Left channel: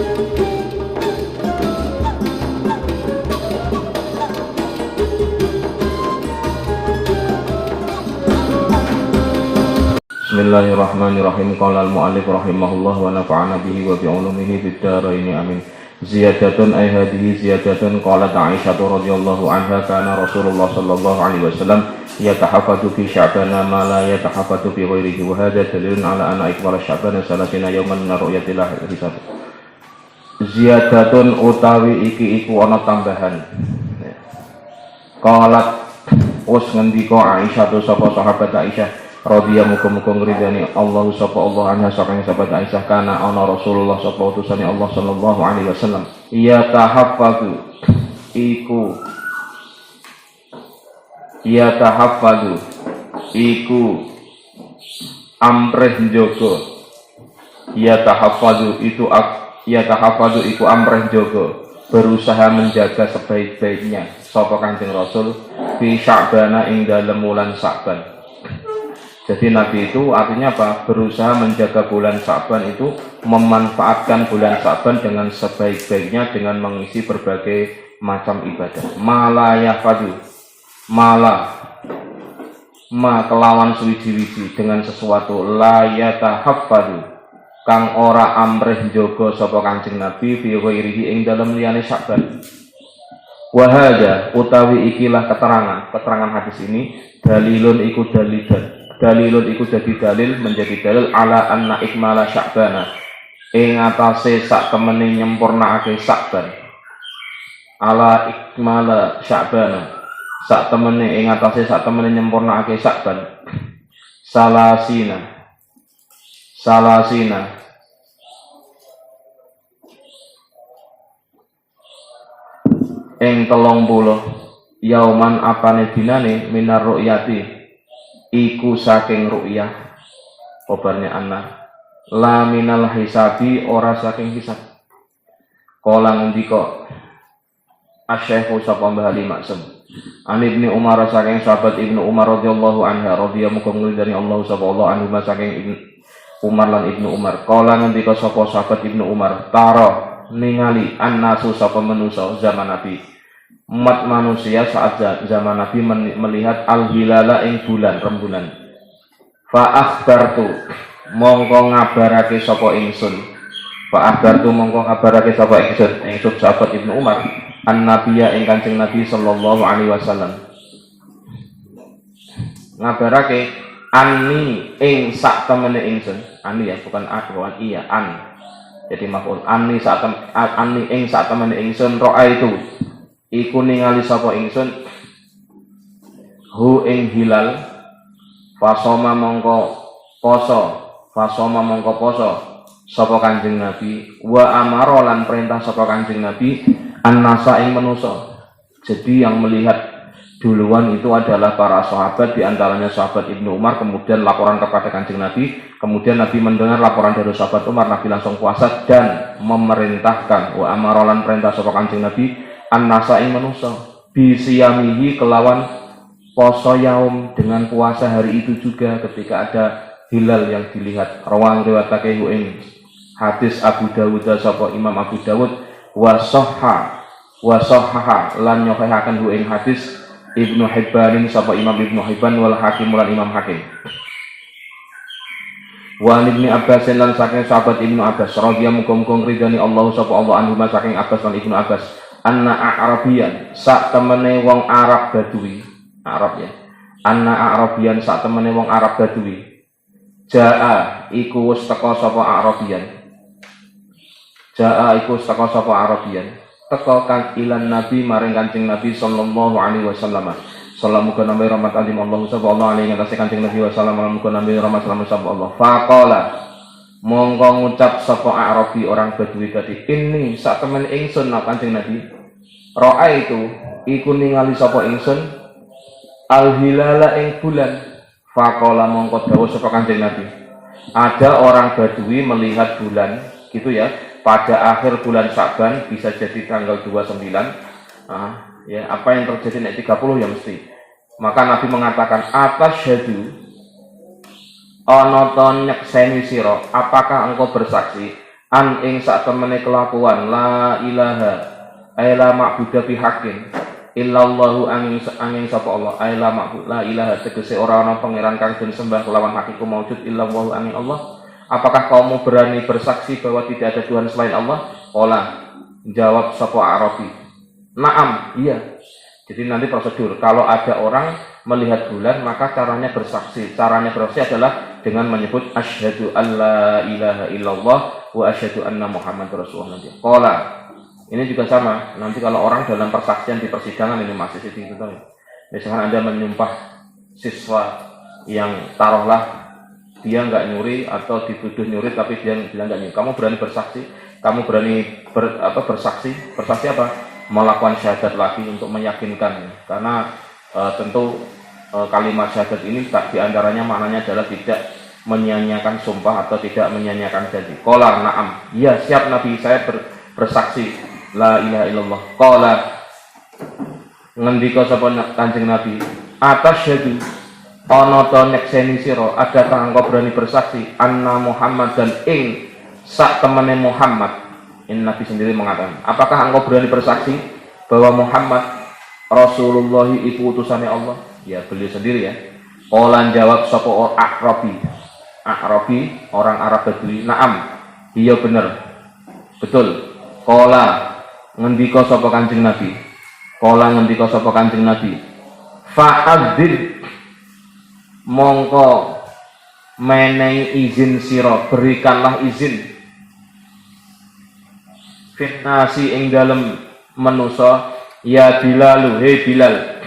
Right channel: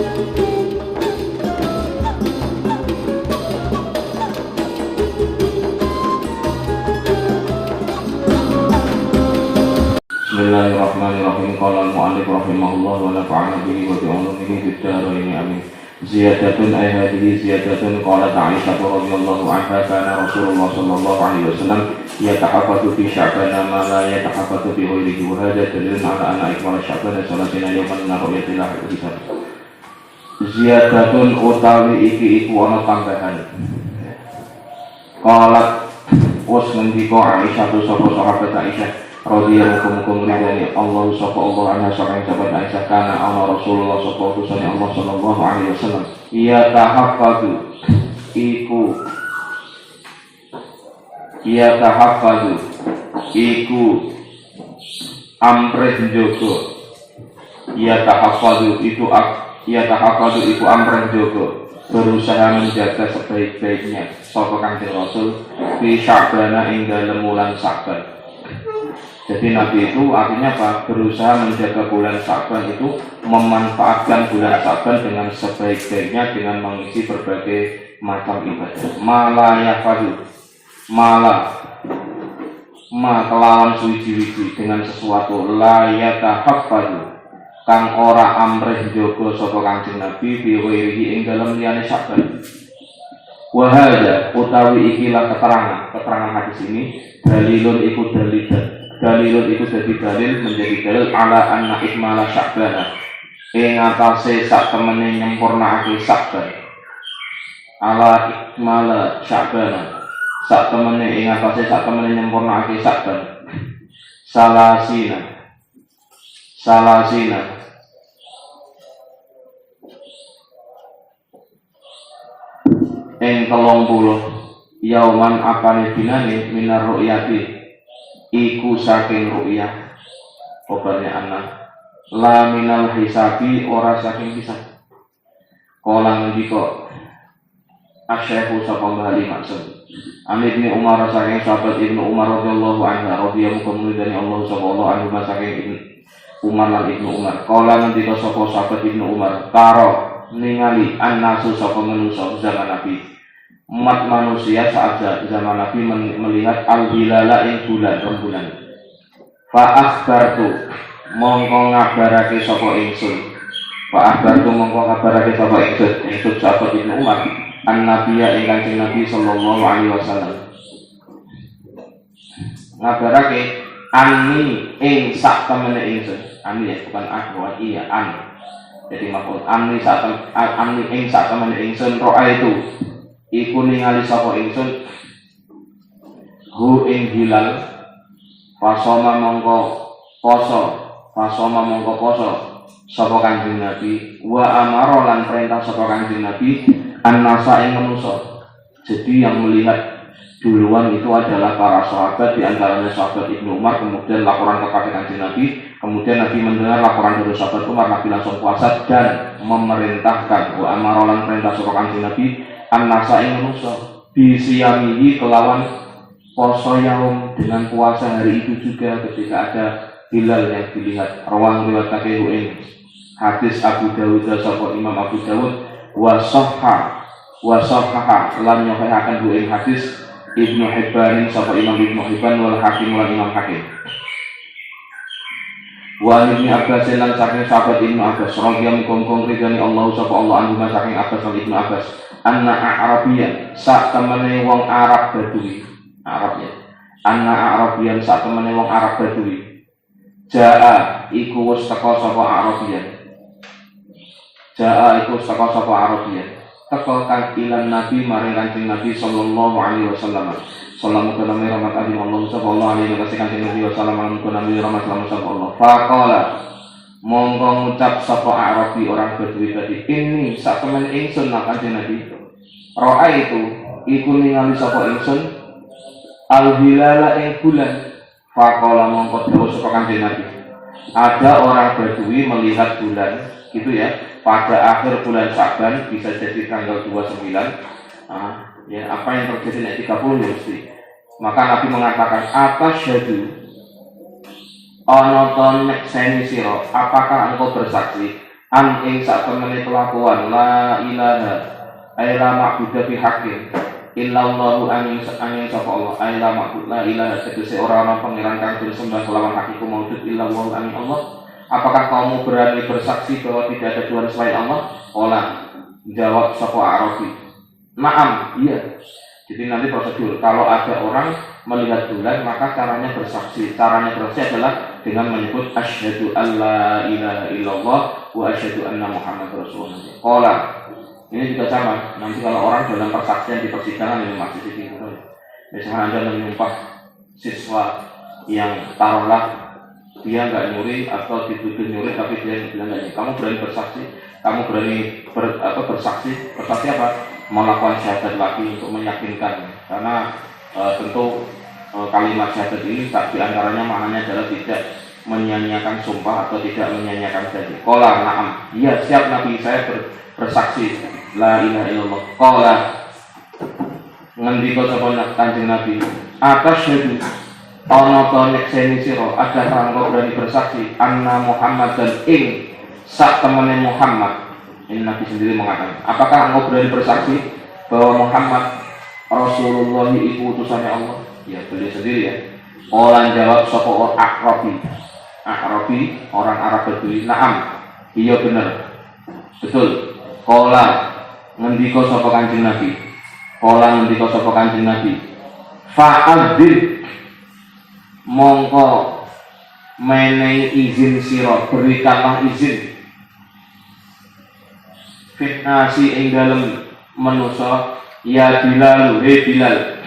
Bismillahirrahmanirrahim. Qala al-mu'allif rahimahullah wa nafa'ana bihi wa bi'ulumihi fid dharain amin. Ziyadatun ay hadhihi ziyadatun qalat Aisyah radhiyallahu anha kana Rasulullah sallallahu alaihi wasallam yatahaffadhu fi sya'bana ma la yatahaffadhu fi ghairihi wa hadha dalilun ala anna ikmala sya'bana salatina yawman min ru'yatil hisab. Ziyadatun utawi iki iku ana tambahan. Qalat us ngendika Aisyah tu sapa sahabat Aisyah radhiyallahu muga-muga ngridani Allah sapa Allah anha saking sahabat Aisyah kana ana Rasulullah sapa utusane Allah sallallahu alaihi wasallam ya tahaffadhu iku amrih njogo ya tahaffadhu iku amrih njogo berusaha menjaga sebaik-baiknya sapa Kanjeng Rasul fi Sya'bana ing dalem wulan Sya'ban. Jadi Nabi itu artinya apa? Berusaha menjaga bulan Sya'ban itu, memanfaatkan bulan Sya'ban dengan sebaik-baiknya dengan mengisi berbagai macam ibadah. Kelawan suwiji-wiji dengan sesuatu la yatahaffadhu kang ora amrih njogo sapa Kanjeng Nabi bi ghairihi ing dalem liyane Sya'ban. Wa hadza utawi ikilah keterangan hadis ini dalilun iku jadi dalil menjadi dalil ala anna ikmala Sya'bana ing atase sak temene nyempurnakake Sya'ban. Ala ikmala Sya'bana sak temene ing atase sak temene nyempurnakake Sya'ban. Salasina ing 30 yauman apane dinane minar ru'yati iku saking ru'yah obarnya anak la minal hisabi ora saking hisab. Kala ngendika Asy-Syaikh sapa Mbah Ali Maksum An Ibnu Umar saking sahabat Ibnu Umar radhiyallahu anha radhiyallahu muga dari Allah sapa Allah anhu saking Ibnu Umar lan Ibnu Umar. Kala ngendika sapa sahabat Ibnu Umar taro ningali annasu sapa manusa zaman Nabi umat manusia saat zaman Nabi melihat al-hilala ing bulan rembulan. Fa akhbartu mongko ngabarake sapa ingsun sahabat Ibnu Umar an-nabiyya ing Kanjeng Nabi sallallahu alaihi wasallam ngabarake anni ing sak temene ingsun. Ani ya bukan aku, iya an. Jadi maf'ul anni ing sak temene ingsun ro'a itu iku ningali sapa ingsun hu ing hilal fasoma mongko poso sapa Kanjeng Nabi wa amara lan perintah sapa Kanjeng Nabi annasa ing manusa. Jadi yang melihat duluan itu adalah para sahabat, di antaranya sahabat Ibnu Umar, kemudian laporan kepada Kanjeng Nabi, kemudian Nabi mendengar laporan dari sahabat Umar, Nabi langsung puasa dan memerintahkan wa amara lan perintah sapa Kanjeng Nabi an-nasa ing manusa bisiyamihi kelawan poso yaum dengan puasa hari itu juga ketika ada hilal yang dilihat. Rawang riwayatake ing hadis Abu Dawud sapa Imam Abu Dawud wa sahha lan nyohahaken ing hadis Ibnu Hibban sapa Imam Ibnu Hibban wal Hakim lan Imam Hakim. Wa Ibnu Abbas lan saking sahabat Ibnu Abbas radhiyallahu muga-muga ridani Allah sapa Allah anhu saking Abbas lan Ibnu Abbas anna Arabian sak temene wong Arab Badui sak temene wong Arab Badui jaa iku wis teka sapa Arabian teka kang ilan Nabi maring Kanjeng Nabi sallallahu alaihi wasallam. Salam muga nami rahmat Allah sapa Allah alaihi ngatasi Kanjeng Nabi wasallam muga nami rahmat Allah sapa Allah. Faqala mongko ngucap sapa Arabi orang Badui tadi ini sak temen ingsun Kanjeng Nabi ro'a itu iku ningali sapa ingsun al-hilala ing bulan. Faqala mongko dawuh sapa Kanjeng Nabi ada orang Badui melihat bulan gitu ya pada akhir bulan Sya'ban, bisa jadi tanggal 29 ya apa yang terjadi nanti 30 ya mesti. Maka Nabi mengatakan atasyhadu ana to nyekseni sira, apakah engkau bersaksi an ing sak temene kelakuan la ilaha la ma'budu bi haqqin illallahu angin sapa Allah la ma'bud la ilaha tegese ora ana pangeran kang den sembah kelawan hakiku maujud illallahu angin Allah. Apakah kamu berani bersaksi bahwa tidak ada Tuhan selain Allah? Qala, jawab sapa Arabi, na'am, iya. Jadi nanti prosedur, kalau ada orang melihat bulan, maka caranya bersaksi. Caranya bersaksi adalah dengan menyebut asyhadu alla ilaha illallah wa asyhadu anna Muhammad Rasulullah. Qala, ini juga sama. Nanti kalau orang dalam persaksian di persidangan ini masih sedikit gitu ya. Misalkan Anda menyumpah siswa yang taruhlah dia nggak nyuri atau dituduh nyuri tapi dia bilang nggak nyuri. Kamu berani bersaksi? Kamu berani bersaksi? Bersaksi apa? Melakukan syahadat lagi untuk meyakinkan, karena tentu kalimat syahadat ini tak diantaranya maknanya adalah tidak menyanyiakan sumpah atau tidak menyanyiakan janji. Qala na'am, iya siap Nabi, saya bersaksi la ilaha illallah. Qala, ngendika sapa Kanjeng Nabi, atasyhadu ana ta nyekseni sira, ada engkau berani bersaksi anna Muhammad dan ing sak temene Muhammad. Ini Nabi sendiri mengatakan, apakah engkau berani bersaksi bahwa Muhammad Rasulullah itu utusannya Allah? Ya, beliau sendiri ya. Qala jawab sapa A'rabi, orang Arab Badui, na'am, iya bener, betul. Qala ngendika sapa Kanjeng Nabi, fa'adzir, mongko menehi izin sira, berikanlah izin fitnasi ing dalem manusa ya Bilal, he Bilal.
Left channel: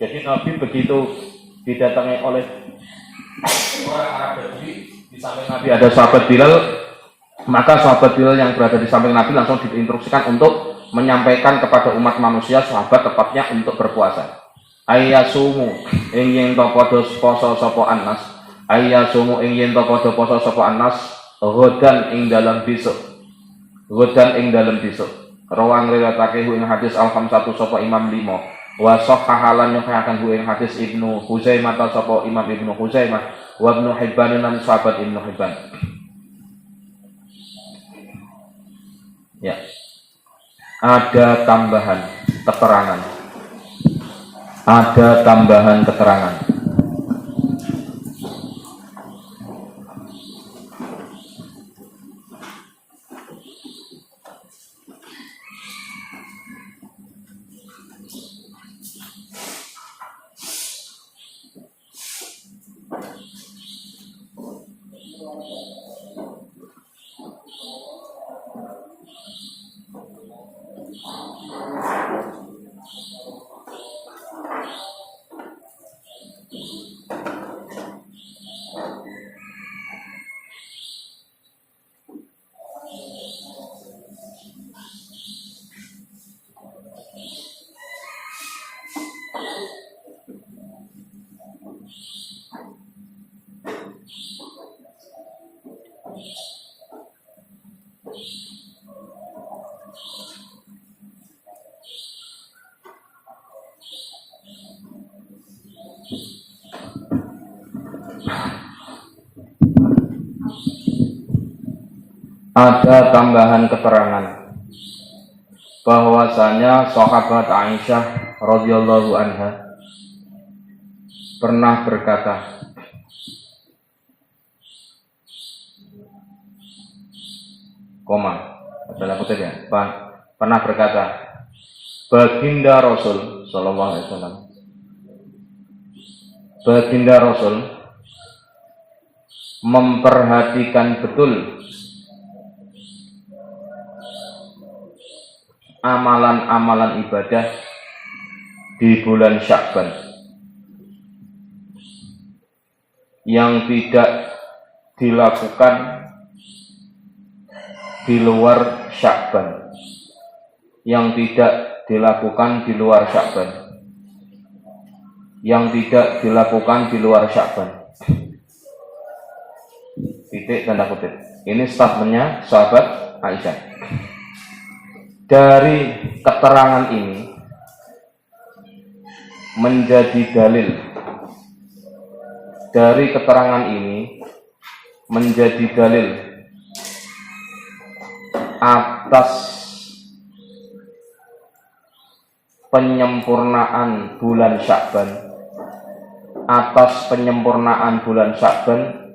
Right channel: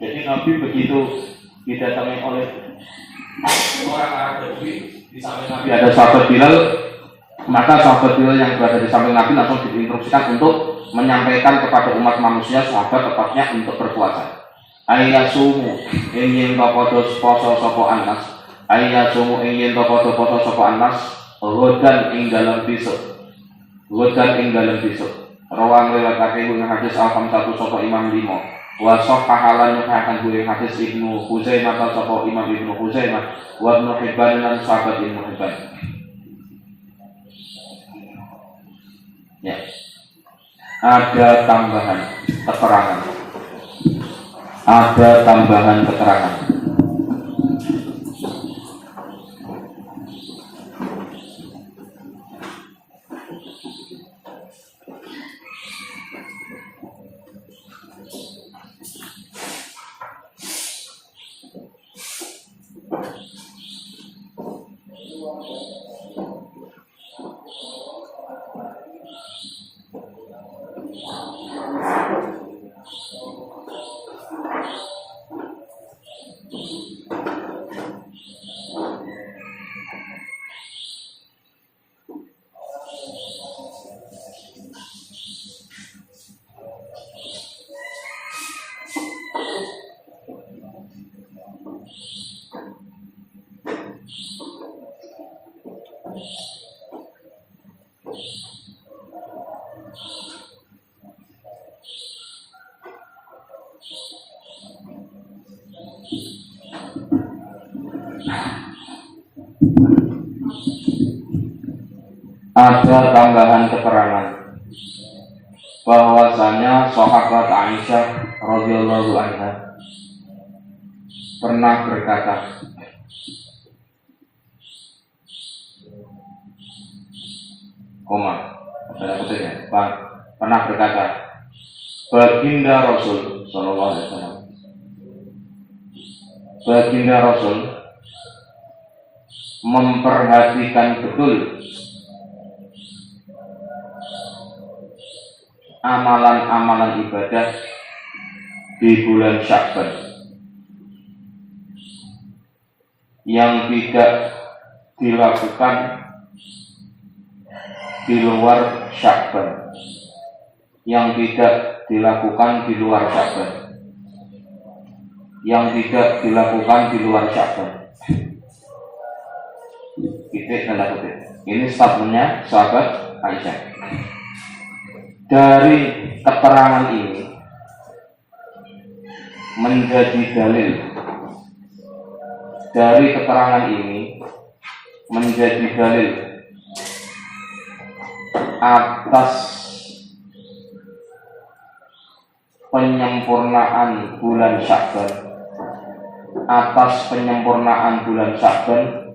Jadi Nabi begitu didatangi oleh orang Arab Badui, di samping Nabi ada sahabat Bilal, maka sahabat Bilal yang berada di samping Nabi langsung diinstruksikan untuk menyampaikan kepada umat manusia, sahabat tepatnya untuk berpuasa. Ayyasumu ing yen padha poso sapa Anas, ayyasumu ing yen padha poso sapa Anas, ghadan ing dalam besok. Rawang riwayatake ing hadis al-khamsatu sapa Imam 5. Wa sahahalan yang akan gue hadis Ibnu Huzaimah atau sapa Imam Ibnu Huzaimah wa Ibnu Hibban dan sahabat Ibnu Hibban. Ya. Ada tambahan keterangan. Ada tambahan keterangan bahwasanya sahabat Aisyah radhiyallahu anha pernah berkata, pernah berkata, baginda Rasul sallallahu alaihi wasallam, baginda Rasul memperhatikan betul amalan-amalan ibadah di bulan Sya'ban yang tidak dilakukan di luar Sya'ban, titik tanda kutip. Ini statementnya sahabat Aisyah. Dari keterangan ini menjadi dalil, dari keterangan ini menjadi dalil atas penyempurnaan bulan Sya'ban, atas penyempurnaan bulan Sya'ban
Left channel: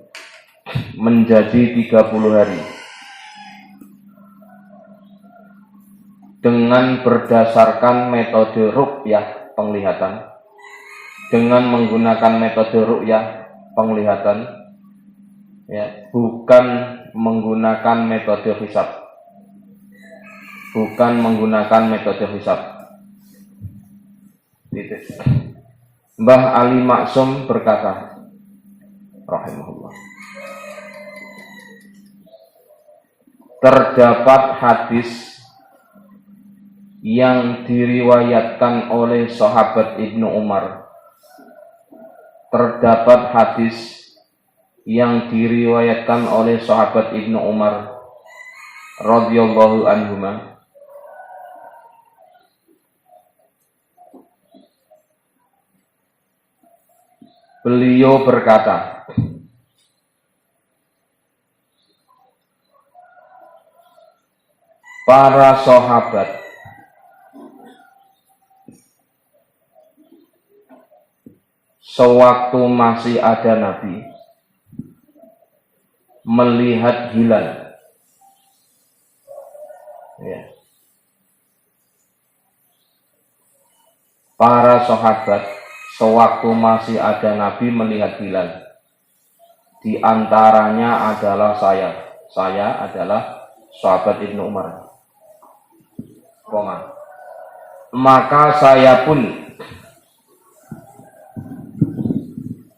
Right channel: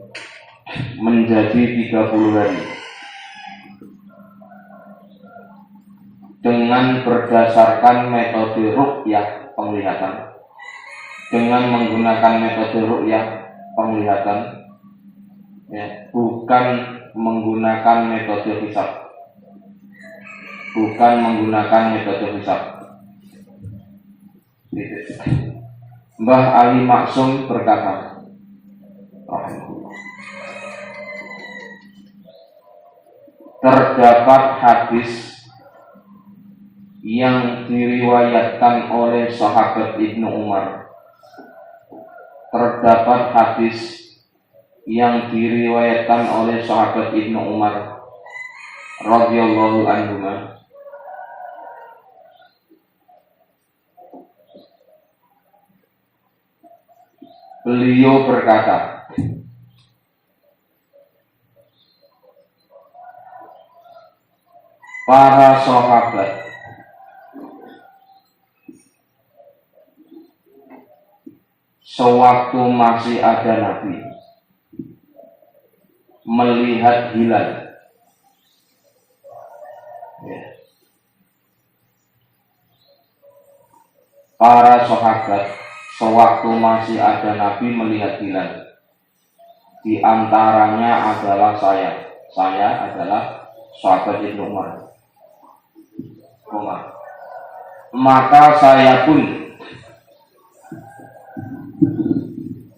menjadi 30 hari dengan berdasarkan metode ruqyah penglihatan, dengan menggunakan metode ruqyah penglihatan, ya, bukan menggunakan metode hisab, bukan menggunakan metode hisab. Mbah Ali Maksum berkata, rahimahullah, terdapat hadis yang diriwayatkan oleh sahabat Ibnu Umar, terdapat hadis yang diriwayatkan oleh sahabat Ibnu Umar radhiyallahu anhuma, beliau berkata, para sahabat sewaktu masih ada Nabi melihat hilal, ya. Para sahabat sewaktu masih ada Nabi melihat hilal, di antaranya adalah saya adalah sahabat Ibnu Umar. Maka saya pun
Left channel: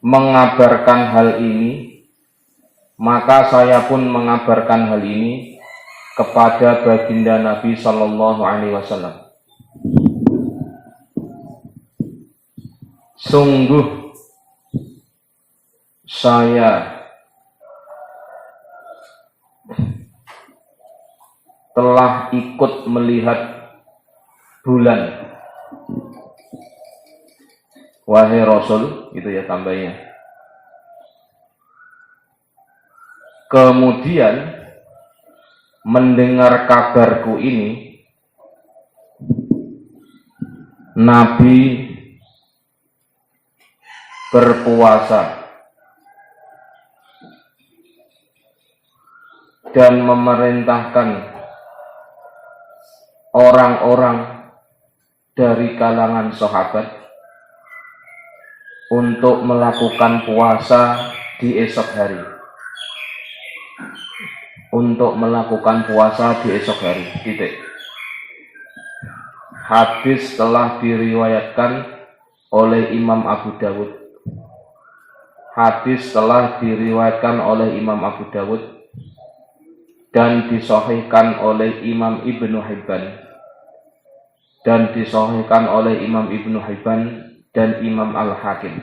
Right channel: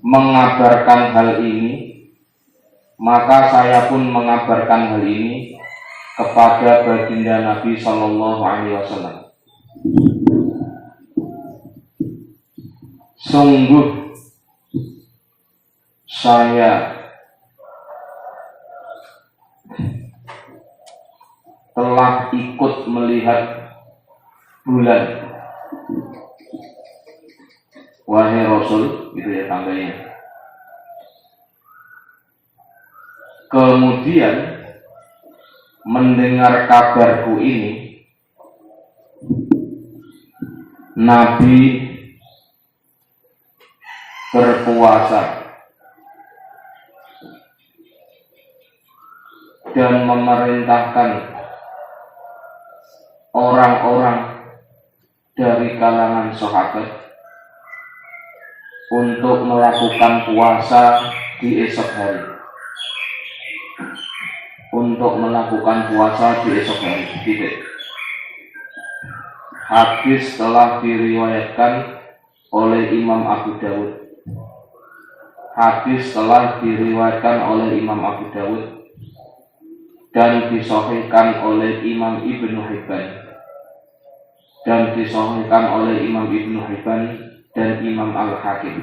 mengabarkan hal ini, kepada baginda Nabi Sallallahu Alaihi Wasallam. Sungguh saya telah ikut melihat bulan, wahai Rasul, gitu ya tambahnya. Kemudian mendengar kabarku ini, Nabi berpuasa dan memerintahkan orang-orang dari kalangan sahabat untuk melakukan puasa di esok hari. Hadis telah diriwayatkan oleh Imam Abu Dawud. Dan disahihkan oleh Imam Ibnu Hibban dan Imam Al-Hakim.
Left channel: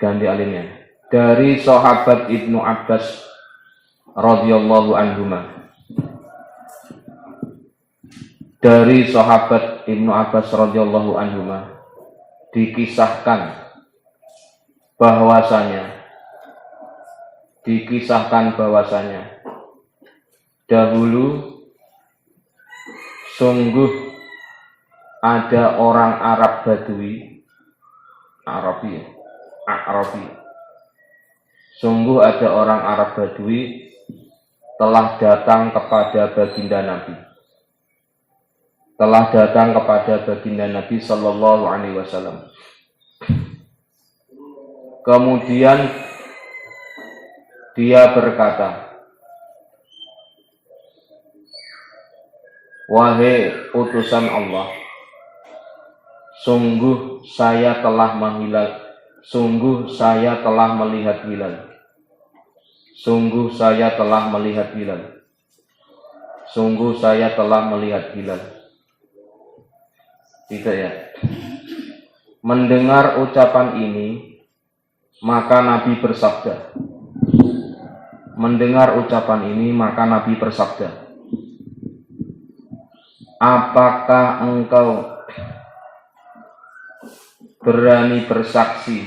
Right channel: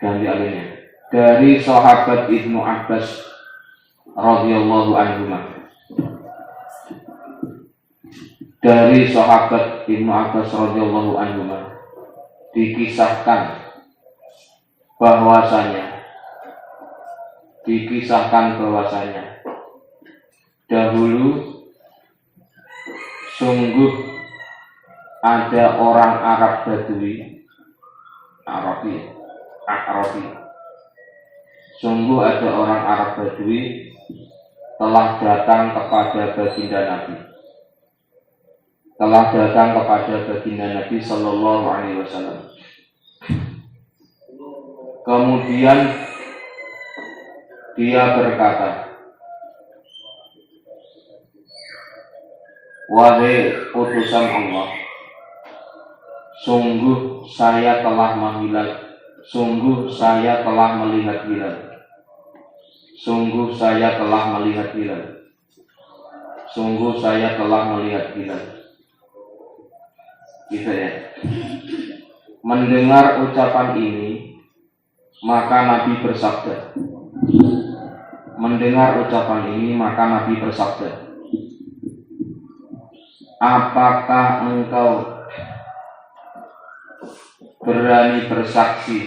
Ganti alinnya. Dari sahabat Ibnu Abbas radhiyallahu anhuma. Dari sahabat Ibnu Abbas radhiyallahu anhuma dikisahkan bahwasanya dahulu sungguh ada orang Arab Badui, Arabi. Sungguh ada orang Arab Badui telah datang kepada baginda Nabi Sallallahu Alaihi Wasallam. Kemudian dia berkata, wahai utusan Allah, sungguh saya telah melihat hilal. Tidak ya. Mendengar ucapan ini, maka Nabi bersabda. Apakah engkau berani bersaksi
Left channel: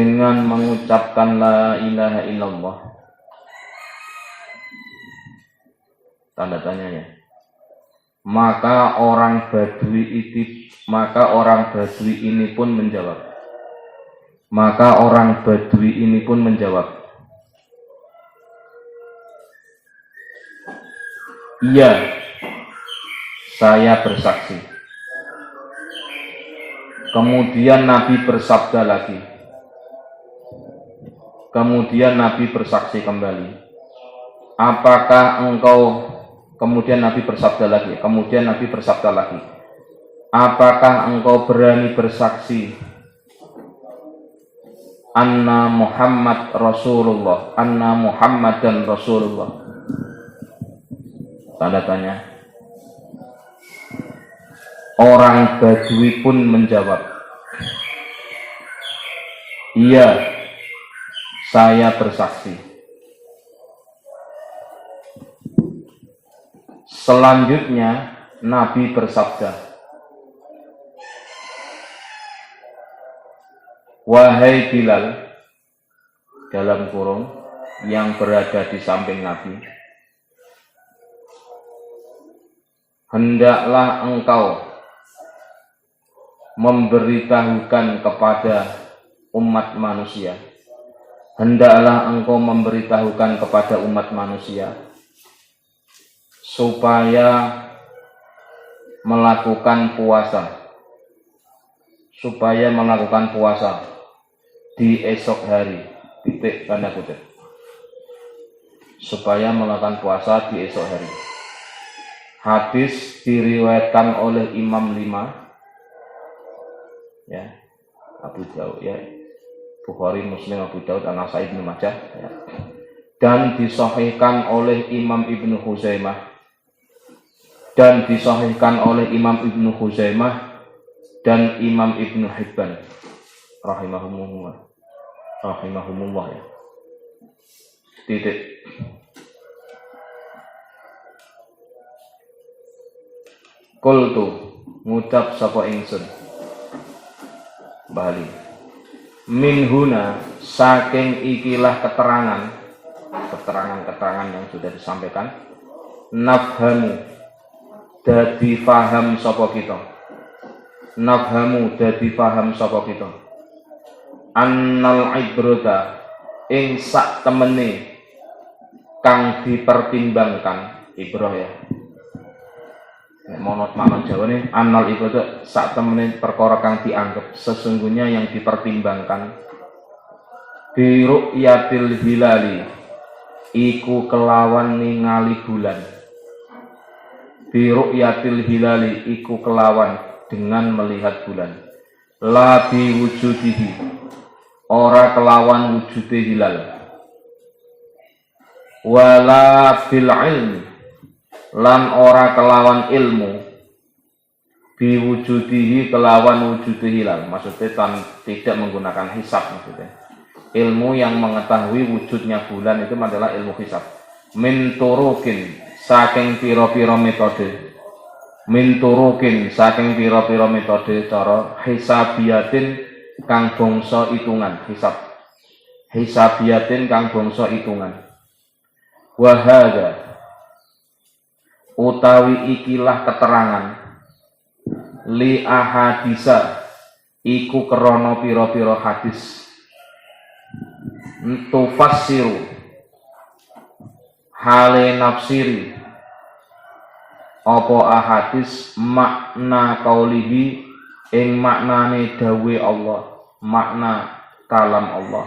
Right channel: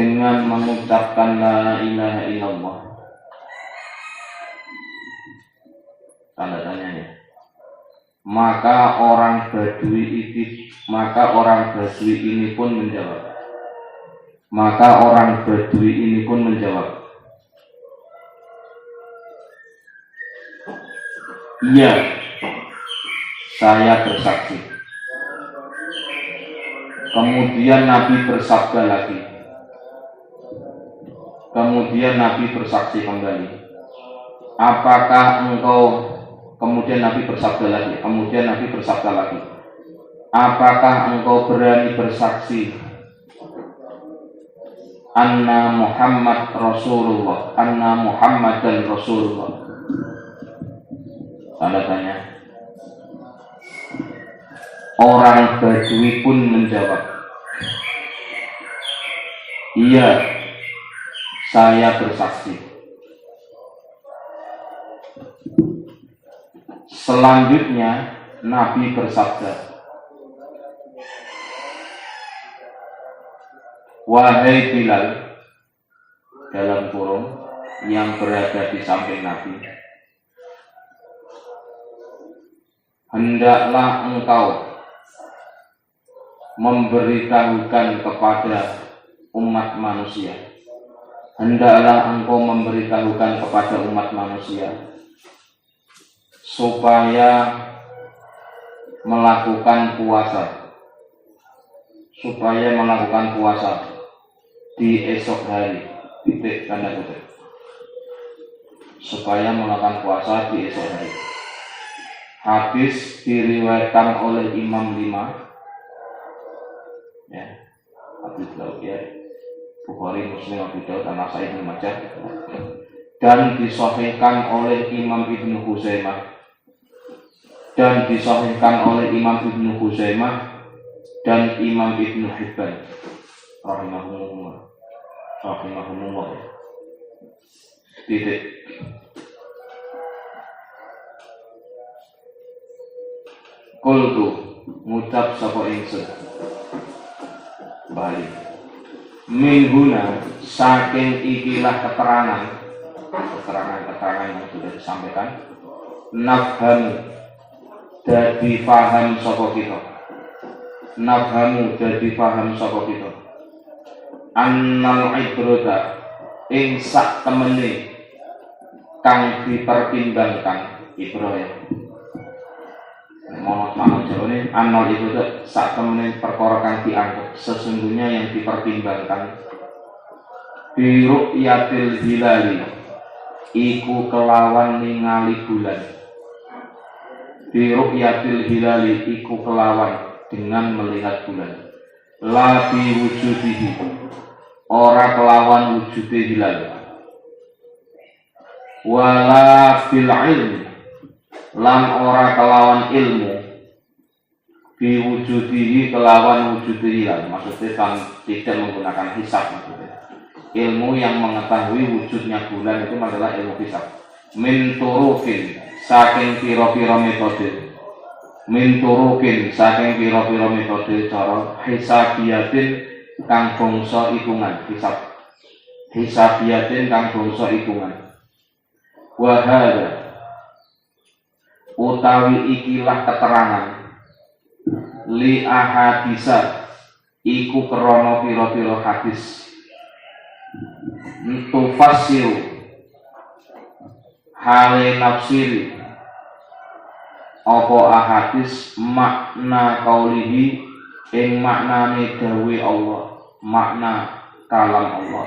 dengan mengucapkan la ilaha illallah. Tanda tanya ya. Maka orang Badui ini pun menjawab. Iya, saya bersaksi. Kemudian Nabi bersabda lagi. Kemudian Nabi bersaksi kembali. Kemudian Nabi bersabda lagi. Apakah engkau berani bersaksi anna Muhammadan Rasulullah? Tanda tanya. Orang Badui pun menjawab, iya, saya bersaksi. Selanjutnya Nabi bersabda, wahai Bilal, dalam kurung yang berada di samping Nabi, hendaklah engkau memberitahukan kepada umat manusia. Supaya melakukan puasa di esok hari. Titik tanda kutip. Supaya melakukan puasa di esok hari. Hadis diriwayatkan oleh Imam 5, ya, Abu Daud, ya, Bukhari, Muslim, Abu Daud, An-Nasai, Ibnu Majah, ya. Dan disahihkan oleh Imam Ibnu Huzaimah dan Imam Ibnu Hibban rahimahumullah, ya. Titik. Qultu ngucap sapa ingsun Bali min huna, saking ikilah keterangan yang sudah disampaikan, nafhamu dadi paham sapa kita annal ibrata ing sak temene kang dipertimbangkan. Ibrah, ya, monot makna Jawane annal ibrata sak temene perkara kang dianggap, sesungguhnya yang dipertimbangkan, bi ru'yatil hilali iku kelawan ningali bulan, bi ru'yatil hilali iku kelawan dengan melihat bulan, la bi wujudihi ora kelawan wujude hilal, wala bil ilmi lan ora kelawan ilmu, bi wujudihi kelawan wujude hilal. Maksudnya tidak menggunakan hisab, maksudnya ilmu yang mengetahui wujudnya bulan itu adalah ilmu hisab. Min turukin saking pira-pira metode, cara hisabiyatin kang bangsa hitungan. Wa hadza utawi ikilah keterangan li ahadisa iku krana pira-pira hadis, tufassiru hale nafsiri apa ahadis makna kaulihi ing maknane dawe Allah, makna kalam Allah,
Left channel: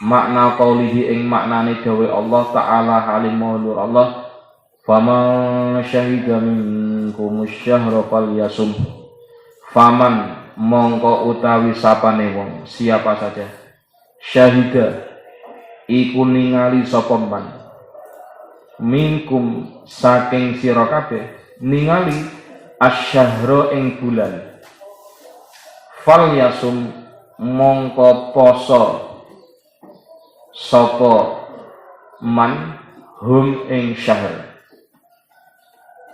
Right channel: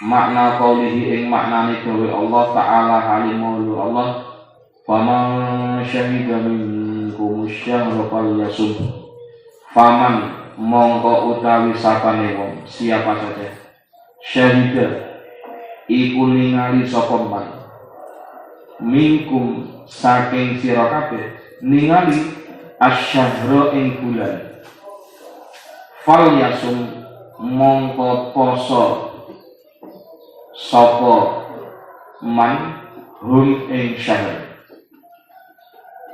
makna kaulihi ing maknane dawe Allah ta'ala halimul Allah, faman syahida minkum syahra falyasum, faman mongko utawi sapane wong, siapa saja, syahida iku ningali sapa man, minkum saking sira kabeh, ningali asyahra ing bulan, falyasum mongko poso sapa man hum ing syahr.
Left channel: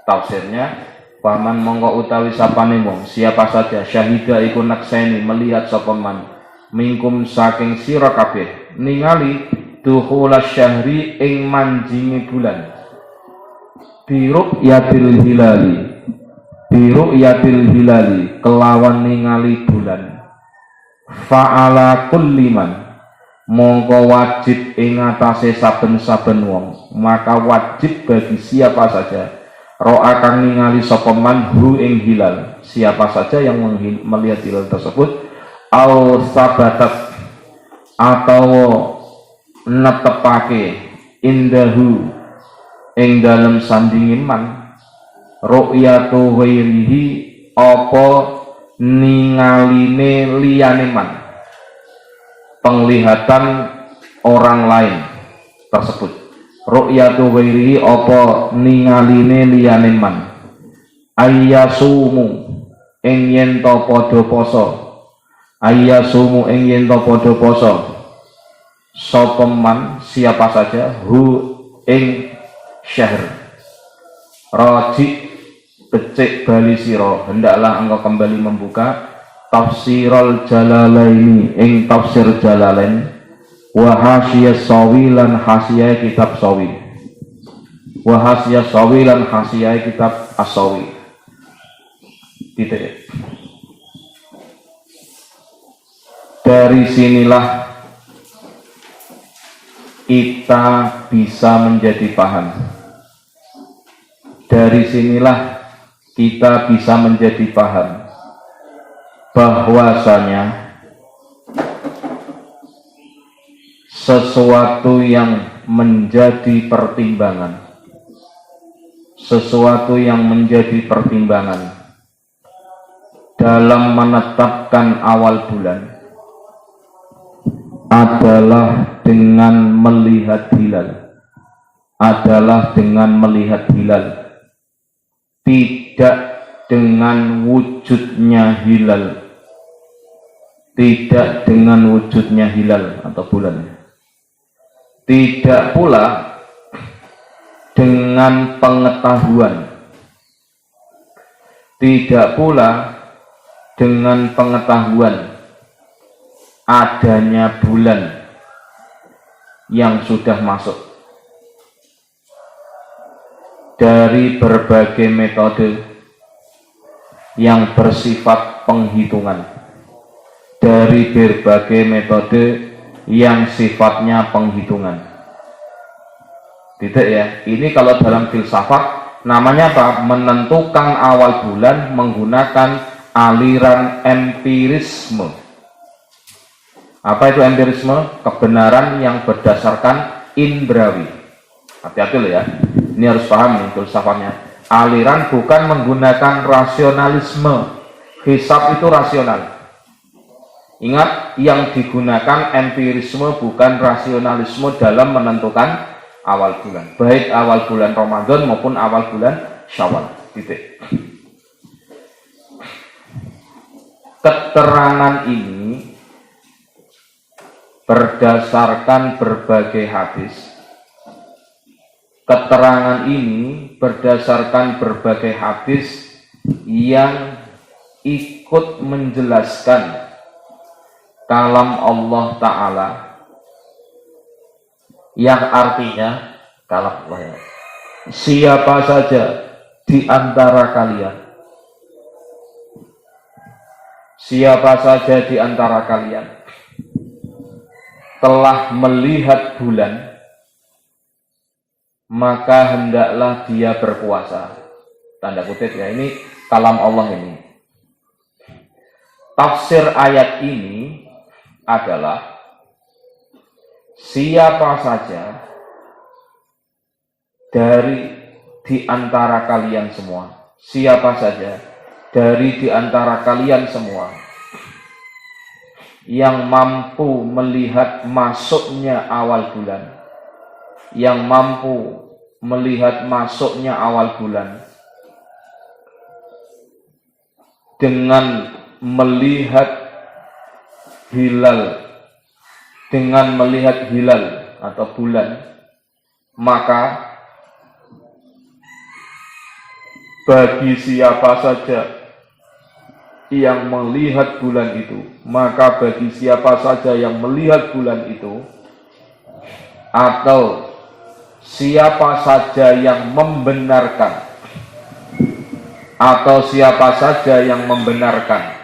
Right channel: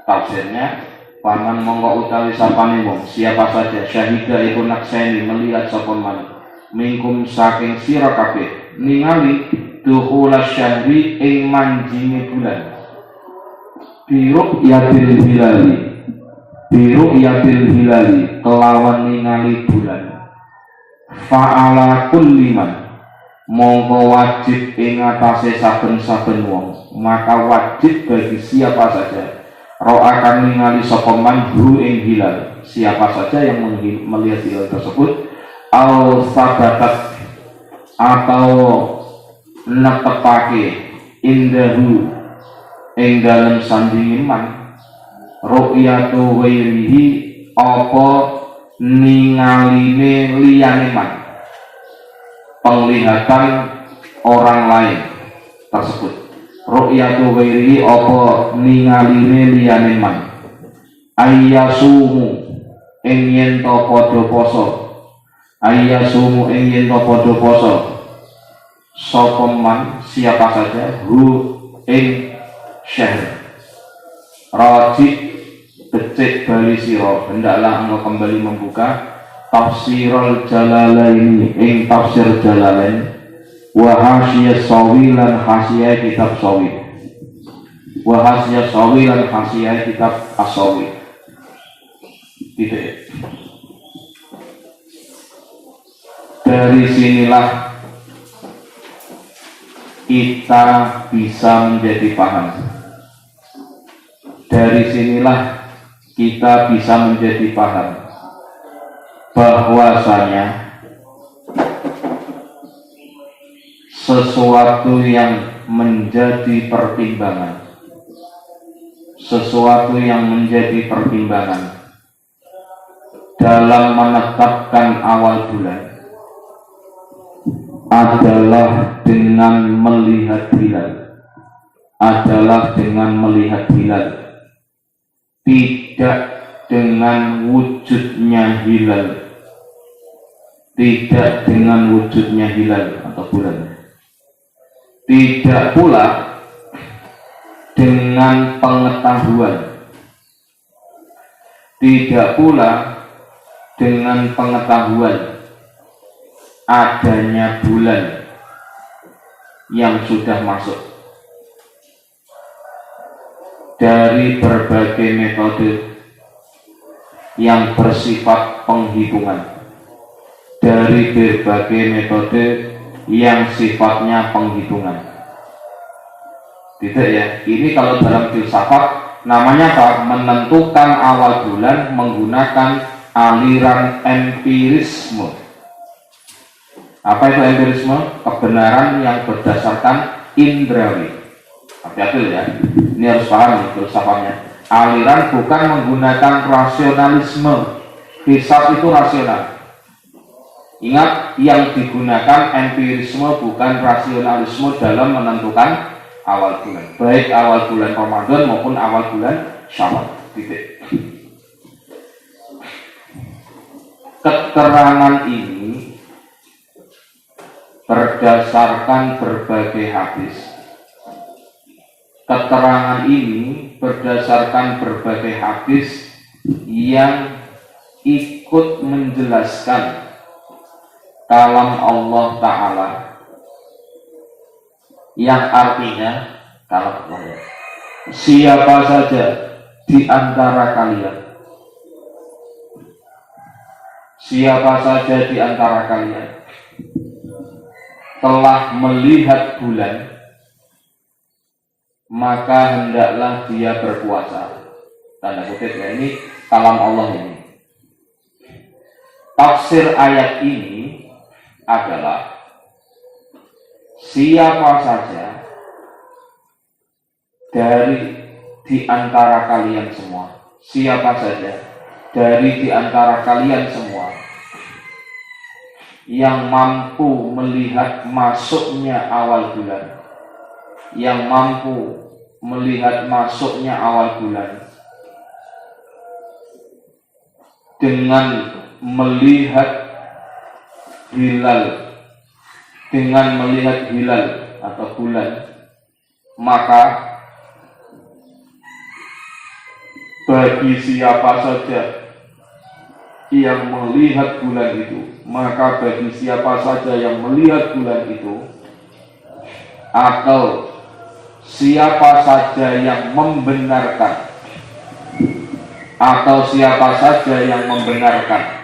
Tafsirnya, paman mongko utawi sapane wong, siapa saja, syahida iku nakseni melihat sapa man, minkum saking sira kabeh ningali duhulas syahri ing manjinge bulan biru'yatil hilali kelawan ningali bulan fa'ala kulli man mongko wajib ing atase saben-saben wong, maka wajib bagi siapa saja ro'a kang ningali sapa man hu ing hilal, siapa saja yang melihat hilal tersebut au sabatat atau netepake indahu ing dalem sandinge man ru'yatu ghairihi apa ningaline liyane man, penglihatan orang lain tersebut. Ru'yatu ghairihi apa ningaline liyane man ayyasumu ing yen ta padha poso ayyasumu ing yen ta padha poso sapa man siapa saja hu ing syahr raji becik bali sira hendaklah engkau kembali membuka tafsirul jalalaini ing tafsir jalalain wa hasiyas sawi lan hasiyah kitab sawi wa hasiyas sawi lan hasiyah kitab as-sawi titik. Dari sinilah kita bisa menjadi paham, dari sinilah kita bisa menjadi paham bahwasanya sesuatu yang menjadi pertimbangan, sesuatu yang menjadi pertimbangan dalam menetapkan awal bulan adalah dengan melihat hilal, tidak dengan wujudnya hilal, atau bulan, tidak pula dengan pengetahuan adanya bulan yang sudah masuk dari berbagai metode yang bersifat penghitungan, dari berbagai metode yang sifatnya penghitungan. Tidak ya, ini kalau dalam filsafat namanya apa? Menentukan awal bulan menggunakan aliran empirisme. Apa itu empirisme? Kebenaran yang berdasarkan indrawi. Hati-hati loh ya, ini harus paham nih filsafatnya. Aliran bukan menggunakan rasionalisme. Hisab itu rasional. Ingat, yang digunakan empirisme bukan rasionalisme dalam menentukan awal bulan, baik awal bulan Ramadan maupun awal bulan Syawal. Titik. Keterangan ini berdasarkan berbagai hadis. Keterangan ini berdasarkan berbagai hadis yang ikut menjelaskan kalam Allah Ta'ala, yang artinya kalam Allah ya. Siapa saja di antara kalian, siapa saja di antara kalian telah melihat bulan, maka hendaklah dia berpuasa. Tanda kutip ya, ini kalam Allah ini. Tafsir ayat ini adalah siapa saja dari di antara kalian semua, siapa saja dari di antara kalian semua yang mampu melihat masuknya awal bulan, yang mampu melihat masuknya awal bulan dengan melihat hilal, atau bulan, maka bagi siapa saja yang melihat bulan itu, maka bagi siapa saja yang melihat bulan itu, atau siapa saja yang membenarkan, atau siapa saja yang membenarkan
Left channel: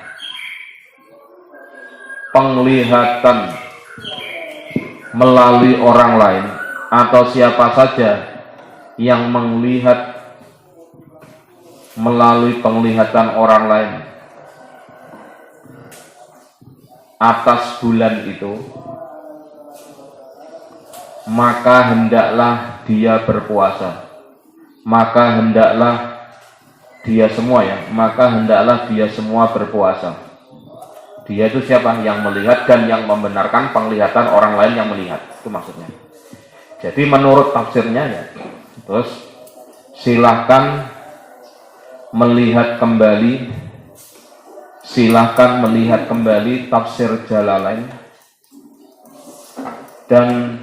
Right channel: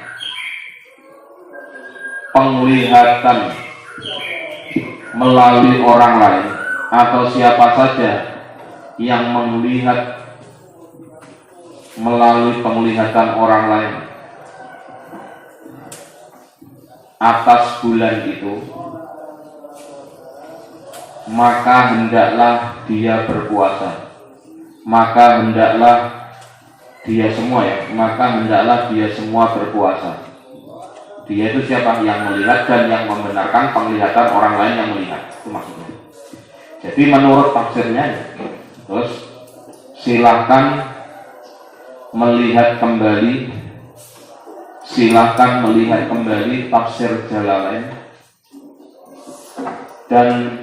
penglihatan melalui orang lain, atau siapa saja yang melihat melalui penglihatan orang lain atas bulan itu, maka hendaklah dia berpuasa. Maka hendaklah dia semua berpuasa. Dia itu siapa? Yang melihat dan yang membenarkan penglihatan orang lain yang melihat. Itu maksudnya. Jadi menurut tafsirnya ya, terus silahkan melihat kembali tafsir Jalalain dan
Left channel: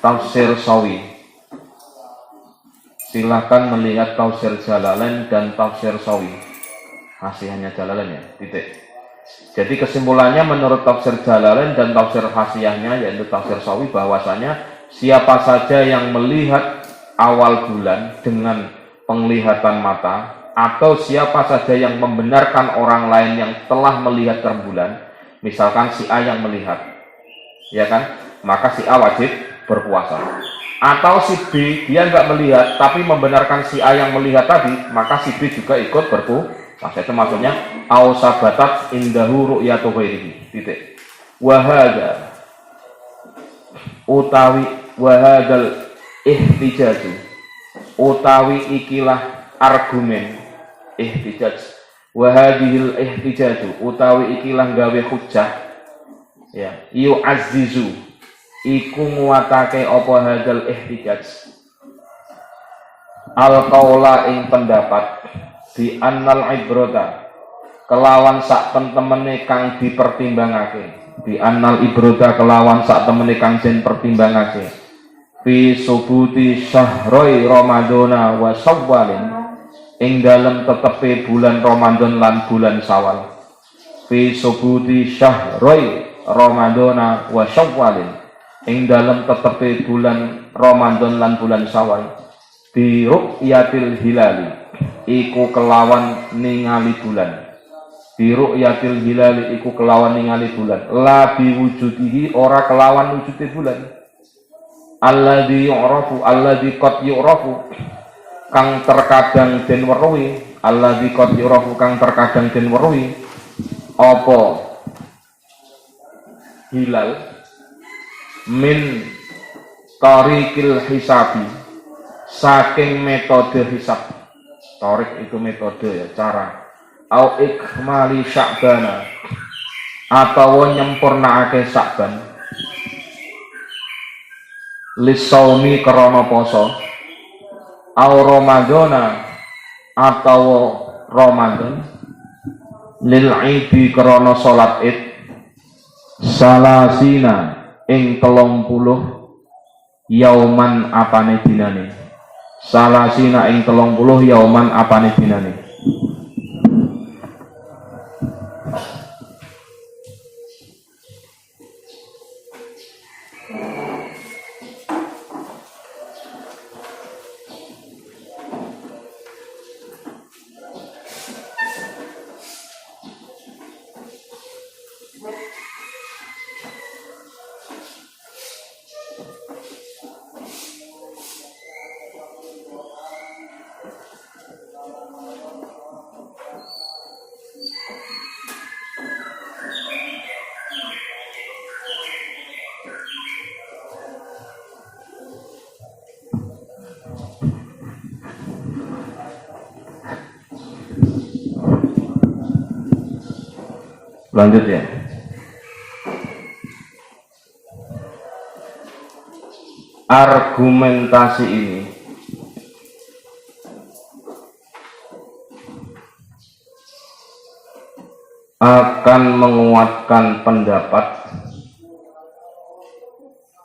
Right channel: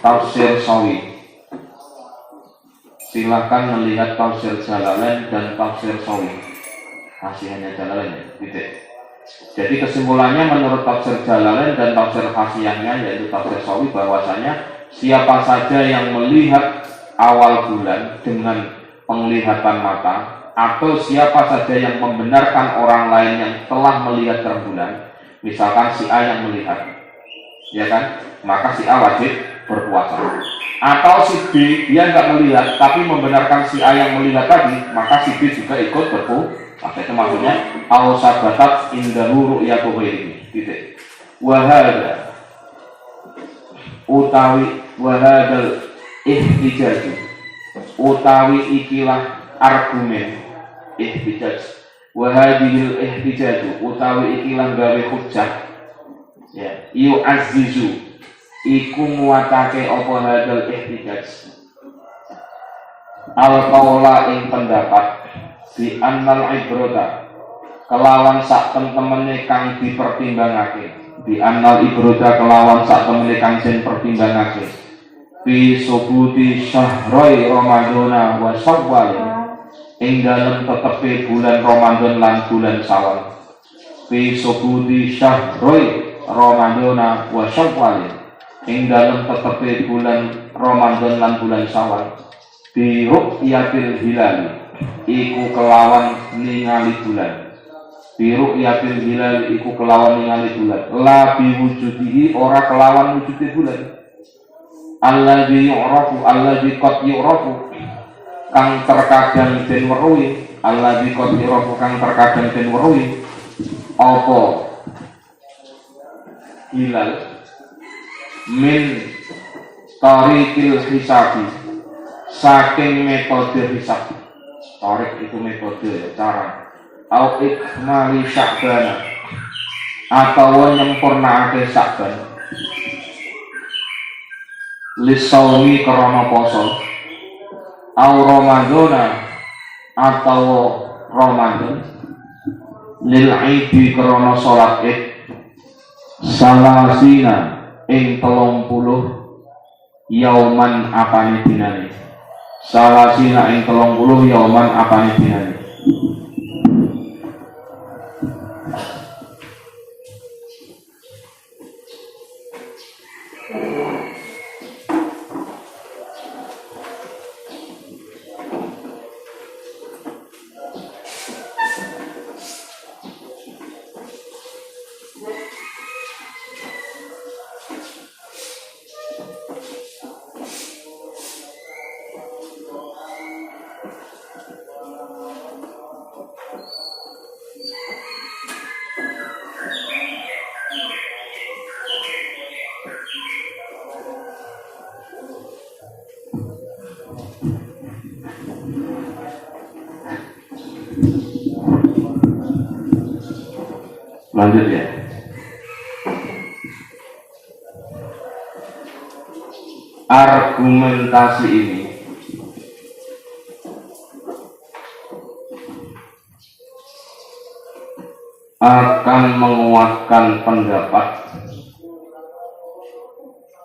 tafsir Sawi. Silahkan melihat tafsir Jalalain dan tafsir Sawi. Hasihnya Jalalain ya, titik. Jadi kesimpulannya menurut tafsir Jalalain dan tafsir hasiyahnya yaitu tafsir Sawi, bahwasanya siapa saja yang melihat awal bulan dengan penglihatan mata, atau siapa saja yang membenarkan orang lain yang telah melihat rembulan, misalkan si A yang melihat, ya kan, maka si A wajib berpuasa. Atau si B dia nggak melihat tapi membenarkan si A yang melihat tadi, maka si B juga ikut berpuasa. Itu maksudnya ausabatat indahu ru'yatu ghairihi. Titik. Wahada utawi wahadal ihtijaj utawi ikilah argumen ihtijaj, wahadil ihtijaj utawi ikilah gawe hujjah ya, yu'azzizu iku nguatake apa hadal ihtijaj al qaula ing pendapat di annal ibrota kelawan sak temene kang dipertimbangake, di annal ibrota kelawan sak temene kang den pertimbangake fi subuti syahroi ramadhana wa syawwal ing dalem tetepe bulan Ramadan lan bulan Syawal, fi subuti syahroi ramadhana wa syawwal ing dalem tetepe bulan Ramadan lan bulan Syawal, bi ru'yatil hilali iku kelawan ningali bulan, bi ru'yatil hilali iku kelawan ningali bulan, la bi wujudihi ora kelawan wujude bulan, alladzi yu'rafu alladzi qad yu'rafu kang terkadang den weruhi, alladzi qad yu'rafu kang terkadang den weruhi apa hilal min tariqil hisabi saking metode hisab. Tarik itu metode ya, cara. Au ikmali sya'bana atau nyempurnaake Sya'ban lisaumi krana poso, au ramadhana atau Ramadan lil idi krana salat id salasina ing 30 yauman apane dinane, salasina ing 30 yauman apane dinane. Lanjut ya. Argumentasi ini akan menguatkan pendapat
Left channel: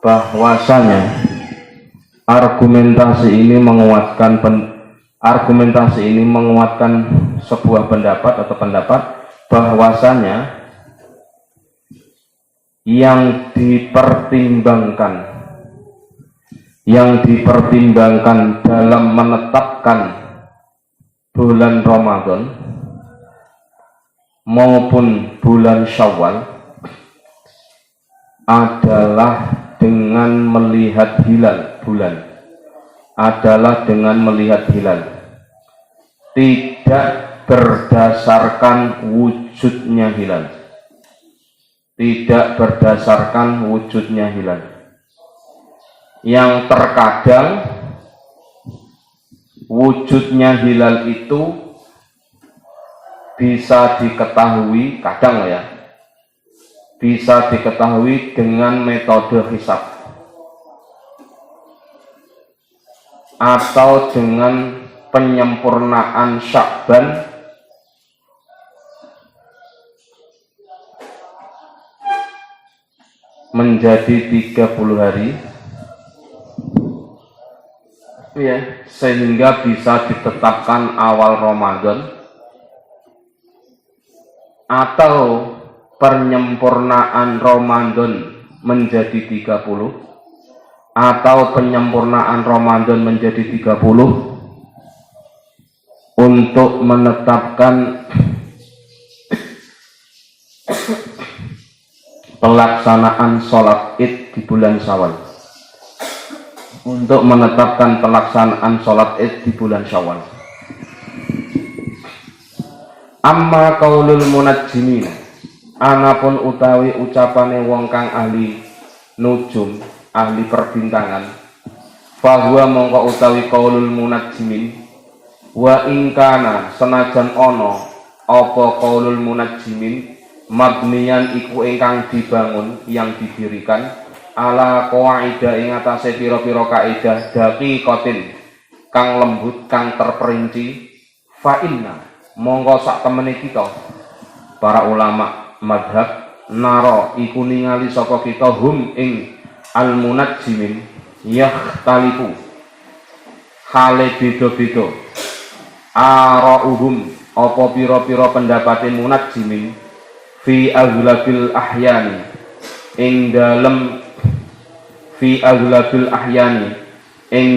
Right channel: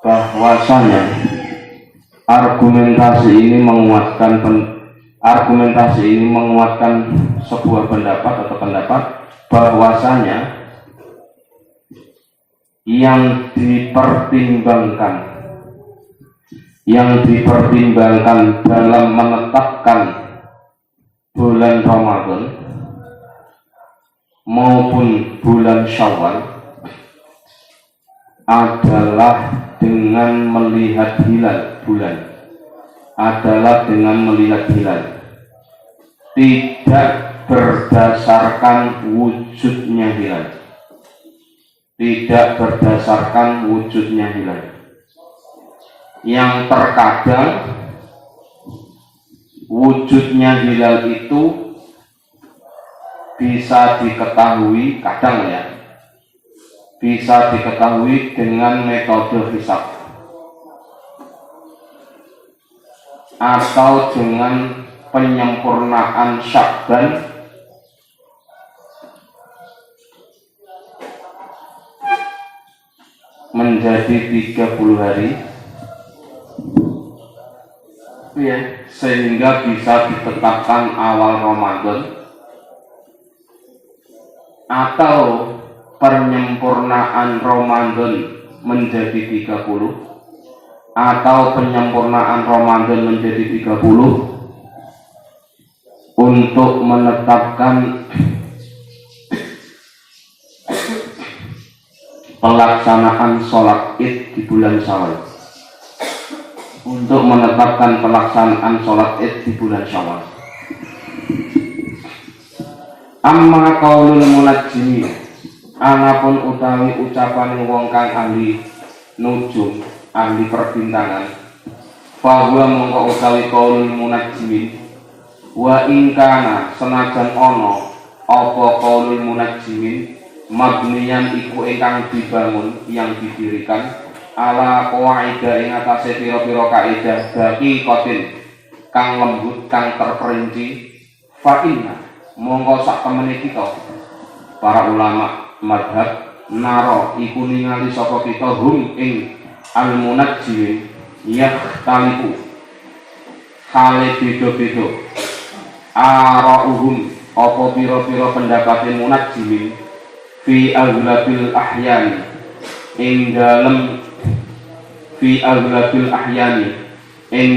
bahwasanya argumentasi ini menguatkan sebuah pendapat atau pendapat bahwasanya yang dipertimbangkan dalam menetapkan bulan Ramadan maupun bulan Syawal adalah dengan melihat hilal bulan, tidak berdasarkan wujudnya hilal, yang terkadang wujudnya hilal itu bisa diketahui, bisa diketahui dengan metode hisab atau dengan penyempurnaan Sya'ban menjadi 30 hari, ya, sehingga bisa ditetapkan awal Ramadan, atau penyempurnaan Ramadan menjadi 30, atau penyempurnaan Ramadan menjadi 30 untuk menetapkan pelaksanaan sholat id di bulan Syawal. Amma qaulul munajjimin, anapun utawi ucapane wong kang ahli nujum, ahli perbintangan, bahwa mongko utawi qaulul munajjimin, wa ingkana senajan ono apa qaulul munajjimin mabniyan iku ingkang dibangun, yang didirikan ala qawaida ing atase pira-pira kaidah daqiqatin kang lembut, kang terperinci, fa inna mongko sak temene kita para ulama madhab naro iku ningali sapa kita hum ing al munajjimin yakhtalifu hale beda-beda arauhum apa pira-pira pendapate munajjimin fi aglabil ahyani ing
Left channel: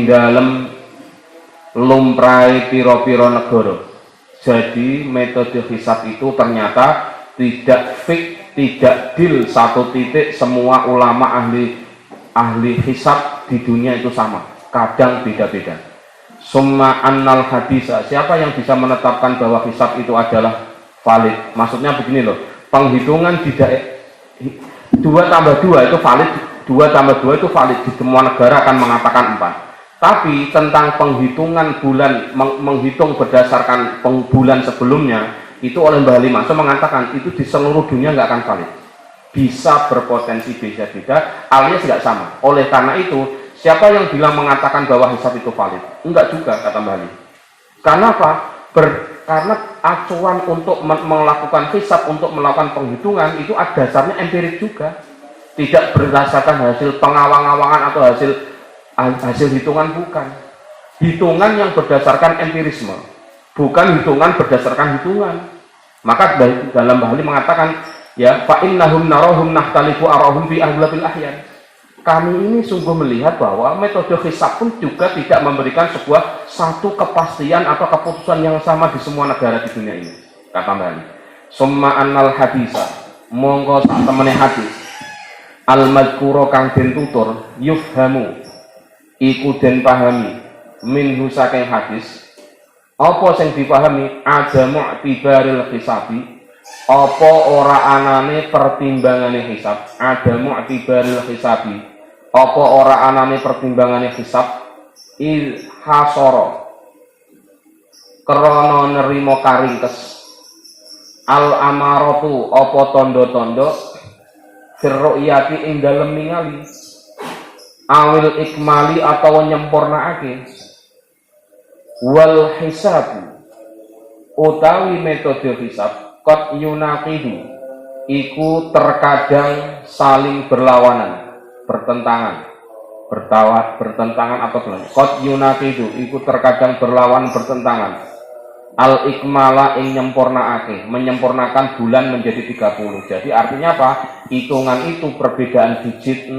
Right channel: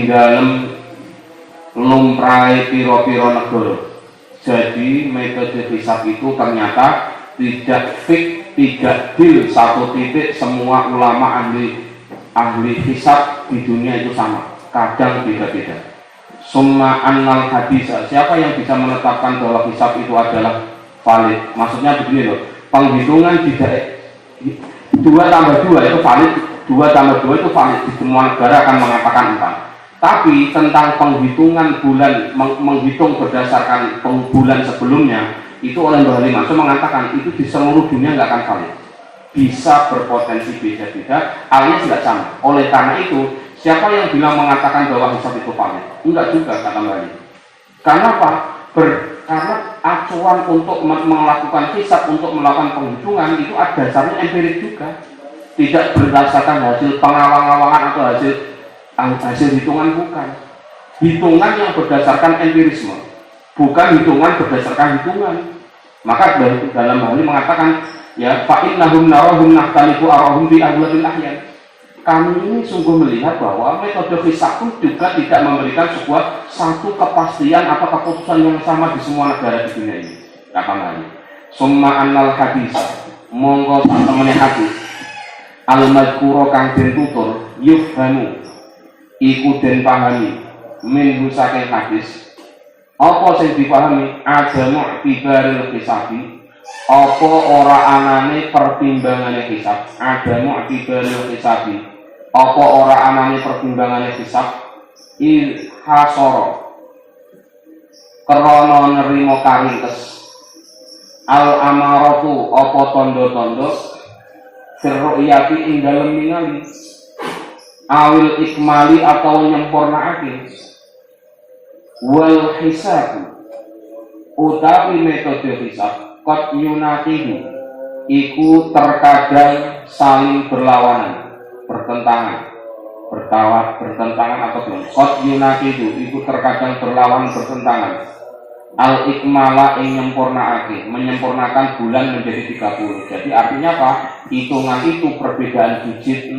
dalem lumrahe pira-pira negara. Jadi metode hisab itu ternyata tidak fix, tidak deal satu titik, semua ulama ahli hisab di dunia itu sama, kadang beda-beda. Summa annal hadisa, siapa yang bisa menetapkan bahwa hisab itu adalah valid? Maksudnya begini loh, penghitungan tidak 2 tambah 2 itu valid, 2 tambah 2 itu valid, di semua negara akan mengatakan 4. Tapi tentang penghitungan bulan, menghitung berdasarkan bulan sebelumnya, itu oleh Mbah Ali Mansur mengatakan itu di seluruh dunia nggak akan valid, bisa berpotensi beda-beda alias nggak sama. Oleh karena itu, siapa yang bilang mengatakan bahwa hisab itu valid? Enggak juga, kata Mbah Ali. Karena apa? Karena acuan untuk melakukan hisab, untuk melakukan penghitungan itu ada dasarnya empirik juga, tidak berdasarkan hasil pengawang-awangan atau hasil hitungan, bukan hitungan yang berdasarkan empirisme, bukan hitungan berdasarkan hitungan. Maka dalam hal ini mengatakan, ya, fa innahum narahum nahtalifu arahum bi aglabil ahyan. Kami ini sungguh melihat bahwa metode hisab pun juga tidak memberikan sebuah satu kepastian atau keputusan yang sama di semua negara di dunia ini, kata Mbak. Summa annal hadisa, monggo sak temene hadis al madhkura kang den tutur yufhamu iku den pahami min saking hadis. Apa sing dipahami? Ada mu'tibaril hisabi, apa ora anane pertimbangane hisab. Ada mu'tibaril hisabi, apa ora anane pertimbangane hisab. Il hasara krana nerima karingkes, al amaratu apa tondo-tondo firru'yati ing dalem ningali, awil ikmali atau nyempurnaake, wal hisab utawi metode hisab qad yunaqidu iku terkadang saling berlawanan, bertentangan atau belum, qad yunaqidu iku terkadang berlawan, bertentangan, al-ikmala ing menyempurnakan bulan menjadi 30. Jadi artinya apa? Hitungan itu perbedaan digit 000,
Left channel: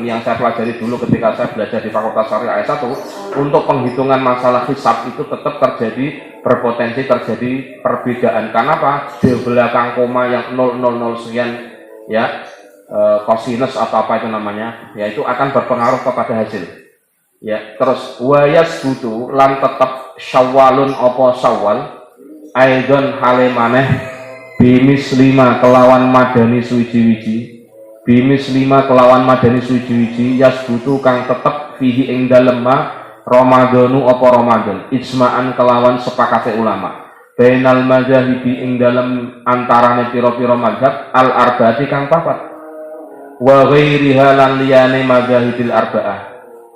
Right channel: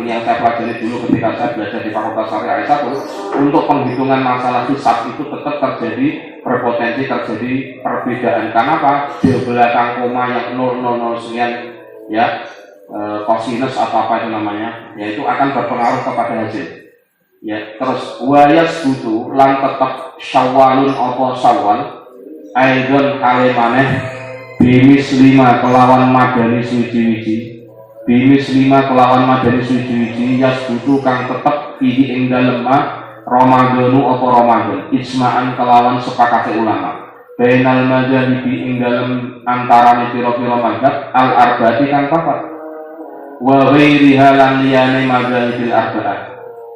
ini yang saya pelajari dulu ketika saya belajar di Fakultas Syariah S1. Untuk penghitungan masalah hisab itu tetap berpotensi terjadi perbedaan. Karena apa? Di belakang koma yang 000 sekian ya, kosinus atau apa itu namanya, yaitu akan berpengaruh kepada hasil. Ya, terus wayas butuh lan tetap syawalun opo syawal aidon hale maneh bimis 5 kelawan madani suwiji-wiji, bimis 5 kelawan madani suwiji-wiji yas butuh kang tetep fihi ing dalem Ramadhanu opo Ramadan ijma'an kelawan sepakate ulama bainal madhahibi ing dalem antarane pira-pira mazhab al arbaati kang papat wa ghairiha lan liyane madhahibil arba'ah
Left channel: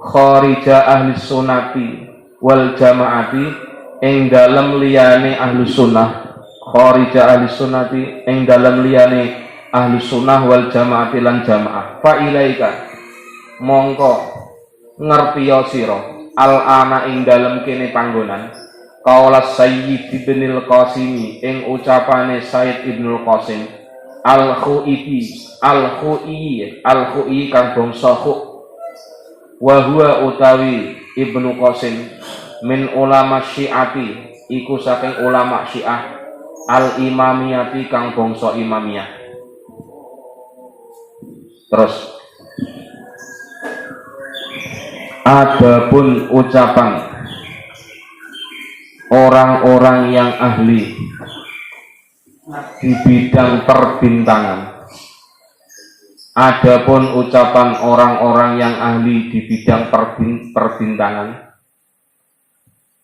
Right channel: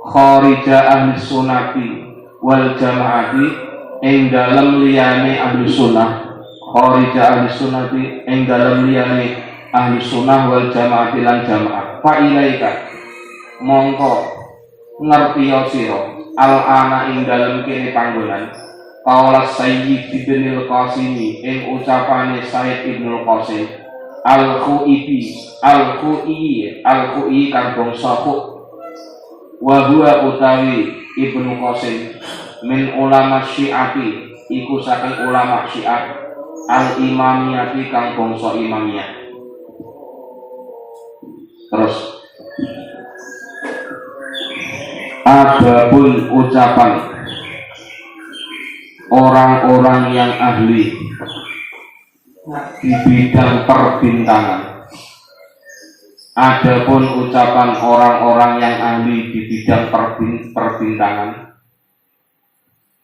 kharija ahli sunnati wal jamaati ing dalem liyane ahli sunnah, kharija ahli sunnati ing dalem liyane ahli sunnah wal jamaati lan jamaah. Fa ilaika mongko ngertiya sira al ana ing dalem kene panggonan qaula Sayyid Ibnul Qasimi ing ucapane Sayyid Ibnul Qasim al-Khu'i kang bangsa Khu' wa huwa utawi Ibnu Qasim min ulama Syi'ati iku saking ulama Syiah al imamiyati kang bangsa imamiyah. Terus adapun ucapan orang-orang yang ahli di bidang perbintangan. Adapun ucapan orang-orang yang ahli di bidang perbintangan,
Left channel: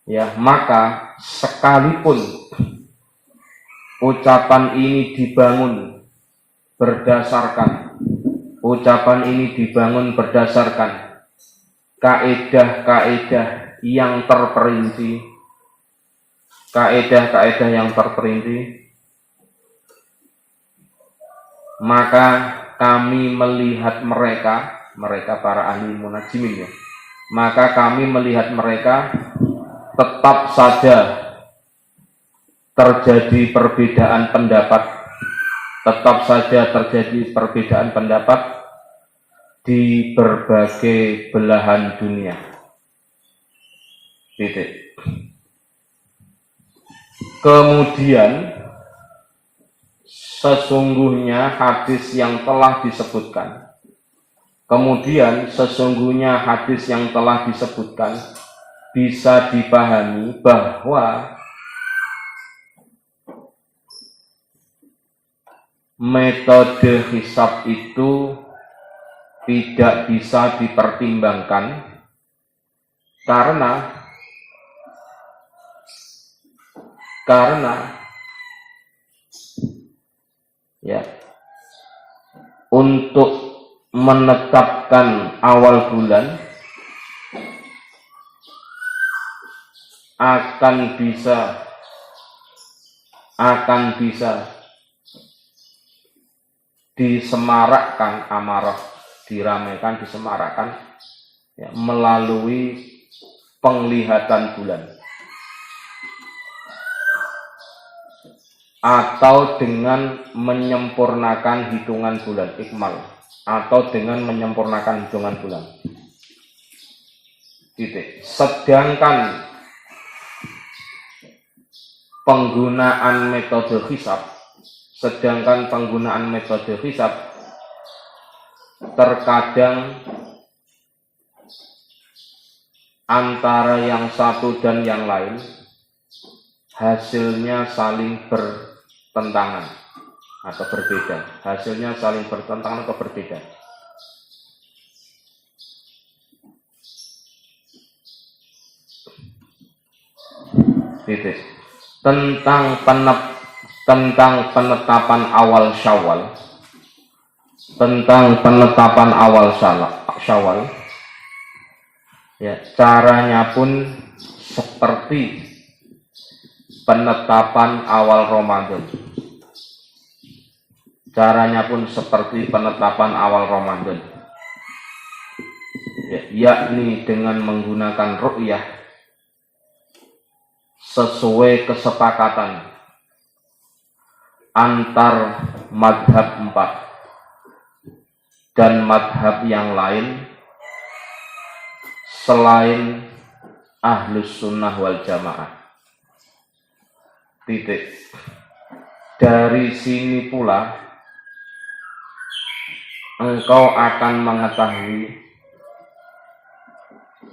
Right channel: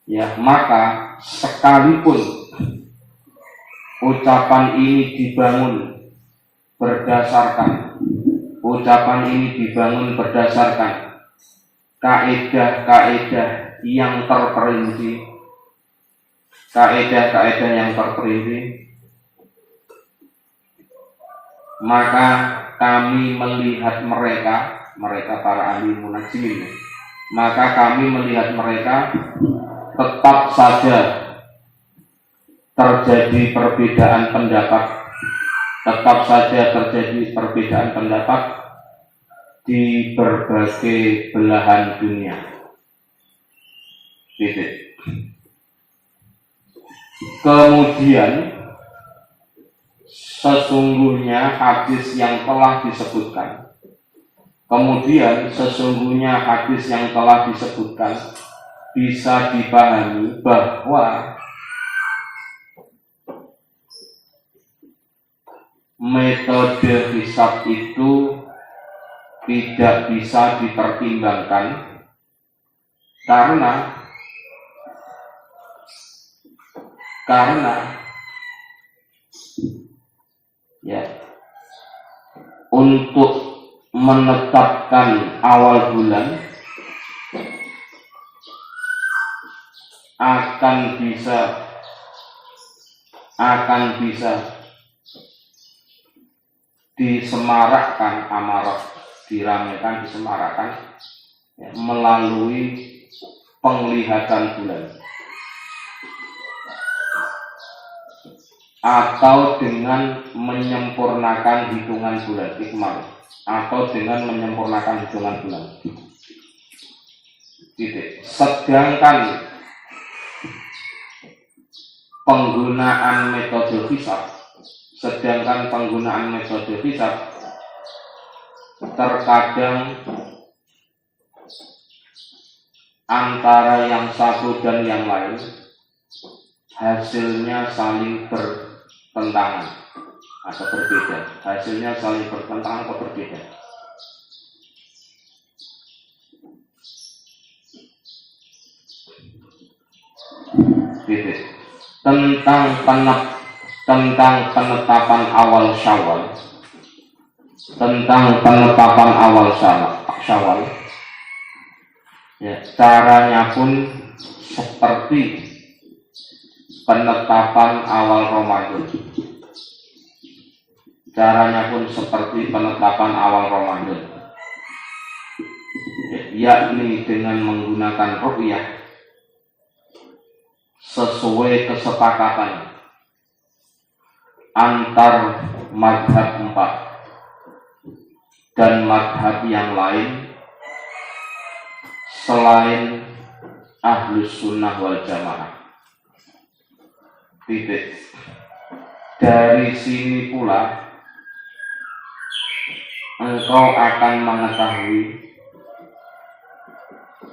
ya, maka sekalipun ucapan ini dibangun berdasarkan kaedah-kaedah yang terperinci, maka kami melihat mereka para ahli munajimin, maka kami melihat mereka tetap saja terjadi perbedaan pendapat di berbagai belahan dunia. Titik. Kemudian sesungguhnya hadis yang telah disebutkan bisa dipahami bahwa metode hisab itu tidak bisa dipertimbangkan karena ya, untuk menetapkan awal bulan akan bisa disemarakkan amarah, diramaikan, disemarakkan ya, melalui penglihatan bulan atau dengan menyempurnakan hitungan bulan ikmal titik. Sedangkan penggunaan metode hisab terkadang antara yang satu dan yang lain hasilnya saling bertentangan atau berbeda. Titik. Tentang penetapan awal Syawal, ya, caranya pun seperti penetapan awal Ramadan. Yakni dengan menggunakan ru'yah sesuai kesepakatan antar madhab 4 dan madhab yang lain selain Ahlus Sunnah wal Jamaah. Titik. Dari sini pula engkau akan mengetahui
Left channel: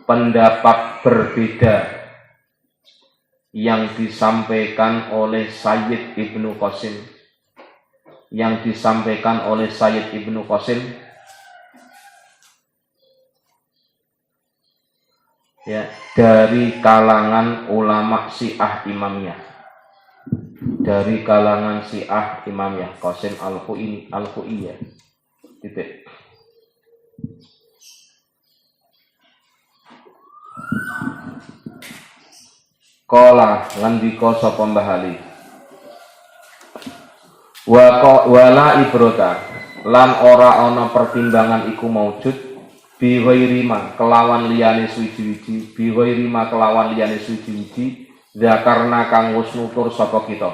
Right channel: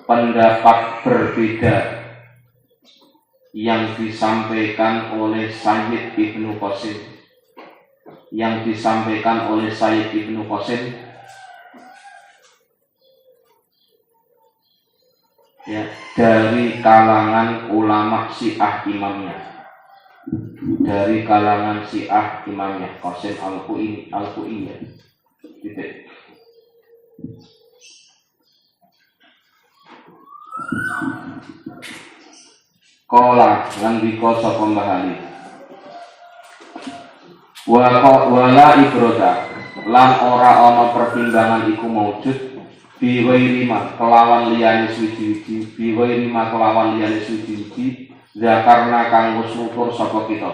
pendapat berbeda yang disampaikan oleh Sayyid Ibnu Qasim, ya, dari kalangan ulama Syiah Imamiyah, Qasim Al-Fu'iyah. Titik. Qala ngendika sapa Mbah Ali, wala ibroda lan ora ana pertimbangan iku maujud biwairima kelawan liyane suci-suci zakarna kang wis nutur sapa kita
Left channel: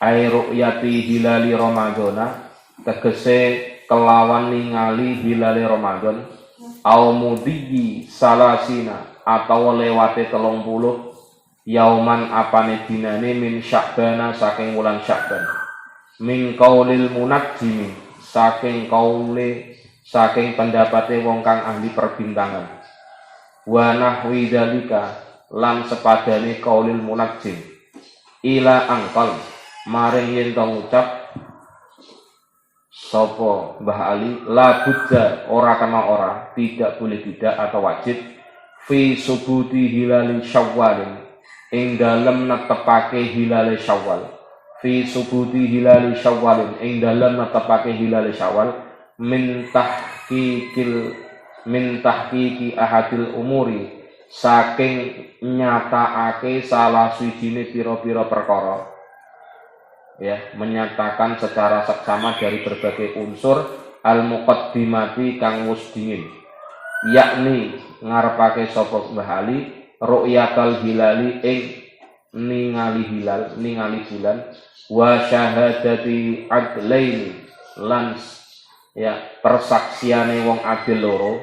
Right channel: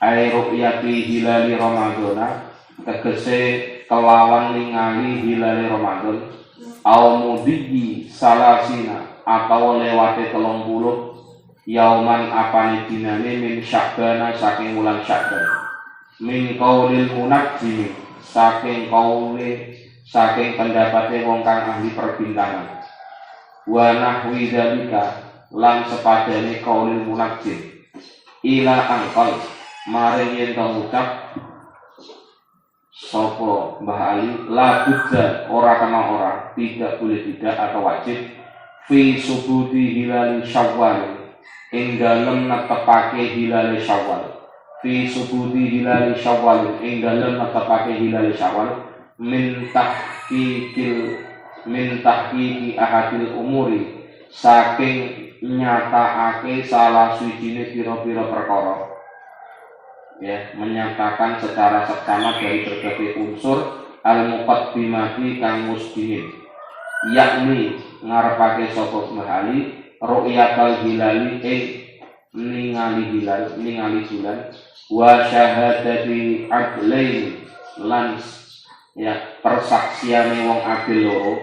ai ru'yati hilali ramadhana tegese kelawan ningali hilali Ramadan au mudhi salasina atau lewate 30 yauman apane dinane min Sya'bana saking wulan Sya'ban min qaulil munajjim saking pendapate wong kang ahli perbintangan wa nahwi dzalika lan sepadane qaulil munajjim ila angkal maring yen to ngucap sapa Mbah Ali la budda ora kena ora tidak boleh tidak atau wajib fi subudi hilali Syawal ing dalem netepake hilale Syawal min tahqiqi ahadil umuri saking nyataake salah swijine pira-pira perkara, ya, menyatakan secara seksama dari berbagai unsur al-muqaddimati kang wis dingin, yakni ngarepake sapa Mbah Ali ru'yatal hilali ningali bulan wa syahadati adlaini lan ya persaksiane wong adil loro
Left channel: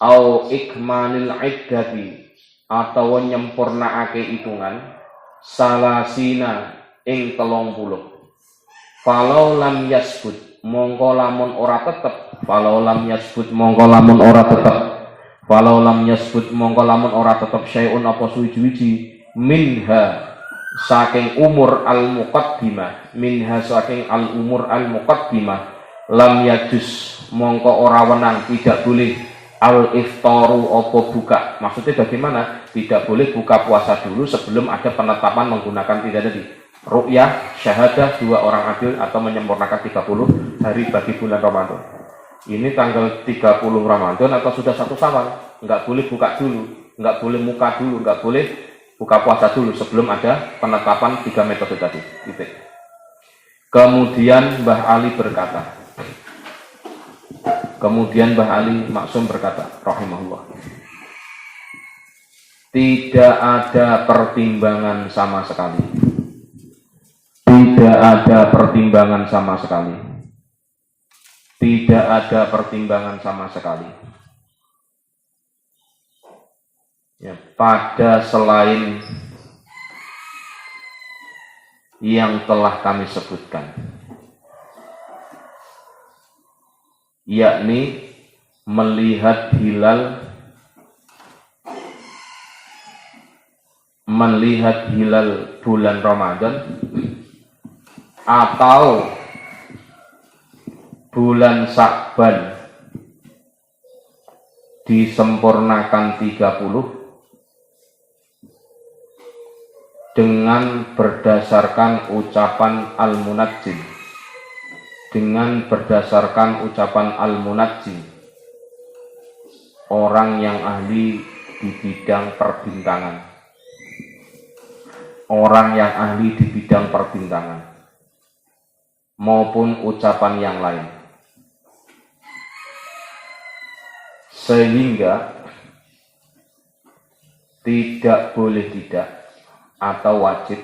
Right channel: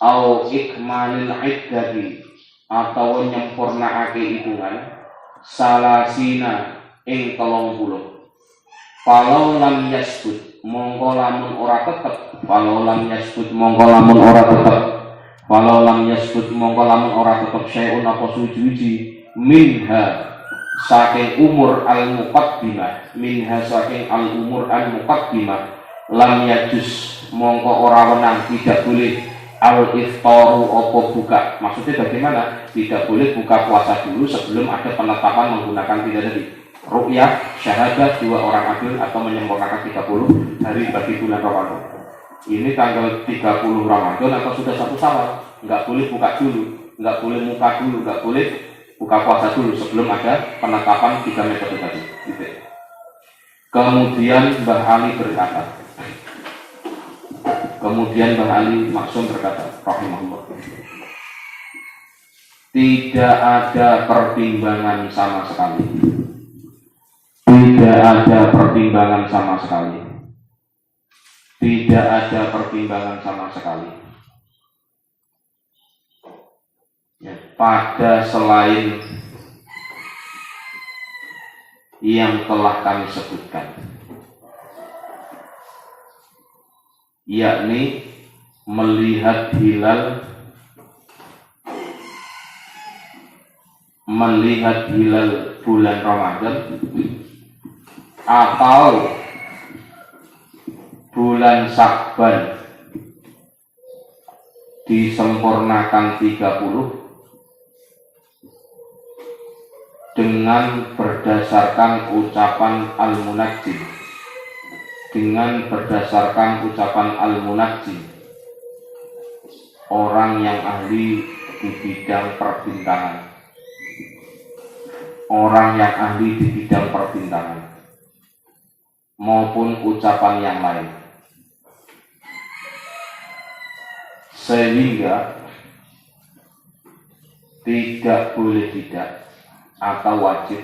au ikmalil iddati atau nyempurnaake hitungan salasina ing 30 falau lam yasbut mongko lamun ora tetep syai'un apa suwi-wiji minha saking umur al-muqaddimah lam yajus mongko ora wenang tidak boleh al-iftaru apa buka. Maksudnya bagaimana? Tidak boleh buka puasa dulu sebelum ada penetapan menggunakan tadi ru'yah syahadah 2 orang adil atau menyempurnakan 30 hari bagi bulan Ramadan. Ini tanggal 30 Ramadan atau sudah 1 Syawal, enggak boleh buka dulu, enggak boleh muka dulu, enggak boleh buka puasa dulu sebelum ada penetapan 3 metode tadi. Gitu. Kemudian Mbah Ali Maksum berkata, rahimahullah, tidak ada pertimbangan sama sekali. Ya, pada selain yang telah kami sebutkan, yakni melihat hilal bulan Ramadan atau bulan Sya'ban disempurnakan 30 dengan berdasarkan ucapan al-munajjim, orang yang ahli di bidang perbintangan, maupun ucapan yang lain, sehingga tidak boleh tidak atau wajib,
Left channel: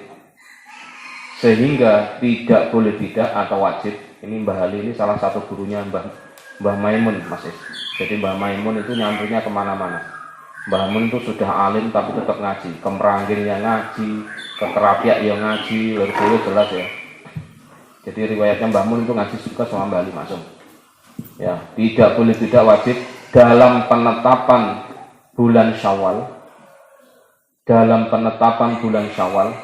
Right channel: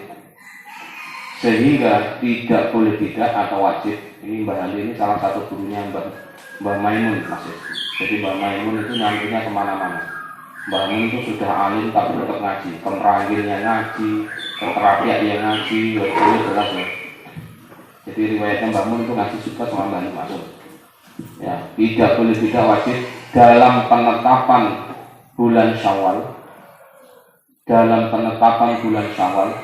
sehingga tidak boleh tidak atau wajib. Ini Mbah Ali ini salah satu gurunya Mbah Maimun Mas. Jadi Mbah Maimun itu nyampunya kemana-mana. Mbah Maimun itu sudah alim tapi tetap ngaji, ke Meranggilnya ngaji, ke Kerapiak ya ngaji, lebih jelas ya. Jadi riwayatnya Mbah Maimun itu ngaji juga sama Mbah Ali masuk. Ya, tidak boleh tidak wajib dalam penetapan bulan Syawal. Dalam penetapan bulan Syawal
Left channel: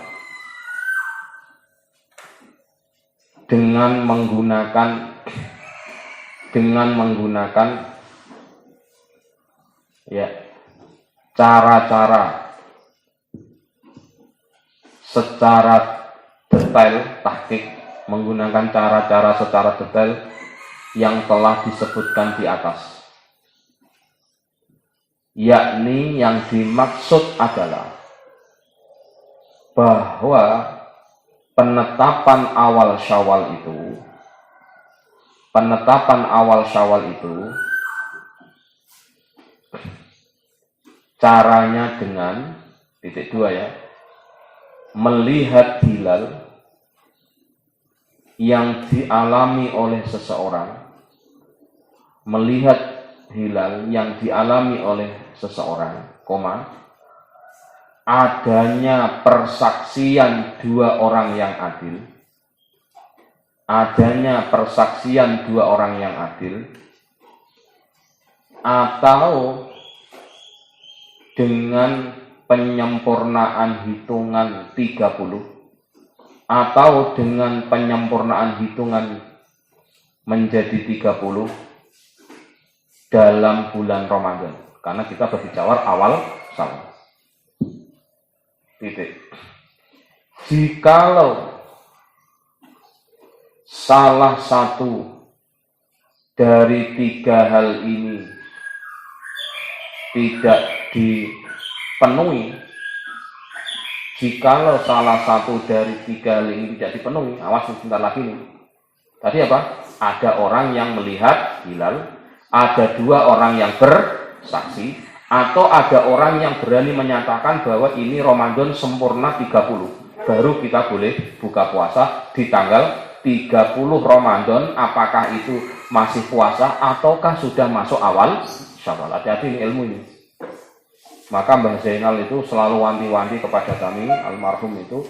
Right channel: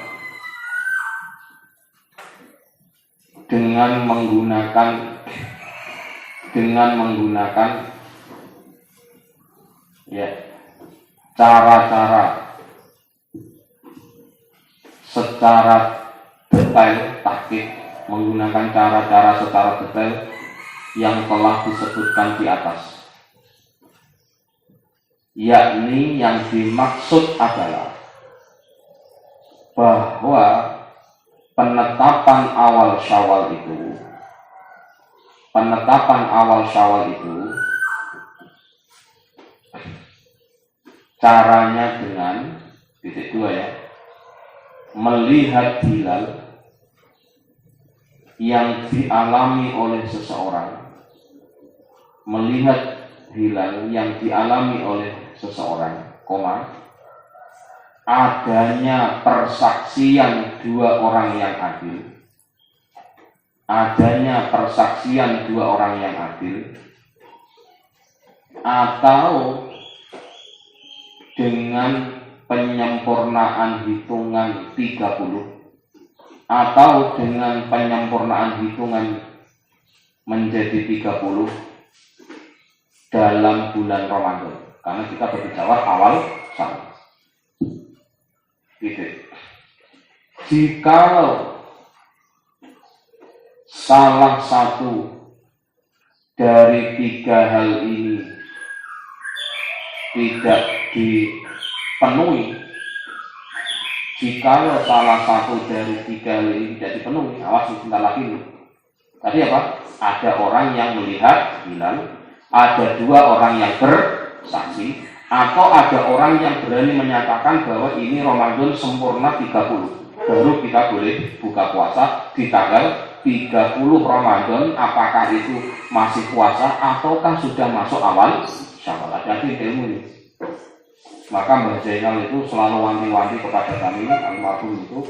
dengan menggunakan ya cara-cara secara detail, tahqiq, menggunakan cara-cara secara detail yang telah disebutkan di atas, yakni yang dimaksud adalah bahwa penetapan awal Syawal itu caranya dengan titik dua ya, melihat hilal yang dialami oleh seseorang, koma, adanya persaksian dua orang yang adil, atau dengan penyempurnaan hitungan 30, atau dengan penyempurnaan hitungan menjadi 30 dalam bulan Ramadan, karena kita berbicara awal Syawal. Titik. Jikalau salah satu dari tiga hal ini tidak dipenuhi, awas sebentar lagi nih. Tadi apa? Ada orang yang melihat hilal, ada dua orang yang bersaksi, atau ada orang yang berani menyatakan bahwa ini Ramadan sempurna 30, baru kita boleh buka puasa di tanggal 30 Ramadan. Apakah itu masih puasa ataukah sudah masuk awal Syawal? Hati-hati ilmu ini. Maka Mbah Zainal itu selalu wanti-wanti kepada kami almarhum itu,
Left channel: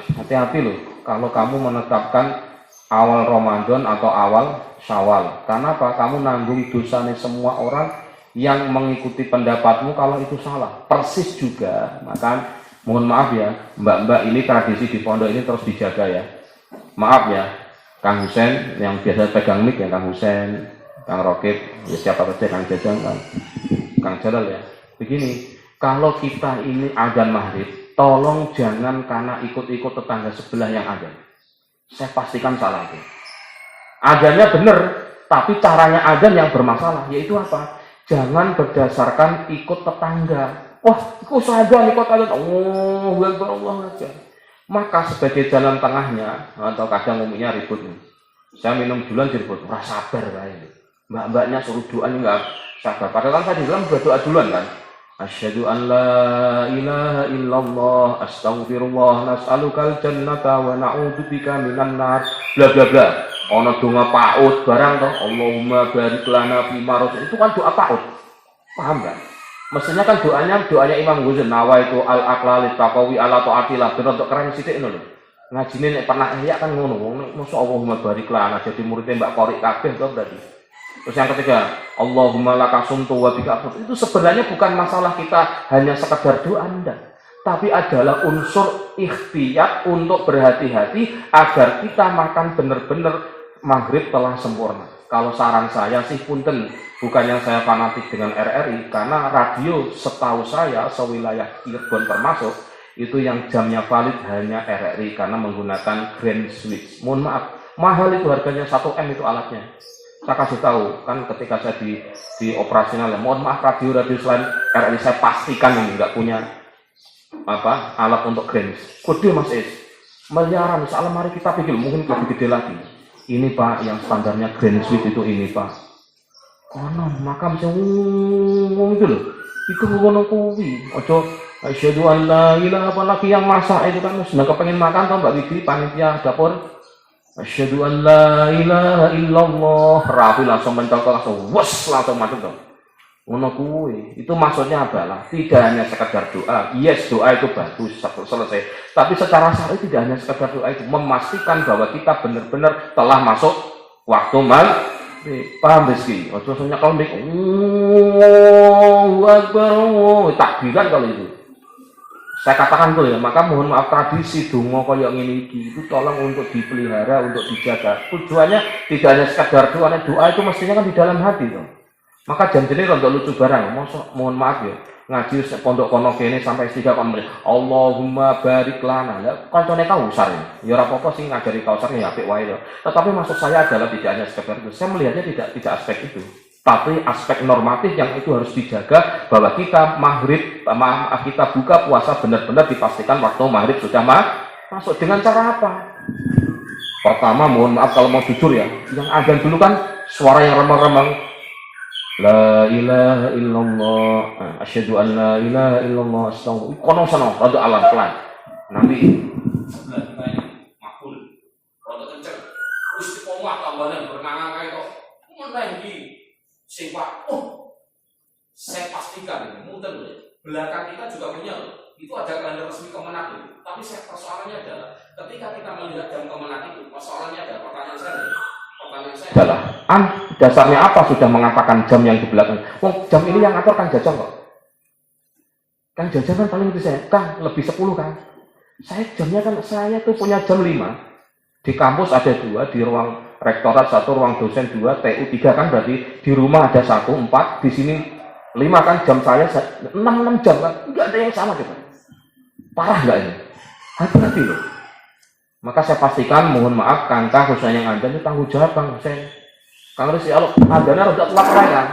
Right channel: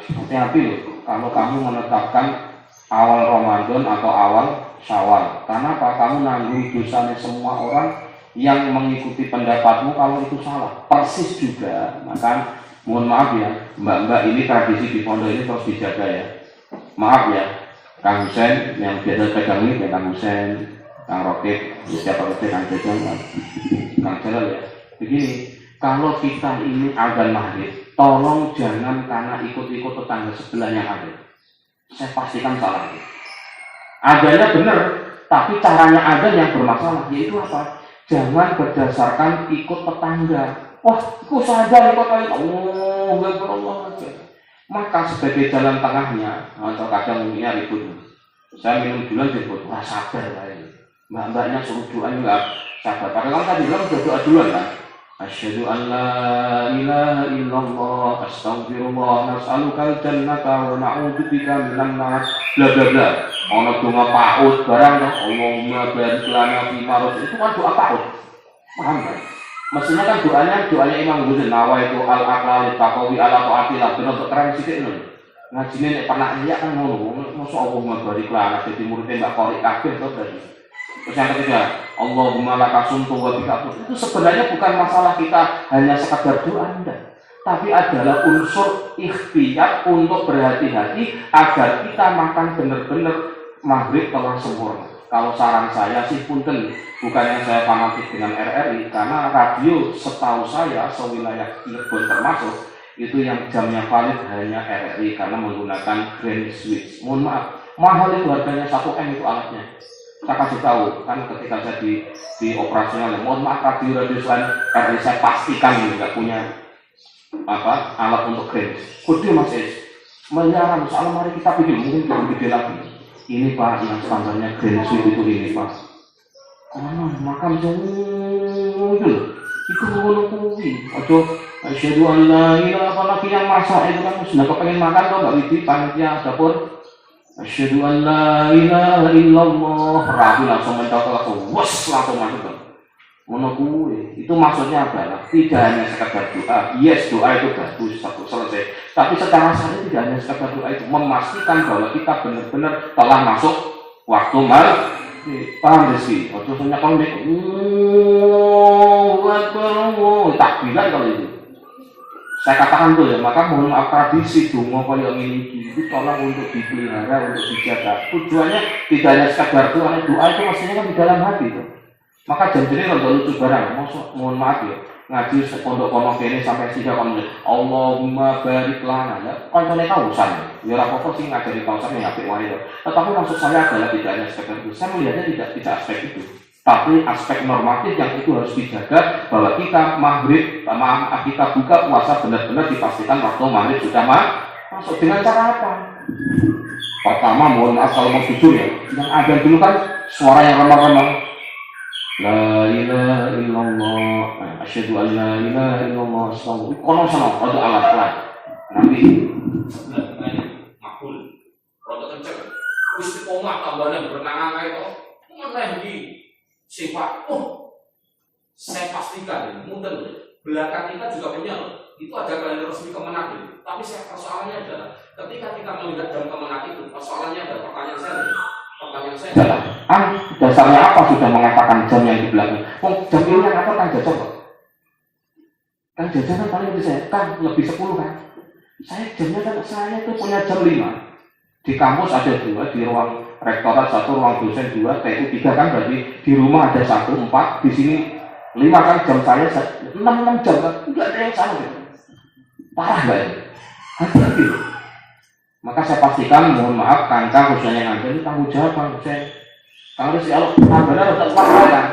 hati-hati loh kalau kamu menetapkan awal Ramadan atau awal Syawal. Karena apa? Kamu nanggung dosanya semua orang yang mengikuti pendapatmu kalau itu salah. Persis juga. Maka mohon maaf ya, mbak-mbak, ini tradisi di pondok ini terus dijaga ya. Maaf ya, Kang Husen yang biasa pegang mic ya, Kang Husen, Kang Rokib, ya siapa saja, Kang Jajang, Kang Jalal ya. Begini, kalau kita ini azan maghrib, tolong jangan karena ikut-ikut tetangga sebelah yang ada. Saya pastikan salah itu. Azannya benar, tapi caranya azan yang bermasalah. Yaitu apa? Jangan berdasarkan ikut tetangga. Wah, ikut saja ikut kalian. Oh, Allah aja. Maka sebagai jalan tengahnya, atau kadang umumnya ribut. Saya minum duluan ribut, rasa sabar lah ini. Mbak-mbaknya suruh doa enggak sabar. Padahal kan tadi bilang sudah doa duluan kan. Asyhadu an la ilaha illallah, astaghfirullah, nas'alukal jannata wa na'udzubika minan nar, bla bla bla. Ana donga paut barang toh, Allahumma barik lana fi marad. Itu kan doa paut. Paham kan? Mestinya kan doanya Imam Ghazali, nawaitu al-aqlali taqawi ala taatillah, ben untuk keren sithik ngono. Ngajine nek pernah iya kan ngono. Mosok Allahumma barik lana jadi muridnya Mbak Qori kabeh to berarti. Terus yang ketiga, Allahumma laka sumtu wa bika afut. Itu sebenarnya bukan masalah kita hanya sekedar doa Anda, tapi adalah unsur ikhtiar untuk berhati-hati agar kita makan benar-benar maghrib telah sempurna. Kalau saran saya sih punten, bukan yang saya fanatik dengan RRI, karena radio setahu saya sewilayah Cirebon termasuk itu yang jamnya valid hanya RRI karena menggunakan grand switch. Mohon maaf, mahal itu harganya 1M itu alatnya. Saya kasih tahu kan ketika saya di operasional, mohon maaf radio selain RRI saya pastikan ini nggak punya alat untuk grand. Gede Mas Is, miliaran. Soalnya mari kita pikir mungkin lebih gede lagi. Ini Pak yang standarnya grand suite itu ini Pak. Konon makam jauh itu loh. Itu ngono kuwi. Ojo Asyhadu an la ilaha, apalagi yang masak itu kan sudah kepengen makan kok Mbak Widi panitia dapur. Asyhadu an la ilaha illallah, rabu langsung mental langsung wes langsung mati dong. Ono kuwi itu maksudnya adalah tidak hanya sekedar doa. Yes, doa itu bagus selesai, tapi secara syar'i tidak hanya sekedar doa, itu memastikan bahwa kita benar-benar telah masuk waktu paham sih. Waktu semuanya kau dek takbiran kalau itu saya katakan tuh ya, maka mohon maaf tradisi donga kaya ngene iki itu tolong untuk dipelihara, untuk dijaga. Tujuannya tidak hanya sekedar doa, doa itu mestinya kan di dalam hati tuh. Maka janjane rada lucu barang, mosok mohon maaf ya, ngaji pondok-pondok kene sampai 3 menit. Allahumma barik lana. Ya kancane kausan. Ya ora apa-apa sing ngajari kausan ya apik wae ya. Tetapi maksud saya adalah tidak hanya sekedar itu. Saya melihatnya tidak aspek itu. Tapi aspek normatif yang itu harus dijaga, bahwa kita kita buka puasa benar-benar dipastikan waktu maghrib sudah masuk. Dengan cara apa? Pertama, mohon maaf kalau mau jujur ya, yang azan dulu kan suara yang remang-remang. La ilaha illallah, asyhadu an la ilaha illallah, astagfirullah. Kono sono rada alat pelan. Nanti makul. Rada kenceng. Istiqomah tambane berenang kae to. Meneh iki sifat. Saya pastikan mungkin belakang kita juga punya itu ada kalender resmi Kemenak itu. Tapi persoalannya adalah ketika kita melihat jam Kemenak itu, persoalannya adalah pertanyaan saya adalah dasarnya apa sudah mengatakan jam yang di belakang? Jam ini yang atur kan Jajang kok. Kan Jajang kan paling lebih saya, kan lebih 10 kan. Saya tuh punya jam 5. Di kampus ada 2, di ruang rektorat 1, ruang dosen 2, TU 3 kan, berarti di rumah ada 1, 4, di sini 5 kan, jam saya 6 jam kan. Enggak ada yang sama gitu. Parah enggak ini? Hati-hati loh. Maka saya pastikan, mohon maaf, Kangkang khususnya yang ada ini tanggung jawab Kang Hussein. Kang Rizky, kalau adanya udah telat kan,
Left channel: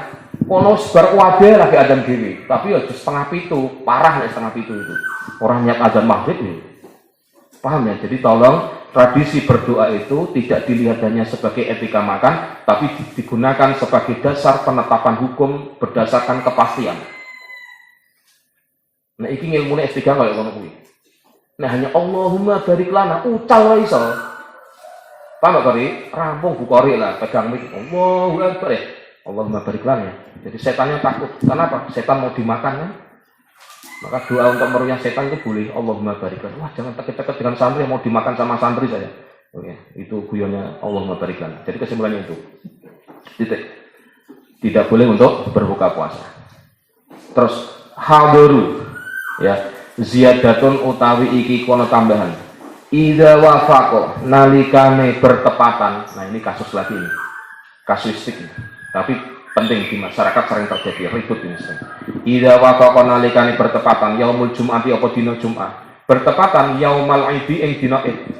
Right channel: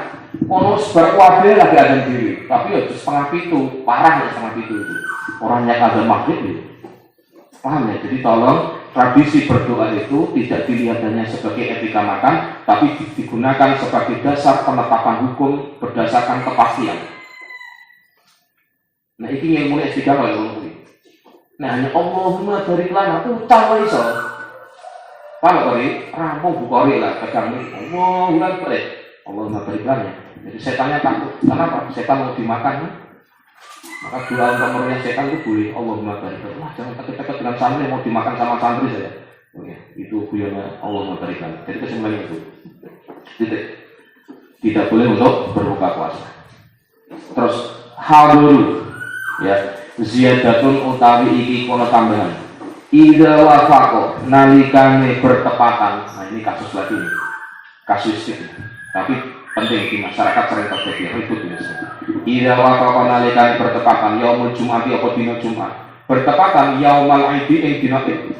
kono sebar wabe lagi adzan diri, tapi ya 6:30, parah ya 6:30 itu. Orang niat adzan maghrib itu, paham ya? Jadi tolong tradisi berdoa itu tidak dilihat hanya sebagai etika makan, tapi digunakan sebagai dasar penetapan hukum berdasarkan kepastian. Nah, ini yang mulai etika kalau ngono kuwi. Nah, hanya Allahumma barik lana ucal wae iso. Paham kali? Rampung Bukhari lah, pegang mic. Allahu Akbar. Allahumma barik lana. Jadi setannya takut. Kenapa? Setan mau dimakan ya? Maka doa untuk merunyah setan itu boleh. Allahumma barik lana. Wah, jangan takut-takut dengan santri yang mau dimakan sama santri saja. Oke, itu guyonnya Allahumma barik lana. Jadi kesimpulannya itu. Tidak boleh untuk berbuka puasa. Terus hadiru ya. Ziyadatun utawi iki kono tambahan. Idza wafaqo nalikane bertepatan. Nah, ini kasus lagi nih. Kasusik. Tapi penting di masyarakat sering terjadi ribut ini. Idza wafaqo nalikane bertepatan yaumul jum'ati apa dina Jumat. Bertepatan yaumal aidi ing dina Id.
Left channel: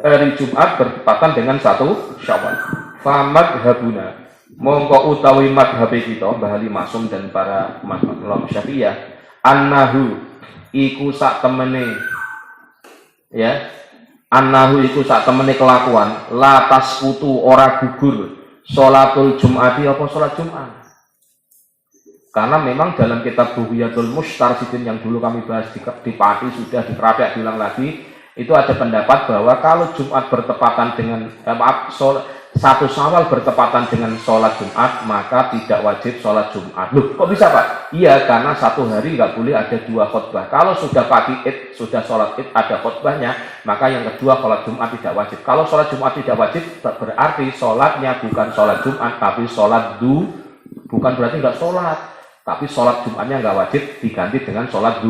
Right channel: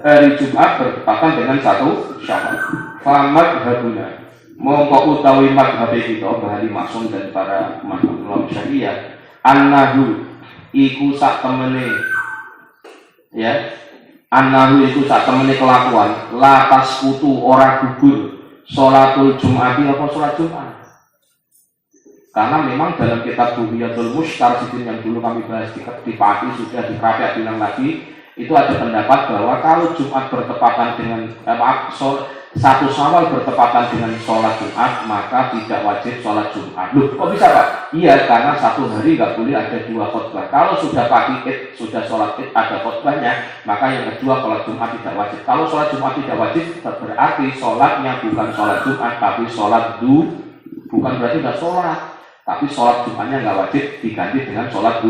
Hari Jumat bertepatan dengan 1 Syawal. Famat habuna. Mongko utawi madhab kita Bahali Masum dan para mazhab Syafi'iyah annahu iku sak temene ya, annahu iku sak temene kelakuan latas kutu ora gugur sholatul jum'ati apa sholat Jumat. Karena memang dalam kitab Bughyatul Mustarsidin yang dulu kami bahas di Pati sudah di Rabi'ah bilang lagi, itu ada pendapat bahwa kalau Jumat bertepatan dengan 1 Syawal bertepatan dengan sholat Jumat, maka tidak wajib sholat Jumat. Loh, kok bisa Pak? Iya, karena 1 hari nggak boleh ada 2 khutbah. Kalau sudah pagi Id, sudah sholat Id ada khutbahnya, maka yang kedua sholat Jumat tidak wajib. Kalau sholat Jumat tidak wajib, berarti sholatnya bukan sholat Jumat, tapi sholat bukan berarti nggak sholat, tapi sholat Jumatnya nggak wajib, diganti dengan sholat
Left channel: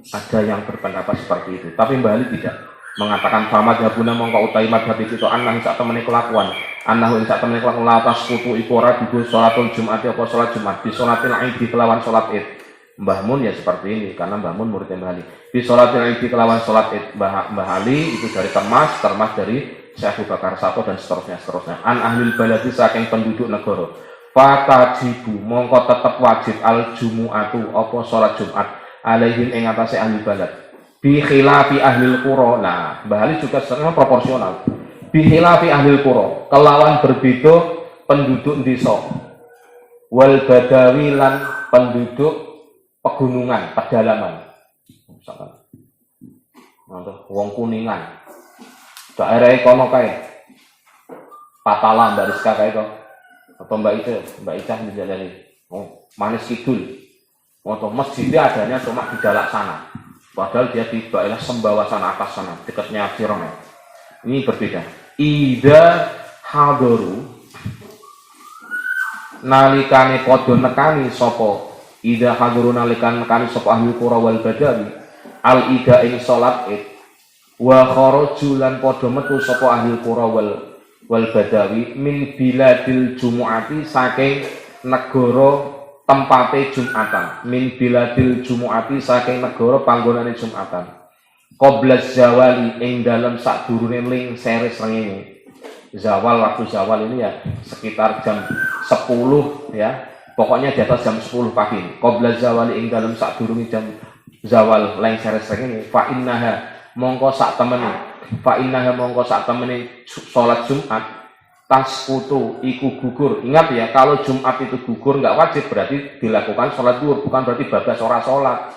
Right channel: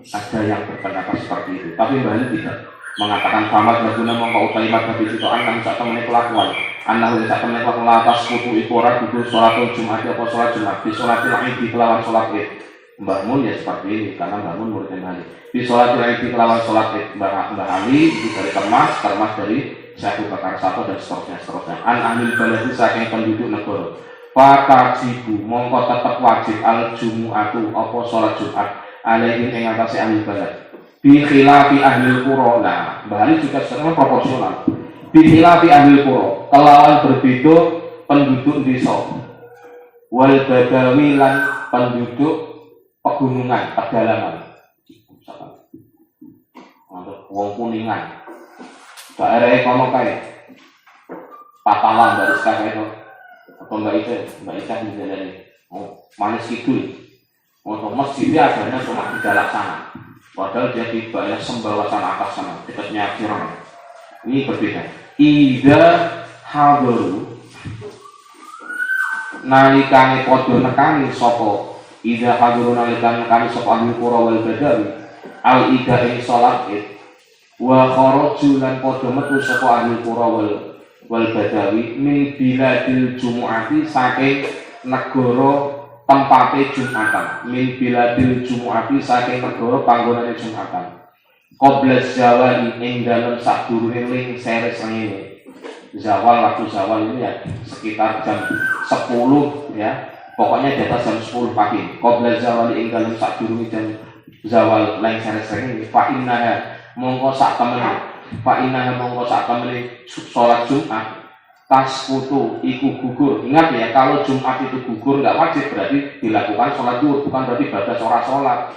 Ada yang berpendapat seperti itu, tapi Mbak Ali tidak. Mengatakan fahamad rabuna mongko utai madhab itu anang sak temene kelakuan annahu sak temene kelakuan latas kutu iku ora gugur sholatul Jumat apa sholat Jumat di sholatil Id kelawan sholat Id. Mbah Mun ya seperti ini karena Mbah Mun muridnya Mbah Ali. Di sholatil Id kelawan sholat Id Mbah Ali itu dari termas dari Syekh Abu Bakar Sato dan seterusnya. An ahlil baladi saking penduduk negara. Fatajibu mongko tetep wajib al jumu'atu apa sholat Jumat alaihi ing atase ahli balad. Bi khilafi ahlil qura. Nah, Mbah Ali juga sebenarnya proporsional. Bi khilafi ahlil qura, kelawan berbeda penduduk desa. Wal badawi lan penduduk pegunungan, pedalaman. Untuk wong Kuningan. Daerah kono kae. Patalan Mbak Rizka kae to. Atau Mbak Ica menjalani. Oh, Manis Kidul. Untuk masjidnya adanya cuma di dalam sana. Padahal dia di daerah Sembawasan atas sana, dekatnya Firman. Ini berbeda. Ida hadaru nalikane padha nekani sapa. Ida hadaru nalikane nekani sapa ahli qura wal badawi. Al ida ing salat id. Wa kharaju lan padha metu sapa ahli qura wal badawi min biladil jumu'ati saking negara tempate Jumatan, min biladil jumu'ati saking negara panggonane Jumatan. Qabla zawali ing dalem sadurunge ling sere srengenge. Zawal, waktu zawal ini ya sekitar jam 10 ya. Pokoknya di atas jam 10 pagi. Qabla zawali ing dalem sadurunge jam zawal ling sere srengenge. Fa innaha mongko sak temene salat Jumat tasqutu iku gugur. Ingat ya, kalau Jumat itu gugur nggak wajib berarti dilakukan sholat zuhur, bukan berarti badas ora sholat.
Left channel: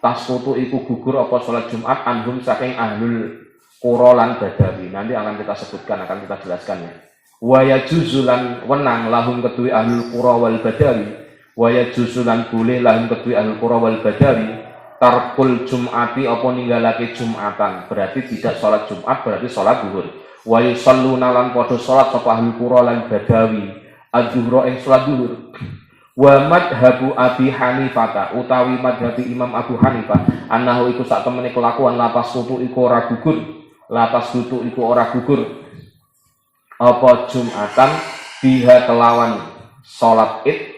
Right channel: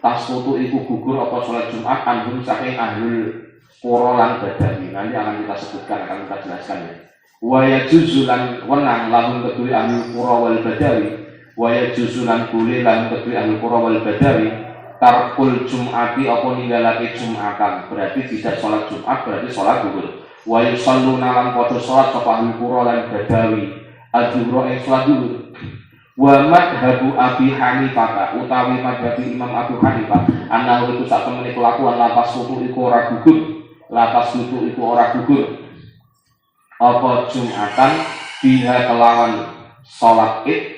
Tasqutu iku gugur apa sholat Jumat anhum saking ahlul qura lan badawi. Nanti akan kita sebutkan, akan kita jelaskan ya. Wa yajuzu lan wenang lahum kedue ahlul qura wal badawi. Wa yajuzu lan boleh lahum kedue ahlul qura wal badawi tarkul Jum'ati apa ninggalake Jumatan. Berarti tidak sholat Jumat, berarti sholat zuhur. Wa yusalluna lan padha salat sapa ahli qura lan badawi adzuhra ing salat zuhur. Wa madhabu Abi Hanifah utawi madhab Imam Abu Hanifah annahu iku sak temene kelakuan latas tutu iku ora gugur apa Jumatan biha kelawan salat id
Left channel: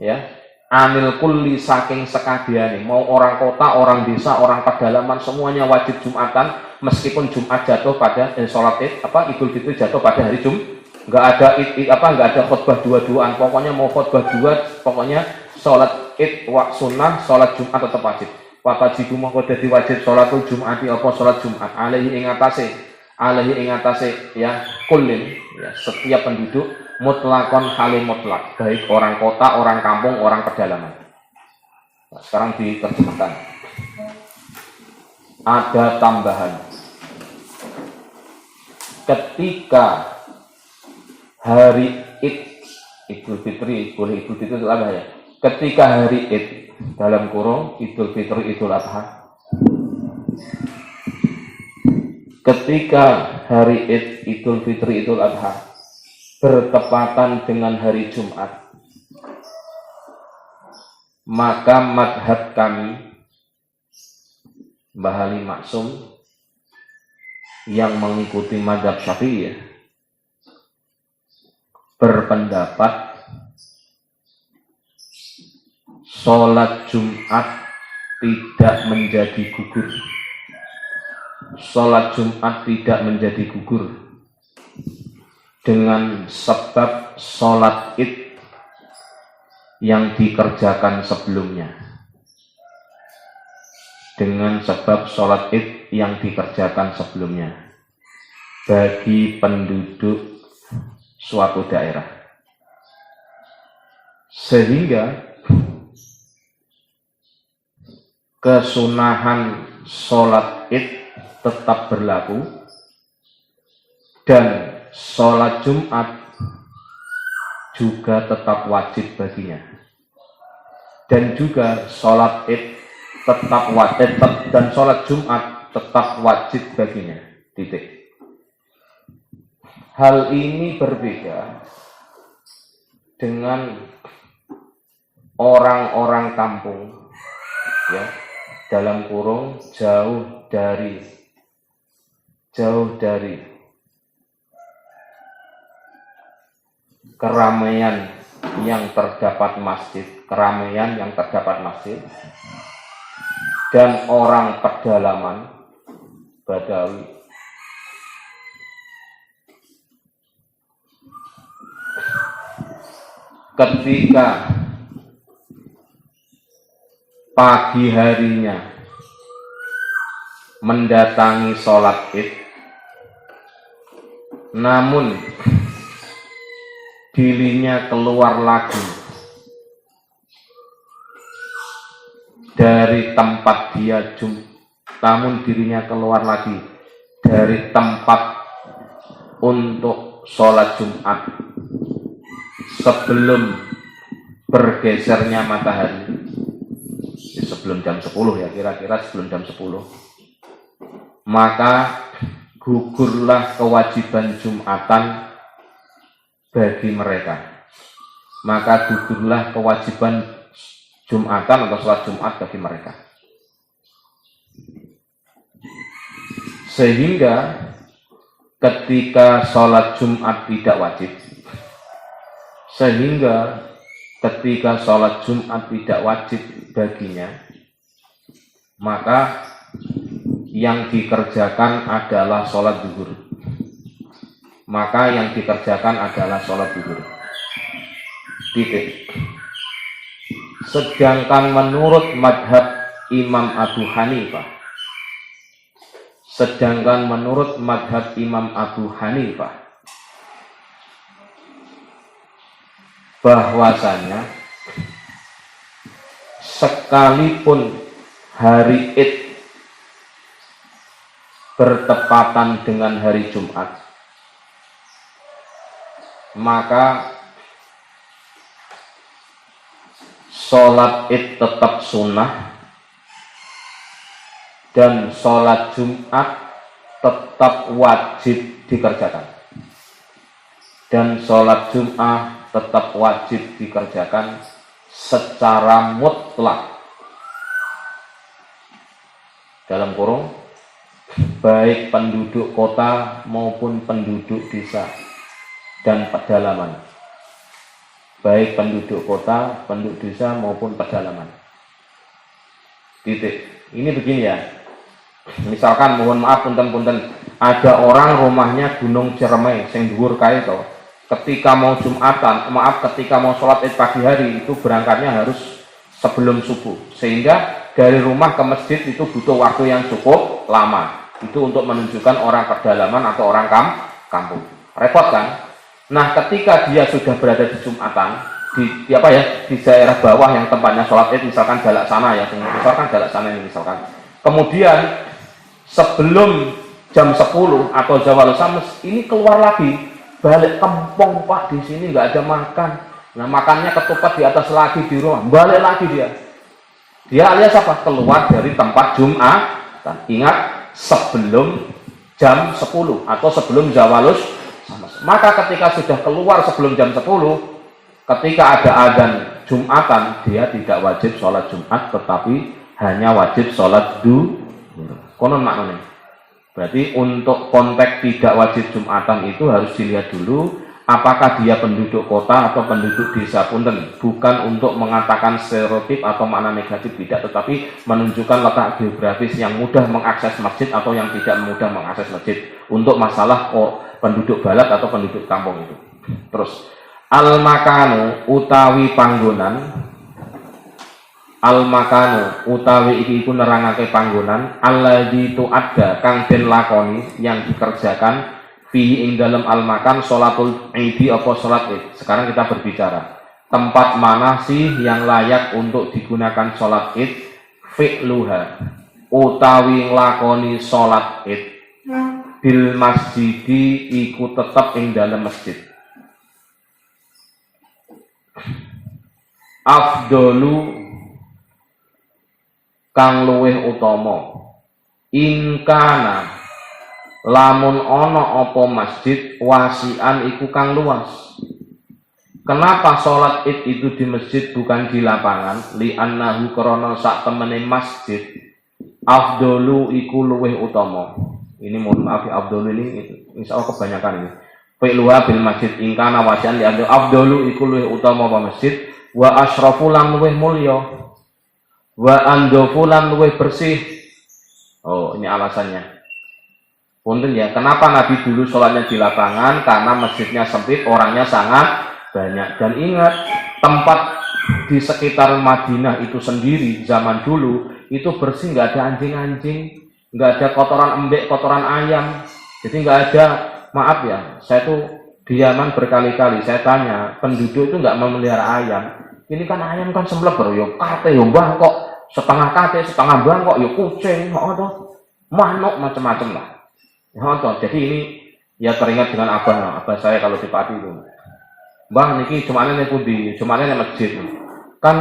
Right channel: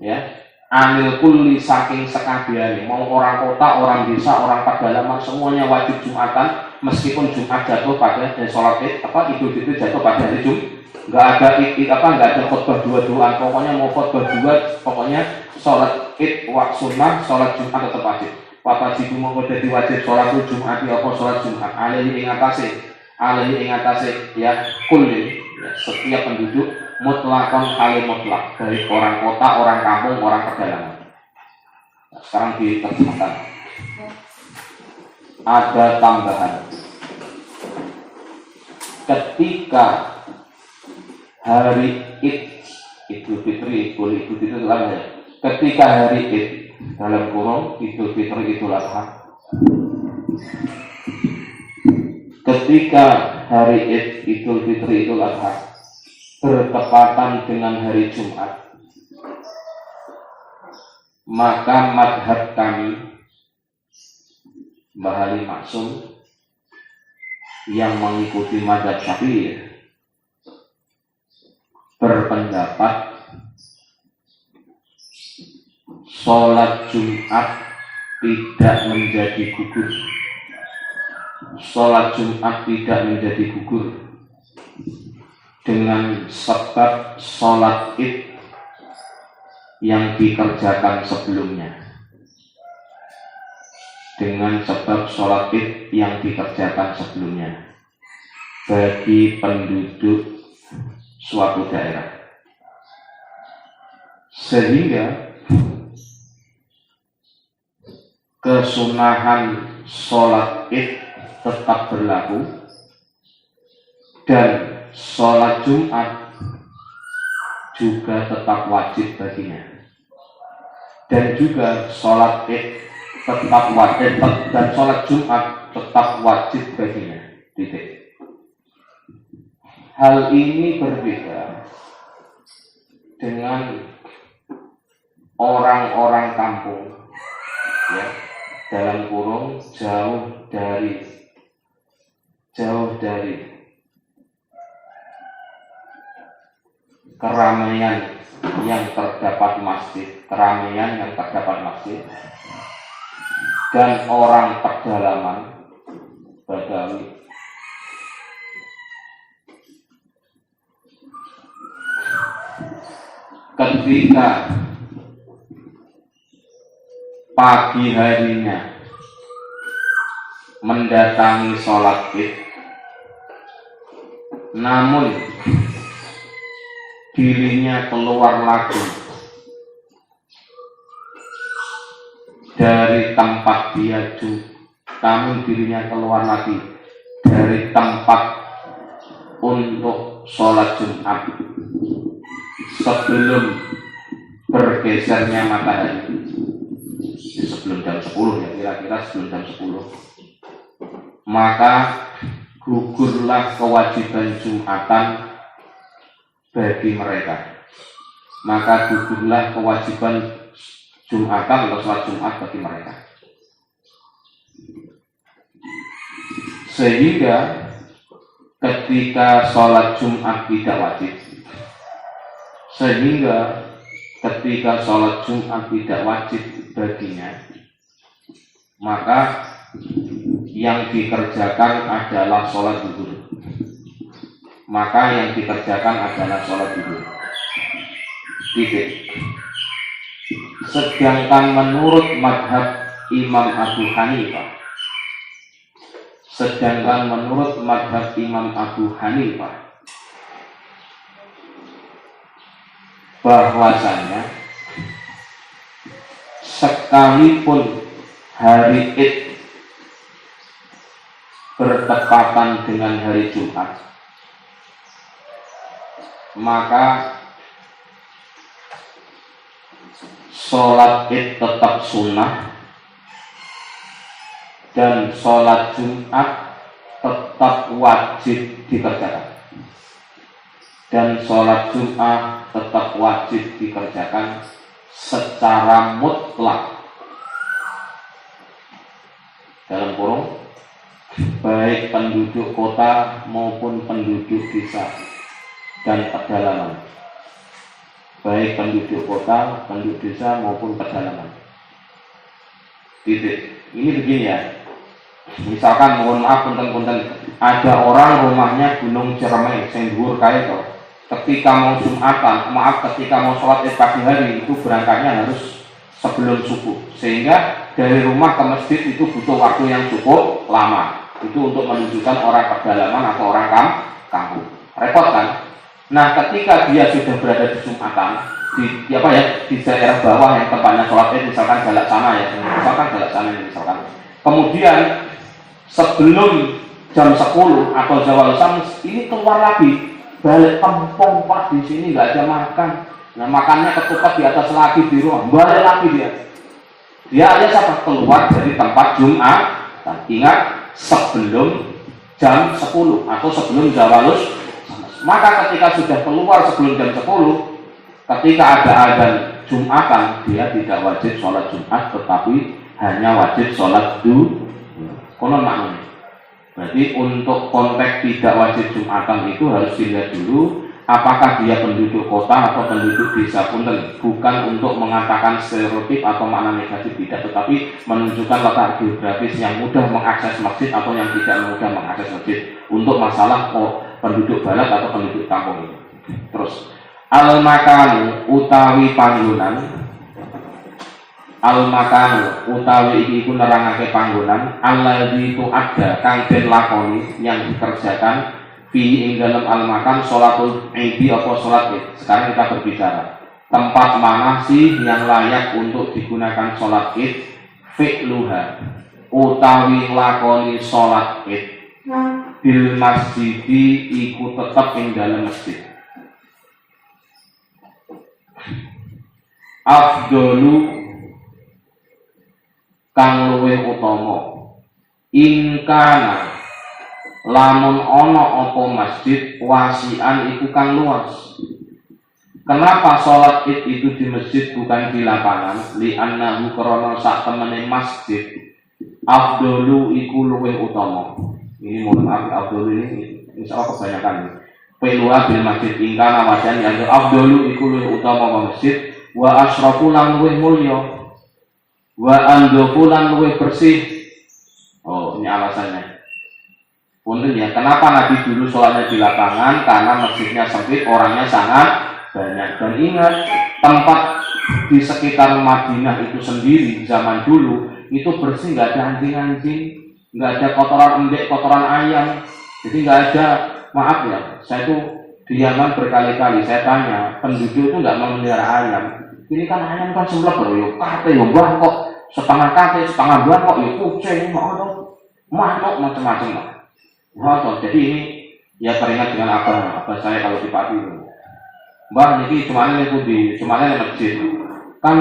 ya anil kulli saking sekabehane, mau orang kota, orang desa, orang pedalaman semuanya wajib Jumatan. Meskipun Jumat jatuh pada sholat id Idul Fitri jatuh pada hari Jumat, nggak ada khutbah dua-duaan, pokoknya mau khutbah dua, pokoknya sholat id sunnah, sholat Jumat tetap wajib. Watajibu mongko dadi wajib sholat Jumati apa sholat Jumat alaihi ing atase ya kullin ya, setiap penduduk mutlakon halim mutlak, baik orang kota, orang kampung, orang pedalaman. Nah, sekarang diterjemahkan. Ada tambahan. Ketika hari Id, Idul Fitri, boleh Idul Fitri itu apa ya? Ketika hari Id dalam kurung Idul Fitri Idul Adha. Ketika hari Id Idul Fitri Idul Adha bertepatan dengan hari Jumat, maka madhab kami Mbah Ali Maksum yang mengikuti mazhab Syafi'i berpendapat sholat Jumat tidak menjadi gugur. Sholat Jumat tidak menjadi gugur dengan sebab sholat id yang dikerjakan sebelumnya. Dengan sebab sholat id yang dikerjakan sebelumnya bagi penduduk suatu daerah, sehingga kesunahan sholat id tetap berlaku dan sholat Jumat juga tetap wajib baginya, dan juga sholat id tetap wajib dan sholat Jumat tetap wajib baginya. Titik. Hal ini berbeda dengan orang-orang kampung, ya, dalam kurung jauh dari keramaian yang terdapat masjid, dan orang pedalaman Badawi. Ketika pagi harinya mendatangi sholat id, namun dirinya keluar lagi dari tempat dia namun dirinya keluar lagi dari tempat untuk sholat Jumat sebelum bergesernya matahari, sebelum jam 10 ya, kira-kira sebelum jam 10, maka gugurlah kewajiban Jumatan bagi mereka. Maka gugurlah kewajiban Jumatan atau sholat Jumat bagi mereka. Sehingga ketika sholat Jumat tidak wajib, baginya, maka yang dikerjakan adalah sholat zuhur. Titik. Sedangkan menurut madhab Imam Abu Hanifah, bahwasanya sekalipun hari Id bertepatan dengan hari Jumat, maka sholat Id tetap sunnah dan sholat Jumat tetap wajib dikerjakan, secara mutlak, dalam kurung, baik penduduk kota maupun penduduk desa dan pedalaman. Titik. Ini begini ya. Misalkan, mohon maaf punten-punten, ada orang rumahnya Gunung Ciremai sing dhuwur kae to. Ketika mau sholat Id pagi hari itu berangkatnya harus sebelum subuh, sehingga dari rumah ke masjid itu butuh waktu yang cukup lama. Itu untuk menunjukkan orang pedalaman atau orang kampung. Repot kan? Nah, ketika dia sudah berada di Jumatan, di daerah bawah yang tempatnya sholat Id, misalkan Jalak Sana ya, misalkan. Kemudian sebelum jam 10 atau zawal syams ini keluar lagi, balik kampung, Pak, di sini nggak ada makan. Nah, makannya ketupat di atas lagi di rumah, balik lagi dia alias apa? Keluar dari tempat Jumat. Ingat, sebelum jam 10 atau sebelum zawalus. Maka ketika sudah keluar sebelum jam 10, ketika ada azan Jumatan, dia tidak wajib sholat Jumat, tetapi hanya wajib sholat konon maknanya. Berarti untuk konteks tidak wajib Jumatan itu harus dilihat dulu apakah dia penduduk kota atau penduduk desa. Punten, bukan untuk mengatakan stereotip atau makna negatif, tidak, tetapi menunjukkan letak geografis yang mudah mengakses masjid atau yang tidak mudah mengakses masjid untuk masalah penduduk balat atau penduduk kampung itu. Terus al-makanu utawi iki iku nerangake panggonan alladzi tu'adda kang den lakoni yang dikerjakan fi ing dalam al-makan sholatul idi apa sholat Id. Sekarang kita berbicara tempat mana sih yang layak untuk digunakan sholat Id. Fi'luha utawi lakoni sholat Id bil masjidi iku tetap ing dalam masjid. Afdolu kang luwih utama ingkana lamun ana apa masjid wasian iku kang luas. Kenapa sholat Id itu di masjid bukan di lapangan? Li annahu krana sak temene masjid afdolu iku luwih utama. Ini mohon maaf, afdolu ini insyaallah kebanyakan ini. Fi'luha bil masjid ingkana wasian li annahu afdolu iku luwih utama apa masjid wa asrafu lan luwih mulya wa andofu lan luwih bersih. Oh, ini alasannya. Punten ya, kenapa Nabi dulu sholatnya di lapangan? Karena masjidnya sempit, orangnya sangat banyak. Dan ingat, tempat di sekitar Madinah itu sendiri zaman dulu itu bersih, nggak ada anjing-anjing, nggak ada kotoran embek, kotoran ayam. Jadi nggak ada, maaf ya, saya tuh di Yaman berkali-kali saya tanya penduduk itu nggak memelihara ayam. Ini kan ayam kan sembelih yo kate yo mbah kok setengah kate, setengah bulan kok ya kucing, manuk macam-macam lah. Jadi ini ya teringat dengan abah saya kalau di Pati itu. Mbah niki cuma ini masjid. Kan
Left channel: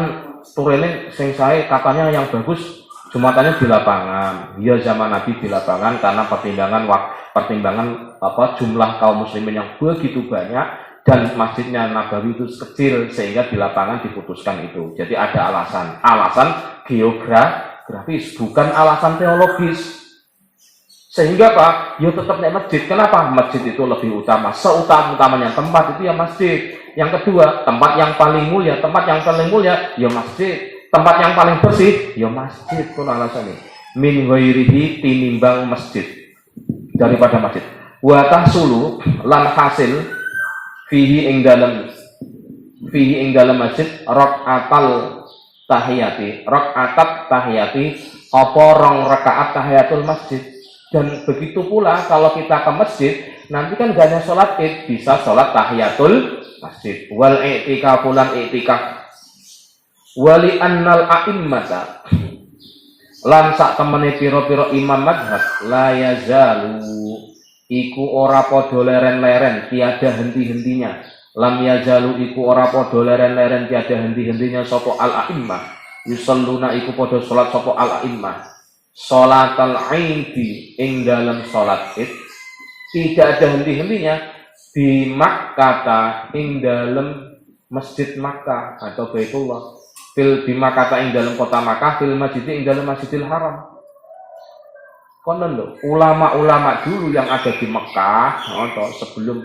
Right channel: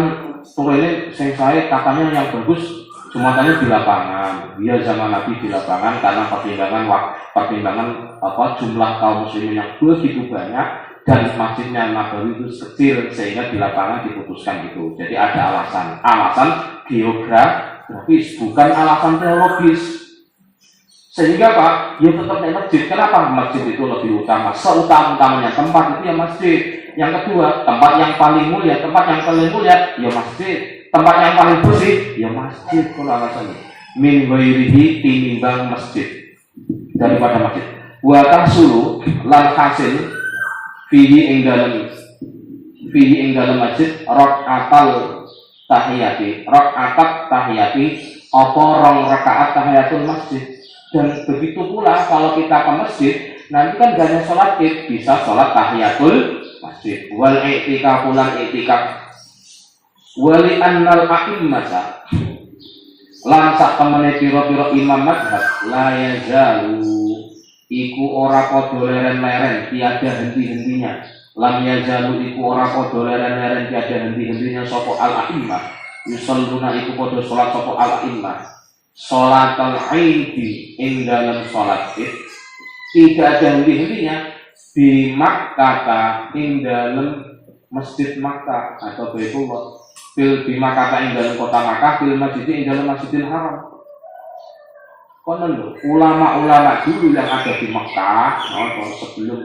turene sing saya katanya yang bagus Jumatannya di lapangan. Dia zaman Nabi di lapangan karena pertimbangan jumlah kaum muslimin yang begitu banyak dan masjidnya Nabawi itu kecil sehingga di lapangan diputuskan itu. Jadi ada alasan geografis bukan alasan teologis. Sehingga Pak, ya tetap naik masjid. Kenapa? Masjid itu lebih utama. Seutama-utamanya tempat itu ya masjid. Yang kedua, tempat yang paling mulia ya masjid. Tempat yang paling bersih ya masjid. Itu alasannya. Min ghairihi tinimbang masjid daripada masjid. Wa tahsulu lan hasil fihi ing dalam masjid raqatal tahiyati apa rong rakaat tahiyatul masjid. Dan begitu pula kalau kita ke masjid nanti kan gak ada sholat id, bisa sholat tahiyatul masjid. Wal i'tikaf wali annal a'immata lan sak temene pira-pira imam mazhab la yazalu iku ora padha leren-leren tiada henti-hentinya. Lam yazalu iku ora padha leren-leren tiada henti-hentinya sapa al a'immah yusalluna iku padha salat sapa al a'immah salatal aidi ing dalam salat id tidak ada henti-hentinya di Makkah ing dalam masjid Makkah atau Baitullah di Makkah ing dalam kota Makkah fil masjid ing dalam Masjidil Haram. Konon lho, ulama-ulama dulu yang ada di Mekah sebelum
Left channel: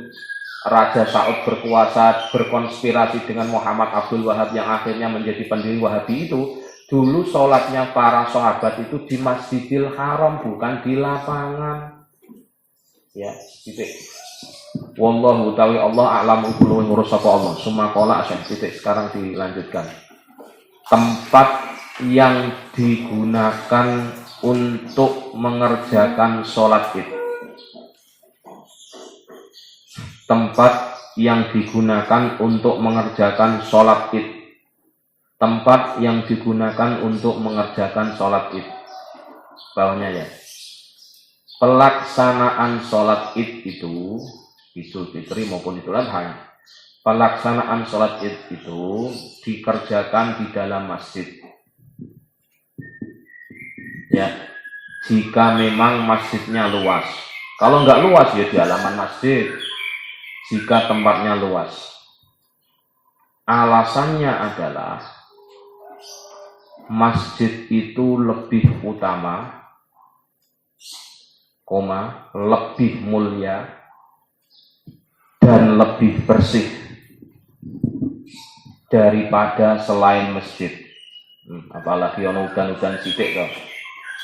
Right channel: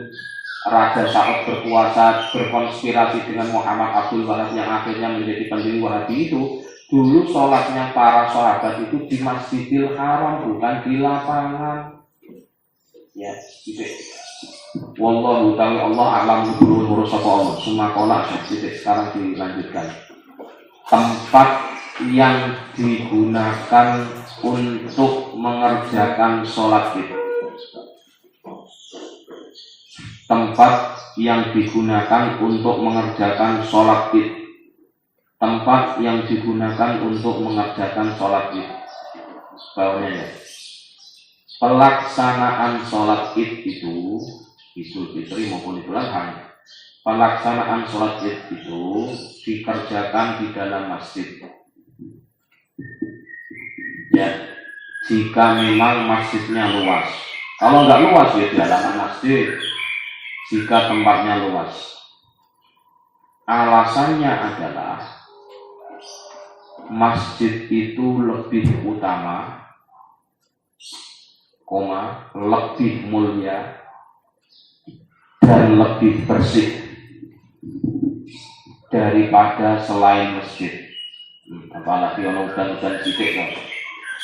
Raja Saud berkuasa berkonspirasi dengan Muhammad Abdul Wahab yang akhirnya menjadi pendiri Wahabi itu, dulu sholatnya para sahabat itu di Masjidil Haram bukan di lapangan. Ya, titik. Wallahu ta'ala Allah a'lamu qulul murus sapa Allah. Sumakola titik. Sekarang dilanjutkan. Tempat yang digunakan untuk mengerjakan sholat id. Tempat yang digunakan untuk mengerjakan sholat id. Tempat yang digunakan untuk mengerjakan sholat id. Bawahnya ya. Pelaksanaan sholat id itu Idul Fitri maupun Idul Adha. Pelaksanaan sholat id itu dikerjakan di dalam masjid. Ya, jika memang masjidnya luas. Kalau nggak luas ya di halaman masjid. Jika tempatnya luas. Alasannya adalah masjid itu lebih utama, lebih mulia dan lebih bersih daripada selain masjid. Apalagi ono udan-udan sithik to.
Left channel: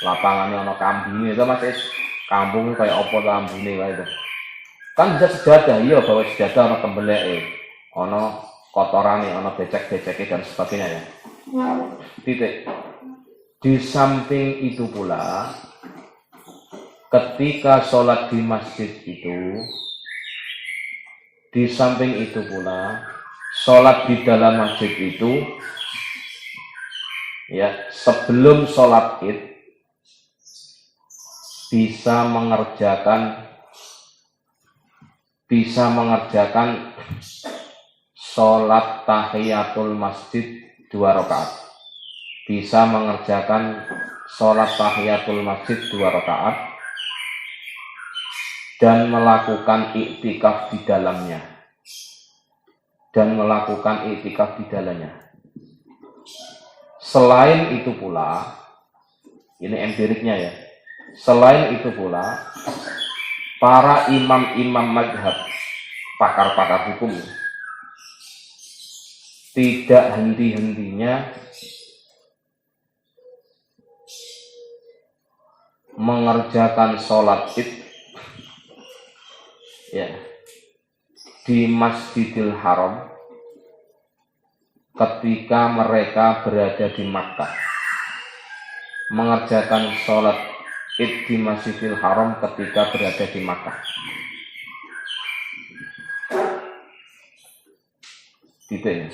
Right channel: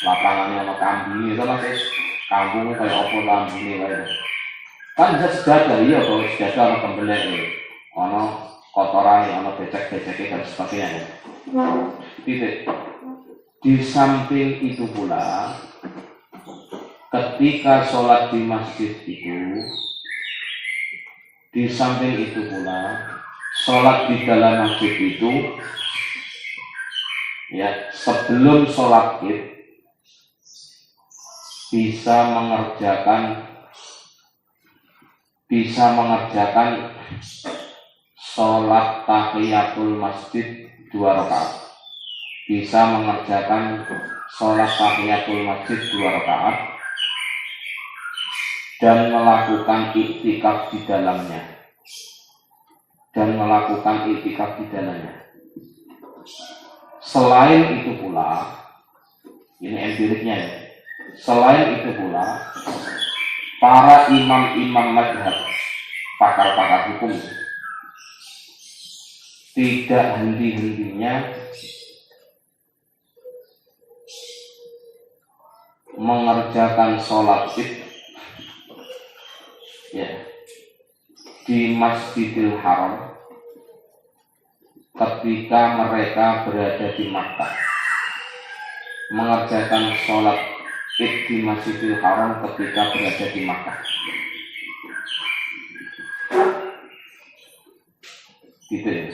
Lapangane ono kambinge to Mas. Kampung kayak apa kambine wae to. Kan bisa sejadah iya bawa sejadah ono kembeleke. Ono kotorane, ono becek-beceke dan sebagainya. Titik. Di samping itu pula ketika sholat di masjid itu, di samping itu pula sholat di dalam masjid itu, ya sebelum sholat id bisa mengerjakan sholat tahiyatul masjid 2 rakaat. Bisa mengerjakan sholat tahiyatul masjid 2 rakaat dan melakukan iktikaf di dalamnya. Selain itu pula, ini empiriknya ya. Selain itu pula, para imam-imam mazhab, pakar-pakar hukum, tidak henti-hentinya mengerjakan sholat id ya di Masjidil Haram ketika mereka berada di Makkah. Mengerjakan sholat id di Masjidil Haram ketika berada di Makkah. Gitu ya.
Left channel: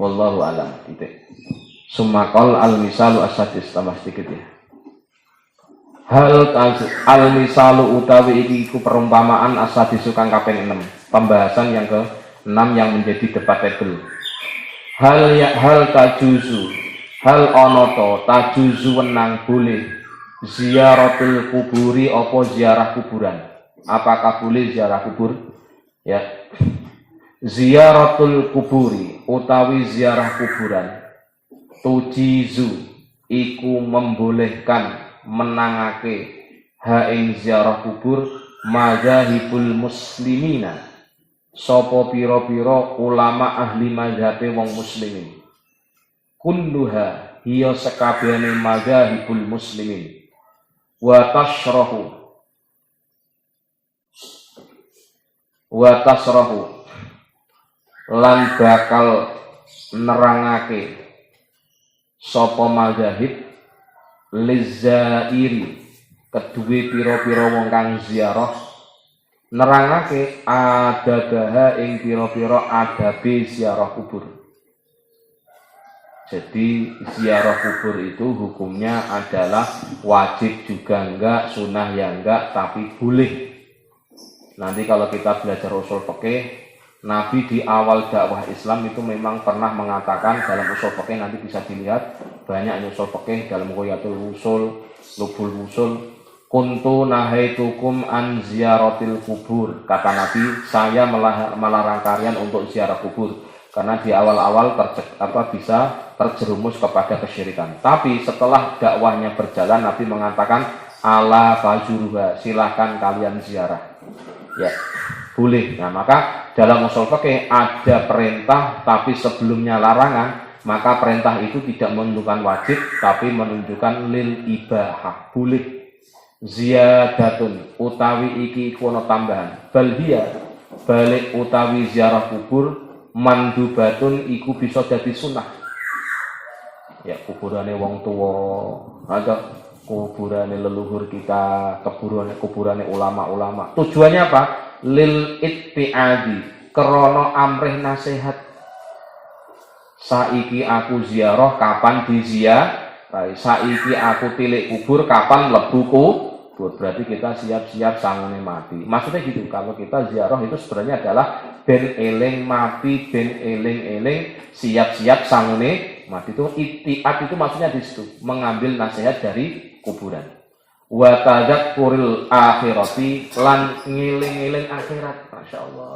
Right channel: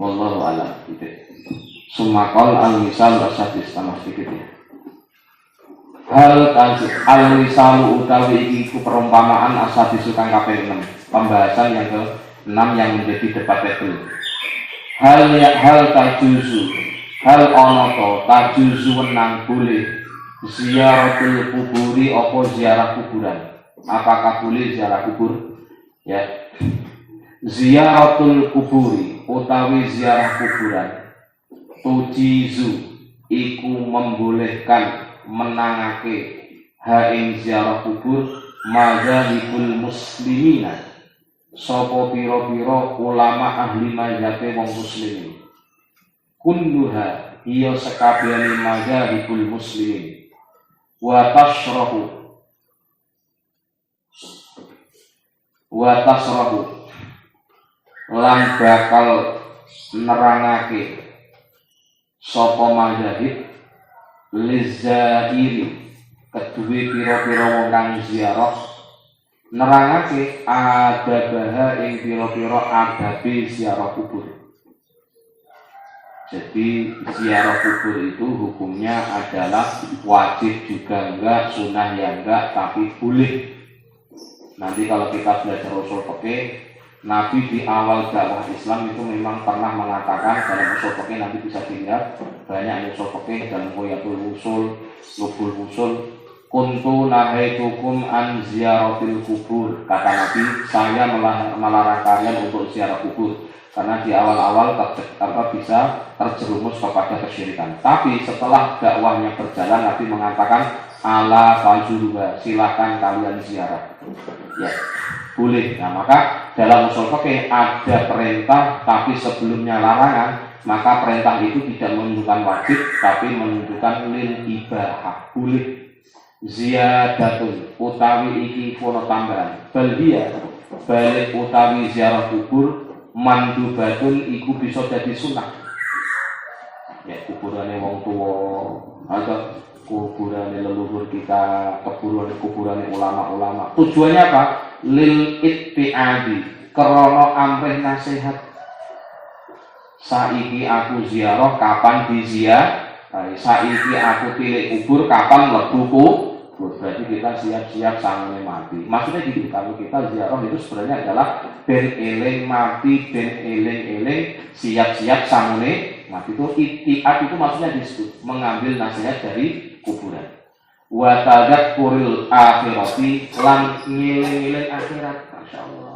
wallahu a'lam. Sumakol al-misalu asadis, tambah sedikit ya. Hal al-misalu utawi iki iku perumpamaan asadisu kang kaping 6. Pembahasan yang ke-6 yang menjadi debatable. Hal tajuzu, hal ono to tajuzu wenang boleh ziaratul kuburi apa ziarah kuburan. Apakah boleh ziarah kubur? Ya. Ziaratul kuburi utawi ziarah kuburan tujizu iku membolehkan menangake ha ing ziarah kubur mazhabul muslimina sapa pira-pira ulama ahli mazhabe wong muslimin kulluha hiya sakabehane mazhabul muslimin wa tasrahu lan bakal nerangake sapa mazhab lizairi kedue pira-pira wong kang ziarah nerangake adabaha ing pira-pira adabe ziarah kubur. Jadi ziarah kubur itu hukumnya adalah wajib juga enggak, sunah ya enggak, tapi boleh. Nanti kalau kita belajar usul fikih, Nabi di awal dakwah Islam itu memang pernah mengatakan dalam usul fikih, nanti bisa dilihat banyak usul fikih dalam Ghayatul Usul, Lubul Usul, kuntu nahaitukum an ziyaratil kubur. Kata Nabi, saya melarang kalian untuk ziarah kubur karena di awal-awal bisa terjerumus kepada kesyirikan. Tapi setelah dakwahnya berjalan, Nabi mengatakan ala fajuruha, silakan kalian ziarah. Ya, boleh. Nah, maka dalam usul fikih ada perintah tapi sebelumnya larangan, maka perintah itu tidak menunjukkan wajib tapi menunjukkan lil ibahah, boleh. Ziyadatun utawi iki kono tambahan, bal dia balik utawi ziarah kubur mandubatun iku bisa jadi sunnah. Ya, kuburane wong tua, ada kuburane leluhur kita, kuburane ulama-ulama. Tujuannya apa? Lil ittiadi, krana amrih nasihat. Saiki aku ziarah, kapan diziarah? Saiki aku tilik kubur, kapan lebu kubur? Berarti kita siap-siap sangune mati. Maksudnya gitu, kalau kita ziarah itu sebenarnya adalah ben eling mati, ben eling siap-siap sangune mati. Itu ittiad itu maksudnya di situ, mengambil nasihat dari kuburan. Wa tadzakkuril akhirati, lan ngiling-ngiling akhirat. Masyaallah.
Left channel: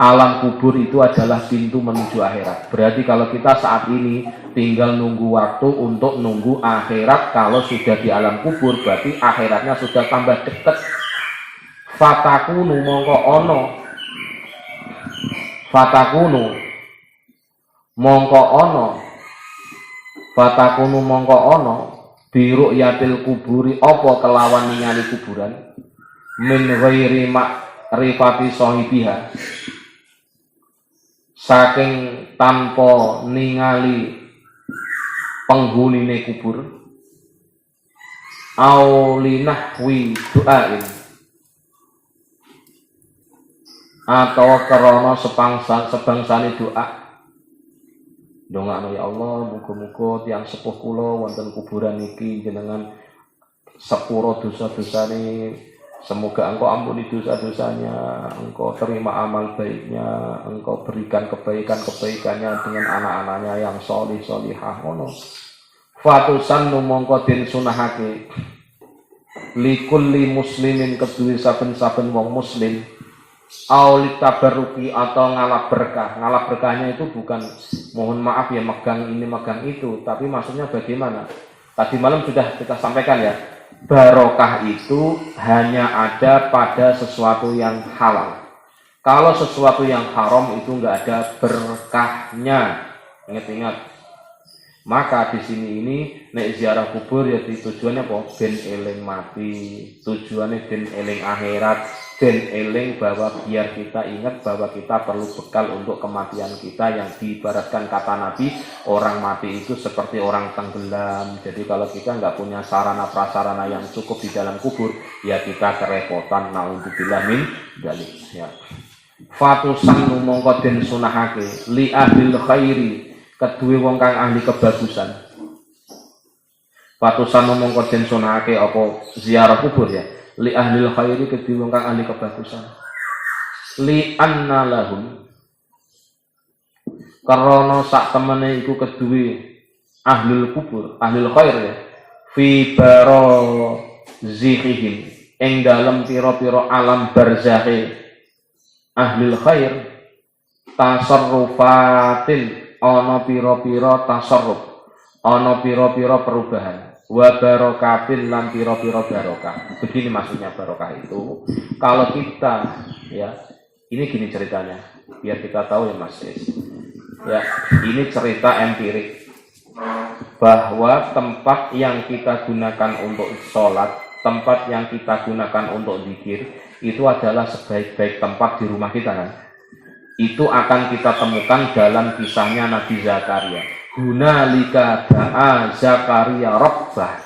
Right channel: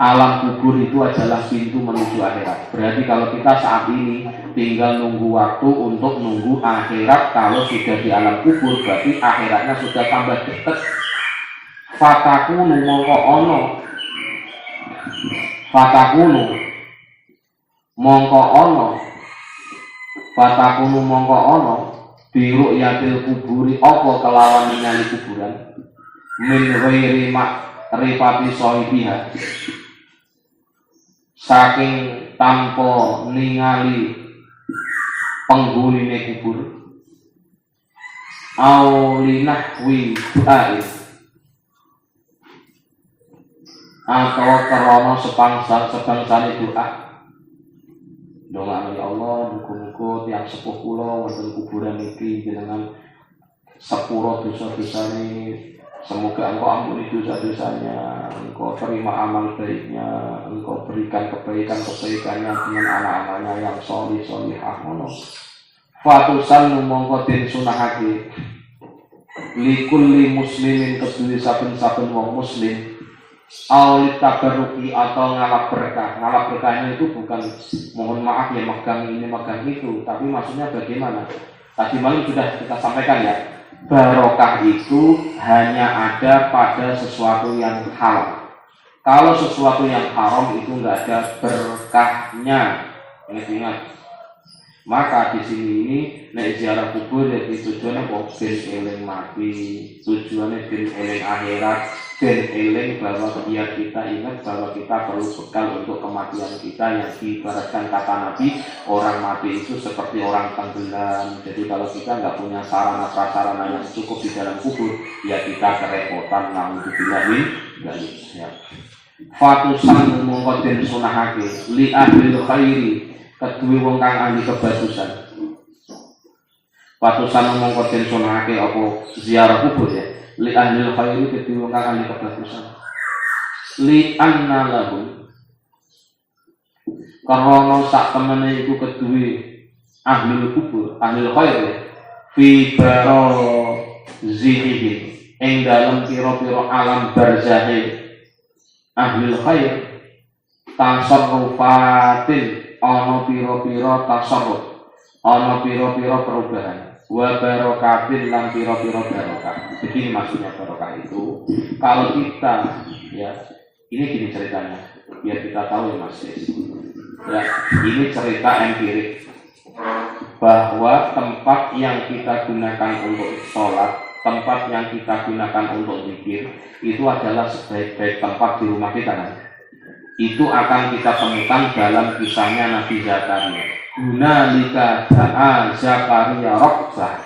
Alam kubur itu adalah pintu menuju akhirat. Berarti kalau kita saat ini tinggal nunggu waktu untuk nunggu akhirat, kalau sudah di alam kubur berarti akhiratnya sudah tambah dekat. Fatakunu mongko ono, fatakunu mongko ono, fatakunu mongko ono biru yatil kuburi, apa kelawan ningali kuburan min ghairi ma'rifati sahibiha, saking tanpa ningali penghunine kubur, aulinahwi doain, atau karena sebangsane doa. Doa ya Allah, muga-muga tiyang sepuh kula wonten kuburan iki jenengan sepuro dosa-dosane, semoga Engkau ampuni dosa-dosanya, Engkau terima amal baiknya, Engkau berikan kebaikan-kebaikannya dengan anak-anaknya yang sholih-sholihah ngono. Fatusan mongko den sunahake likulli muslimin kedue saben-saben wong muslim auli tabarruki atau ngalap berkah. Ngalap berkahnya itu bukan mohon maaf ya megang ini megang itu, tapi maksudnya bagaimana? Tadi malam sudah kita sampaikan ya, barokah itu hanya ada pada sesuatu yang halal. Kalau sesuatu yang haram itu nggak ada berkahnya. Ingat-ingat. Maka di sini ini nek ziarah kubur ya tujuannya kok ben eling mati, tujuannya ben eling akhirat, ben eling bahwa biar kita ingat bahwa kita perlu bekal untuk kematian kita, yang diibaratkan kata Nabi, orang mati itu seperti orang tenggelam. Jadi kalau kita nggak punya sarana prasarana yang cukup di dalam kubur, ya kita kerepotan. Naudzubillah min dzalik. Ya. Fatusan mongko den sunahake li ahli khairi kedue wong kang ahli kebagusan. Patusan ngomong koden sunake apa ziarah kubur ya. Li ahlil khairi kedue wong kang ahli kebagusan. Li anna lahum karena sak temene iku kedue ahlul kubur, ahlul khair ya. Fi baro zihihim ing dalem pira-pira alam barzahe ahlul khair tasarrufatin ana pira-pira tasarruf, ana pira-pira perubahan, wa barokatin lan pira-pira barokah. Begini maksudnya barokah itu. Kalau kita ya, ini gini ceritanya, biar kita tahu ya Mas. Ya, ini cerita empirik bahwa tempat yang kita gunakan untuk sholat, tempat yang kita gunakan untuk zikir itu adalah sebaik-baik tempat di rumah kita kan. Itu akan kita temukan dalam kisahnya Nabi Zakaria. Hunalika da'a Zakaria rabbah.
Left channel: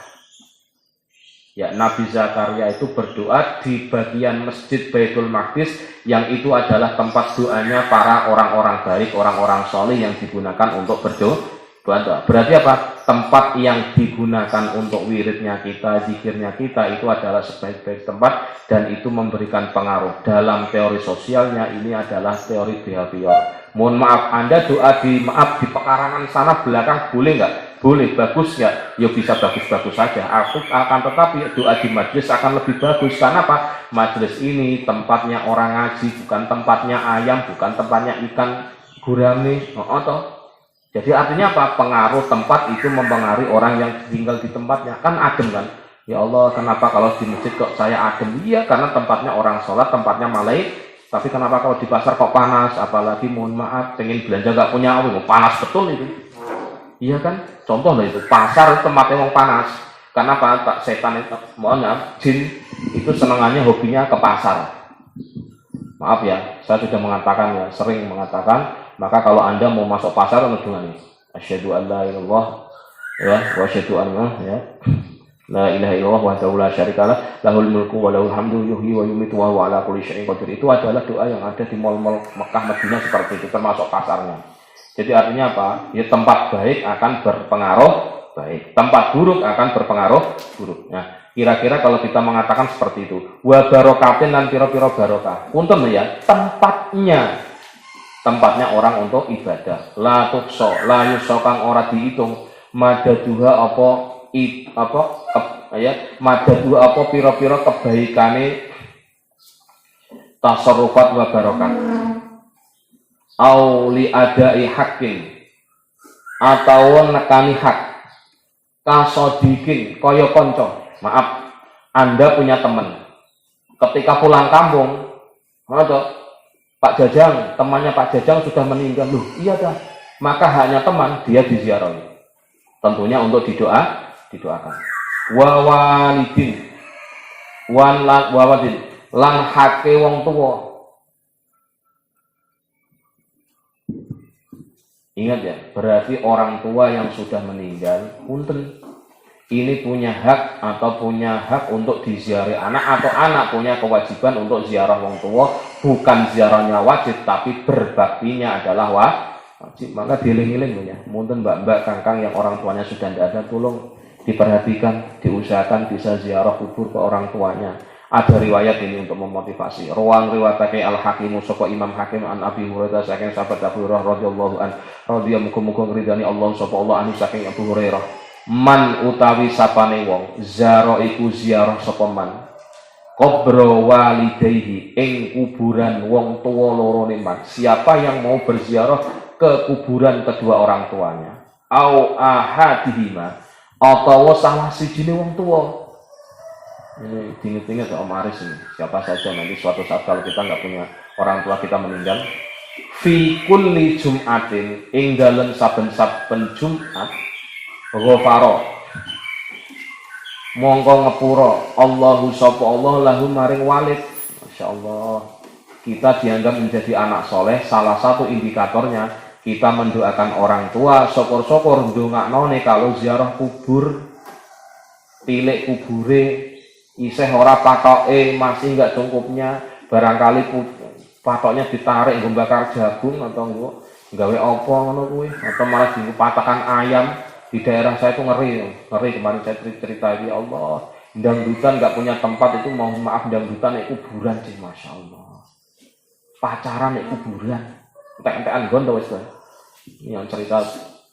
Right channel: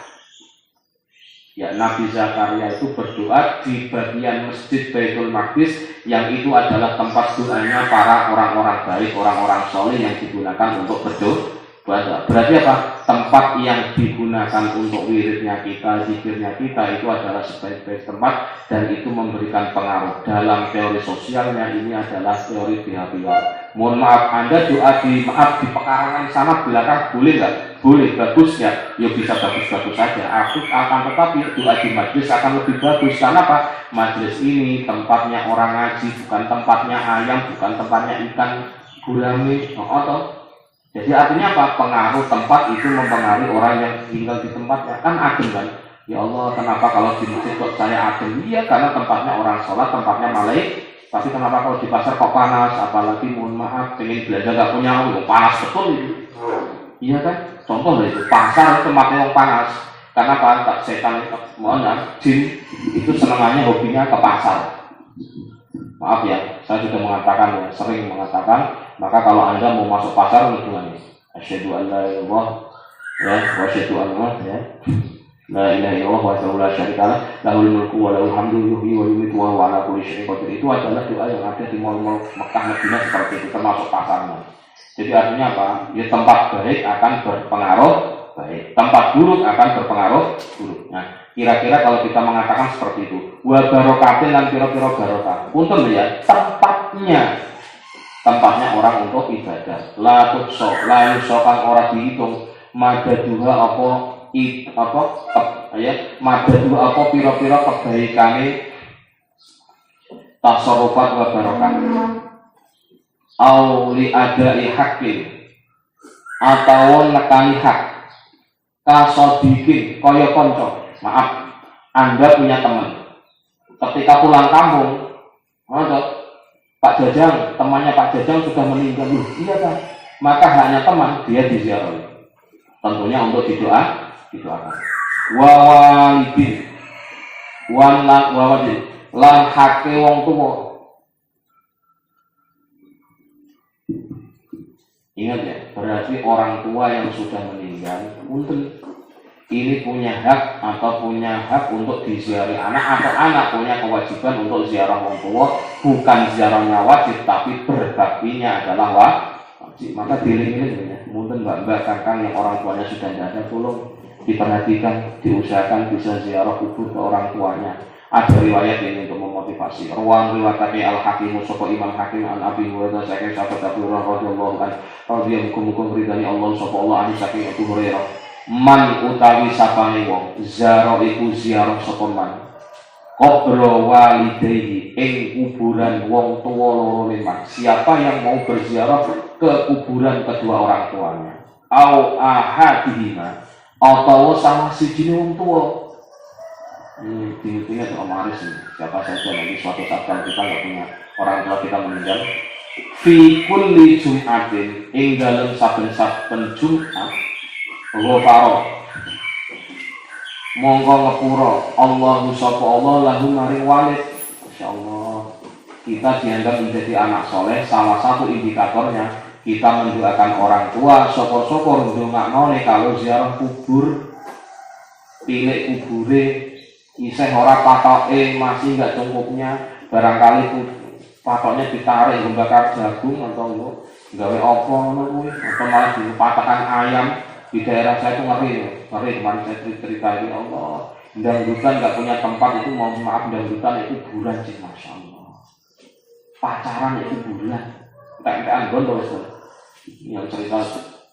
Ya, Nabi Zakaria itu berdoa di bagian masjid Baitul Maqdis yang itu adalah tempat doanya para orang-orang baik, orang-orang soleh yang digunakan untuk berdoa. Berarti apa? Tempat yang digunakan untuk wiridnya kita, zikirnya kita itu adalah sebaik-baik tempat dan itu memberikan pengaruh. Dalam teori sosialnya ini adalah teori behavior. Mohon maaf, Anda doa di pekarangan sana belakang boleh nggak? Boleh, bagus ya? Ya bisa bagus-bagus saja. Akan tetapi doa di majelis akan lebih bagus. Karena apa? Majelis ini tempatnya orang ngaji, bukan tempatnya ayam, bukan tempatnya ikan gurame. Jadi artinya apa? Pengaruh tempat itu mempengaruhi orang yang tinggal di tempatnya. Kan adem kan? Ya Allah, kenapa kalau di masjid kok saya adem? Iya, karena tempatnya orang sholat, tempatnya malai. Tapi kenapa kalau di pasar kok panas? Apalagi mohon maaf, pengen belanja gak punya uang, panas betul itu. Iya kan? Contoh lah itu, pasar tempatnya yang panas. Karena apa? Setan itu, mohon maaf, jin itu senangannya hobinya ke pasar. Maaf ya, saya sudah mengatakan ya, sering mengatakan. Maka kalau Anda mau masuk pasar untuk ini, asyhadu an la ilaha illallah ya, wa asyhadu anna ya, la ilaha illallah wahdahu la syarikalah, lahul mulku wa lahul hamdu yuhyi wa yumiitu wa huwa ala kulli syai'in qadir. Itu adalah doa yang ada di mal-mal Mekah Madinah seperti itu, termasuk pasarnya. Jadi artinya apa? Ya tempat baik akan berpengaruh baik, tempat buruk akan berpengaruh buruk. Nah, kira-kira kalau kita mengatakan seperti itu, wa barokatin dan piro-piro barokah. Untung ya, tempatnya orang untuk ibadah. La tukso, la yuso kang ora dihitung. Madaduha madaduha apa piro-piro kebaikane tasarrufat wa barokah. Au li adai hakim atau nekani hak. Kasodikin kaya konco. Maaf, Anda punya teman. Ketika pulang kampung, Pak Jajang, temannya Pak Jajang sudah meninggal. Loh, iya kan? Maka hanya teman dia diziarahi. Tentunya untuk didoakan. Wawalidin, wawalidin, lan hake wong tua. Ingat ya, berarti orang tua yang sudah meninggal, punten ini punya hak untuk diziarahi anak, atau anak punya kewajiban untuk ziarah wong tua, bukan ziarahnya wajib tapi berbaktinya adalah wajib. Maka dieling-eling ya, mungkin mbak-mbak kangkang yang orang tuanya sudah tidak ada, tolong diperhatikan, diusahakan bisa ziarah kubur ke orang tuanya. Ada riwayat ini untuk memotivasi. Ruang riwayatnya Al-Hakimu sapa Imam Hakim an Abi Hurairah saking sahabat Abu Hurairah radhiyallahu anhu radhiyallahu ridani Allah sapa Allah anu saking Abu Hurairah. Man utawi sapane wong zaro iku ziarah sapa man kubro walidayhi ing kuburan wong tuwa lorone man. Siapa yang mau berziarah ke kuburan kedua orang tuanya, au ahadihima atau salah sijine wong tuwa. Ini tinggi-tinggi atau Om Aris ini, siapa saja nanti suatu saat kalau kita nggak punya orang tua kita meninggal, fi kulli jum'atin ing dalem saben-saben Jumat ghafara mongko ngepura Allahu sapa Allah lahu maring walid. Masyaallah, kita dianggap menjadi anak soleh. Salah satu indikatornya kita mendoakan orang tua, syukur-syukur ndongaknone kalau ziarah kubur, tilik kubure isih ora patoke, masih enggak cukupnya, barangkali patoknya ditarik bakar jagung atau gawe apa ngono kuwi atau malah dipatahkan ayam di daerah saya itu ngeri kemarin saya cerita ini Allah dangdutan nggak punya tempat itu mohon maaf dangdutan itu kuburan sih masya Allah pacaran itu kuburan tempean gondol wes ini yang cerita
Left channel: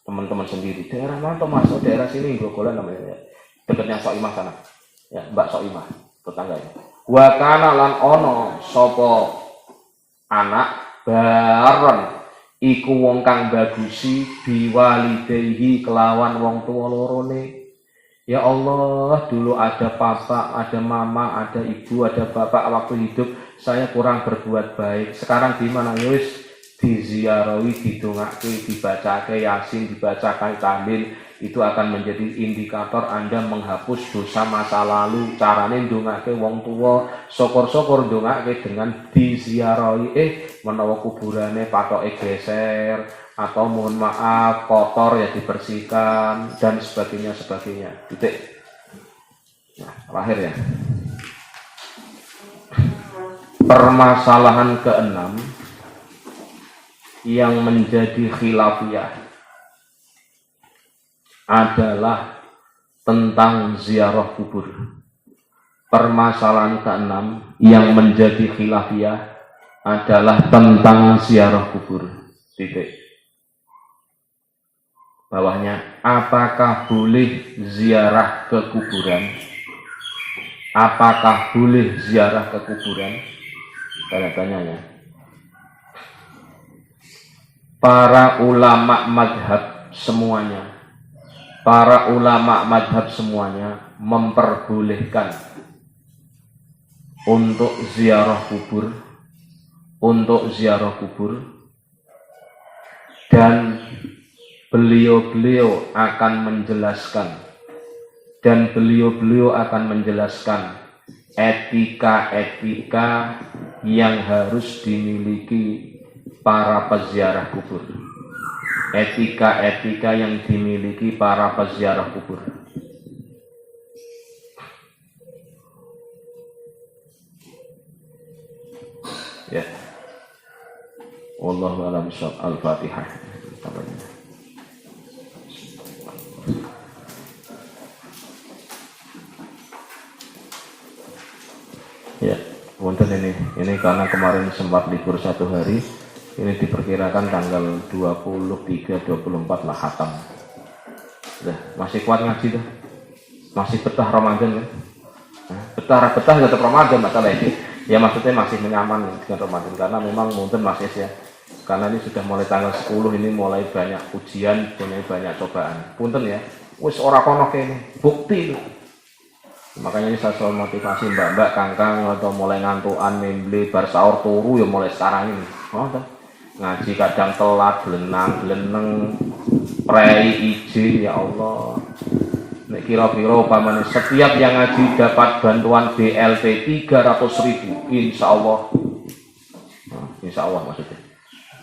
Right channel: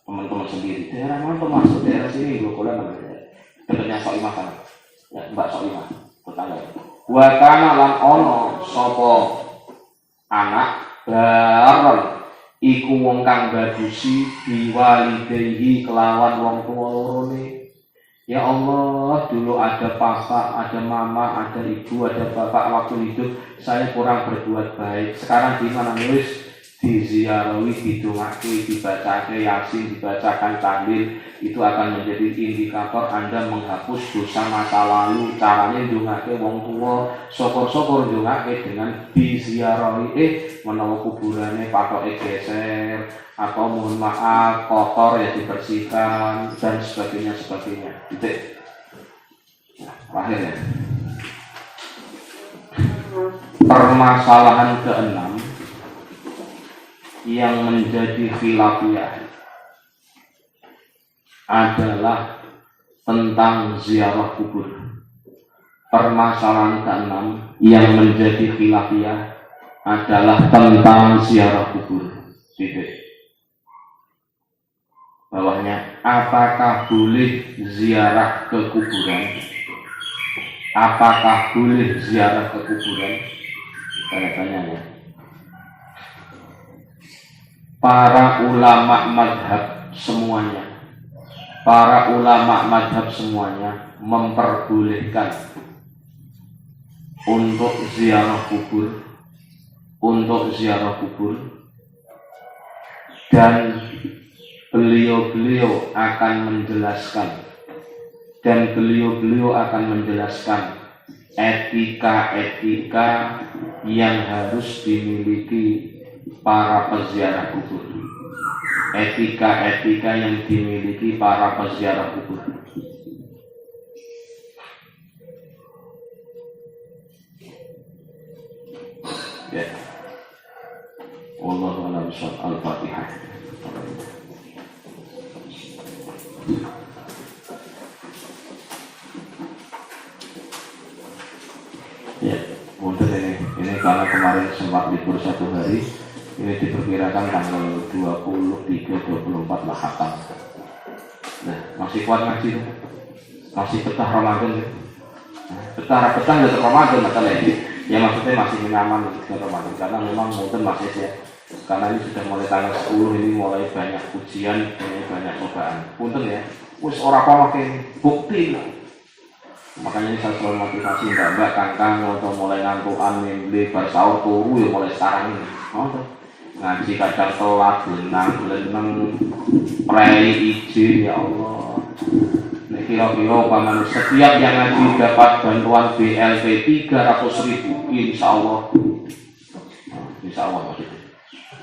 teman-teman sendiri daerah mana tuh masuk daerah sini Glogolan namanya dekatnya Soimah sana ya Mbak Soimah tetangga wa kana lan ono sapa anak baron iku wong kang bagusi biwalidayhi kelawan wong tuwa lorone. Ya Allah, dulu ada papa, ada mama, ada ibu, ada bapak waktu hidup saya kurang berbuat baik. Sekarang gimana wis diziarahi, didongake, dibacake Yasin, dibacakan tahlil, itu akan menjadi indikator Anda menghapus dosa masa lalu. Caranya ndongake wong tua, syukur-syukur ndongake dengan diziarahi menawa kuburane patoke geser atau mohon maaf kotor ya dibersihkan dan sebagainya. Titik. Nah, terakhir ya. Permasalahan keenam yang menjadi khilafiyah adalah tentang ziarah kubur. Permasalahan keenam yang menjadi khilafiyah adalah tentang ziarah kubur. Titik. Bawahnya, apakah boleh ziarah ke kuburan? Apakah boleh ziarah ke kuburan? Tanya-tanya ya. Para ulama madhab semuanya memperbolehkan untuk ziarah kubur, dan beliau akan menjelaskan etika yang harus dimiliki para peziarah kubur. Etika yang dimiliki para peziarah kubur. Ya. Wallahu a'lam bishawab. Al-Fatihah. Ya, wonten ini karena kemarin sempat libur satu hari, ini diperkirakan tanggal 23-24 lah hatam. Nah, masih kuat ngaji tuh, masih betah Ramadan ya. Betah tetap Ramadan masalahnya. Ya maksudnya masih menyaman dengan Ramadan karena memang mungkin masih ya. Karena ini sudah mulai tanggal 10 ini mulai banyak ujian, mulai banyak cobaan. Punten ya, wis ora kono bukti. Makanya ini saya selalu motivasi mbak-mbak, kangkang atau mulai ngantukan mimpi bar sahur turu ya mulai sekarang ini. Ngaji kadang telat, belenang, prei izin ya Allah. Nek kira-kira paman setiap yang ngaji dapat bantuan BLT 300.000 insya Allah maksudnya.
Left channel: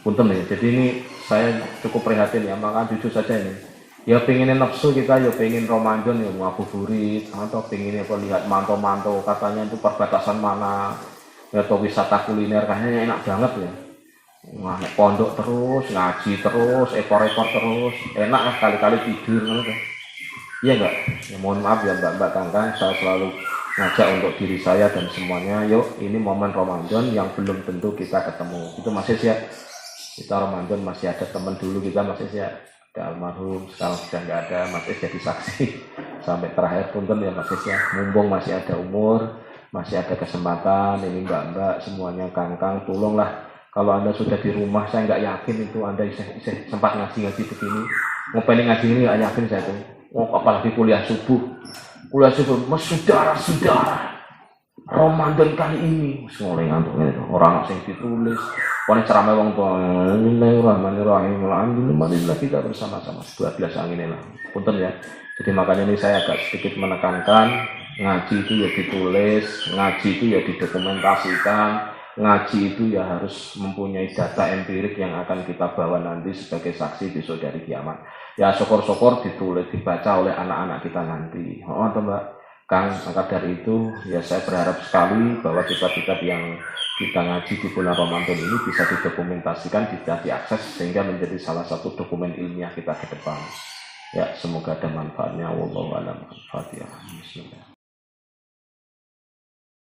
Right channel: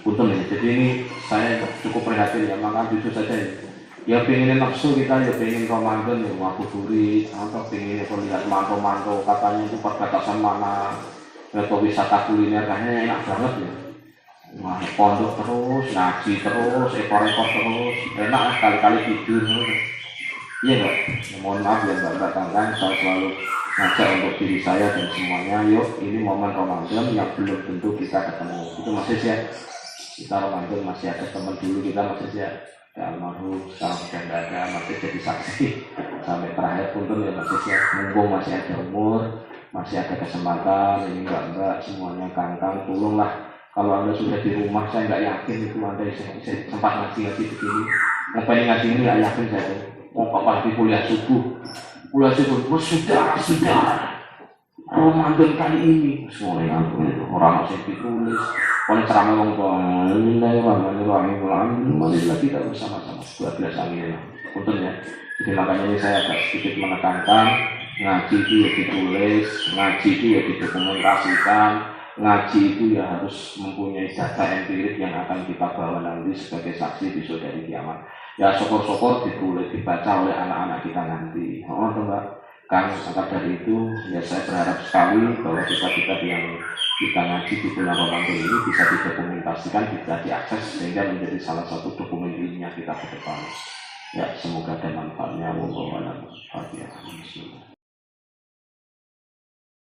Punten nih, jadi ini saya cukup prihatin ya, maka jujur saja ini. Ya pengen nafsu kita, ya pengen Ramadan ya ngabuburit, atau pengen lihat manto-manto katanya itu perbatasan mana, atau wisata kuliner kayaknya enak banget ya. Wah, pondok terus, ngaji terus, ekor-ekor terus, enak kali-kali tidur gitu. Iya enggak? Ya, mohon maaf ya mbak-mbak kangkang, saya selalu ngajak untuk diri saya dan semuanya, yuk ini momen Ramadan yang belum tentu kita ketemu. Itu masih sih ya, kita Ramadan masih ada teman dulu kita masih sih ya. Almarhum sekarang sudah nggak ada, masih jadi saksi sampai terakhir punten ya masih ya, mumpung masih ada umur, masih ada kesempatan. Ini mbak-mbak semuanya kangkang, tolonglah kalau anda sudah di rumah, saya nggak yakin itu anda sempat ngaji begini, ngapain ngaji ini nggak yakin saya tuh. Apalagi kuliah subuh mas sudah Ramadan kali ini semua ngantuk orang asing ditulis pokoknya ceramah wong tua Bismillahirrahmanirrahim alhamdulillah kita bersama-sama 12 angin lah punten ya. Jadi makanya ini saya agak sedikit menekankan ngaji itu ya ditulis, ngaji itu ya didokumentasikan, ngaji itu ya harus mempunyai data empirik yang akan kita bawa nanti sebagai saksi besok dari kiamat. Ya syukur-syukur ditulis, dibaca oleh anak-anak kita nanti. Oh mbak, Kang, maka dari itu ya saya berharap sekali bahwa kitab-kitab yang kita ngaji di bulan Ramadan ini bisa didokumentasikan, bisa diakses sehingga menjadi salah satu dokumen ilmiah kita ke depan. Ya, semoga ada manfaatnya. Wallahu a'lam. Bismillah.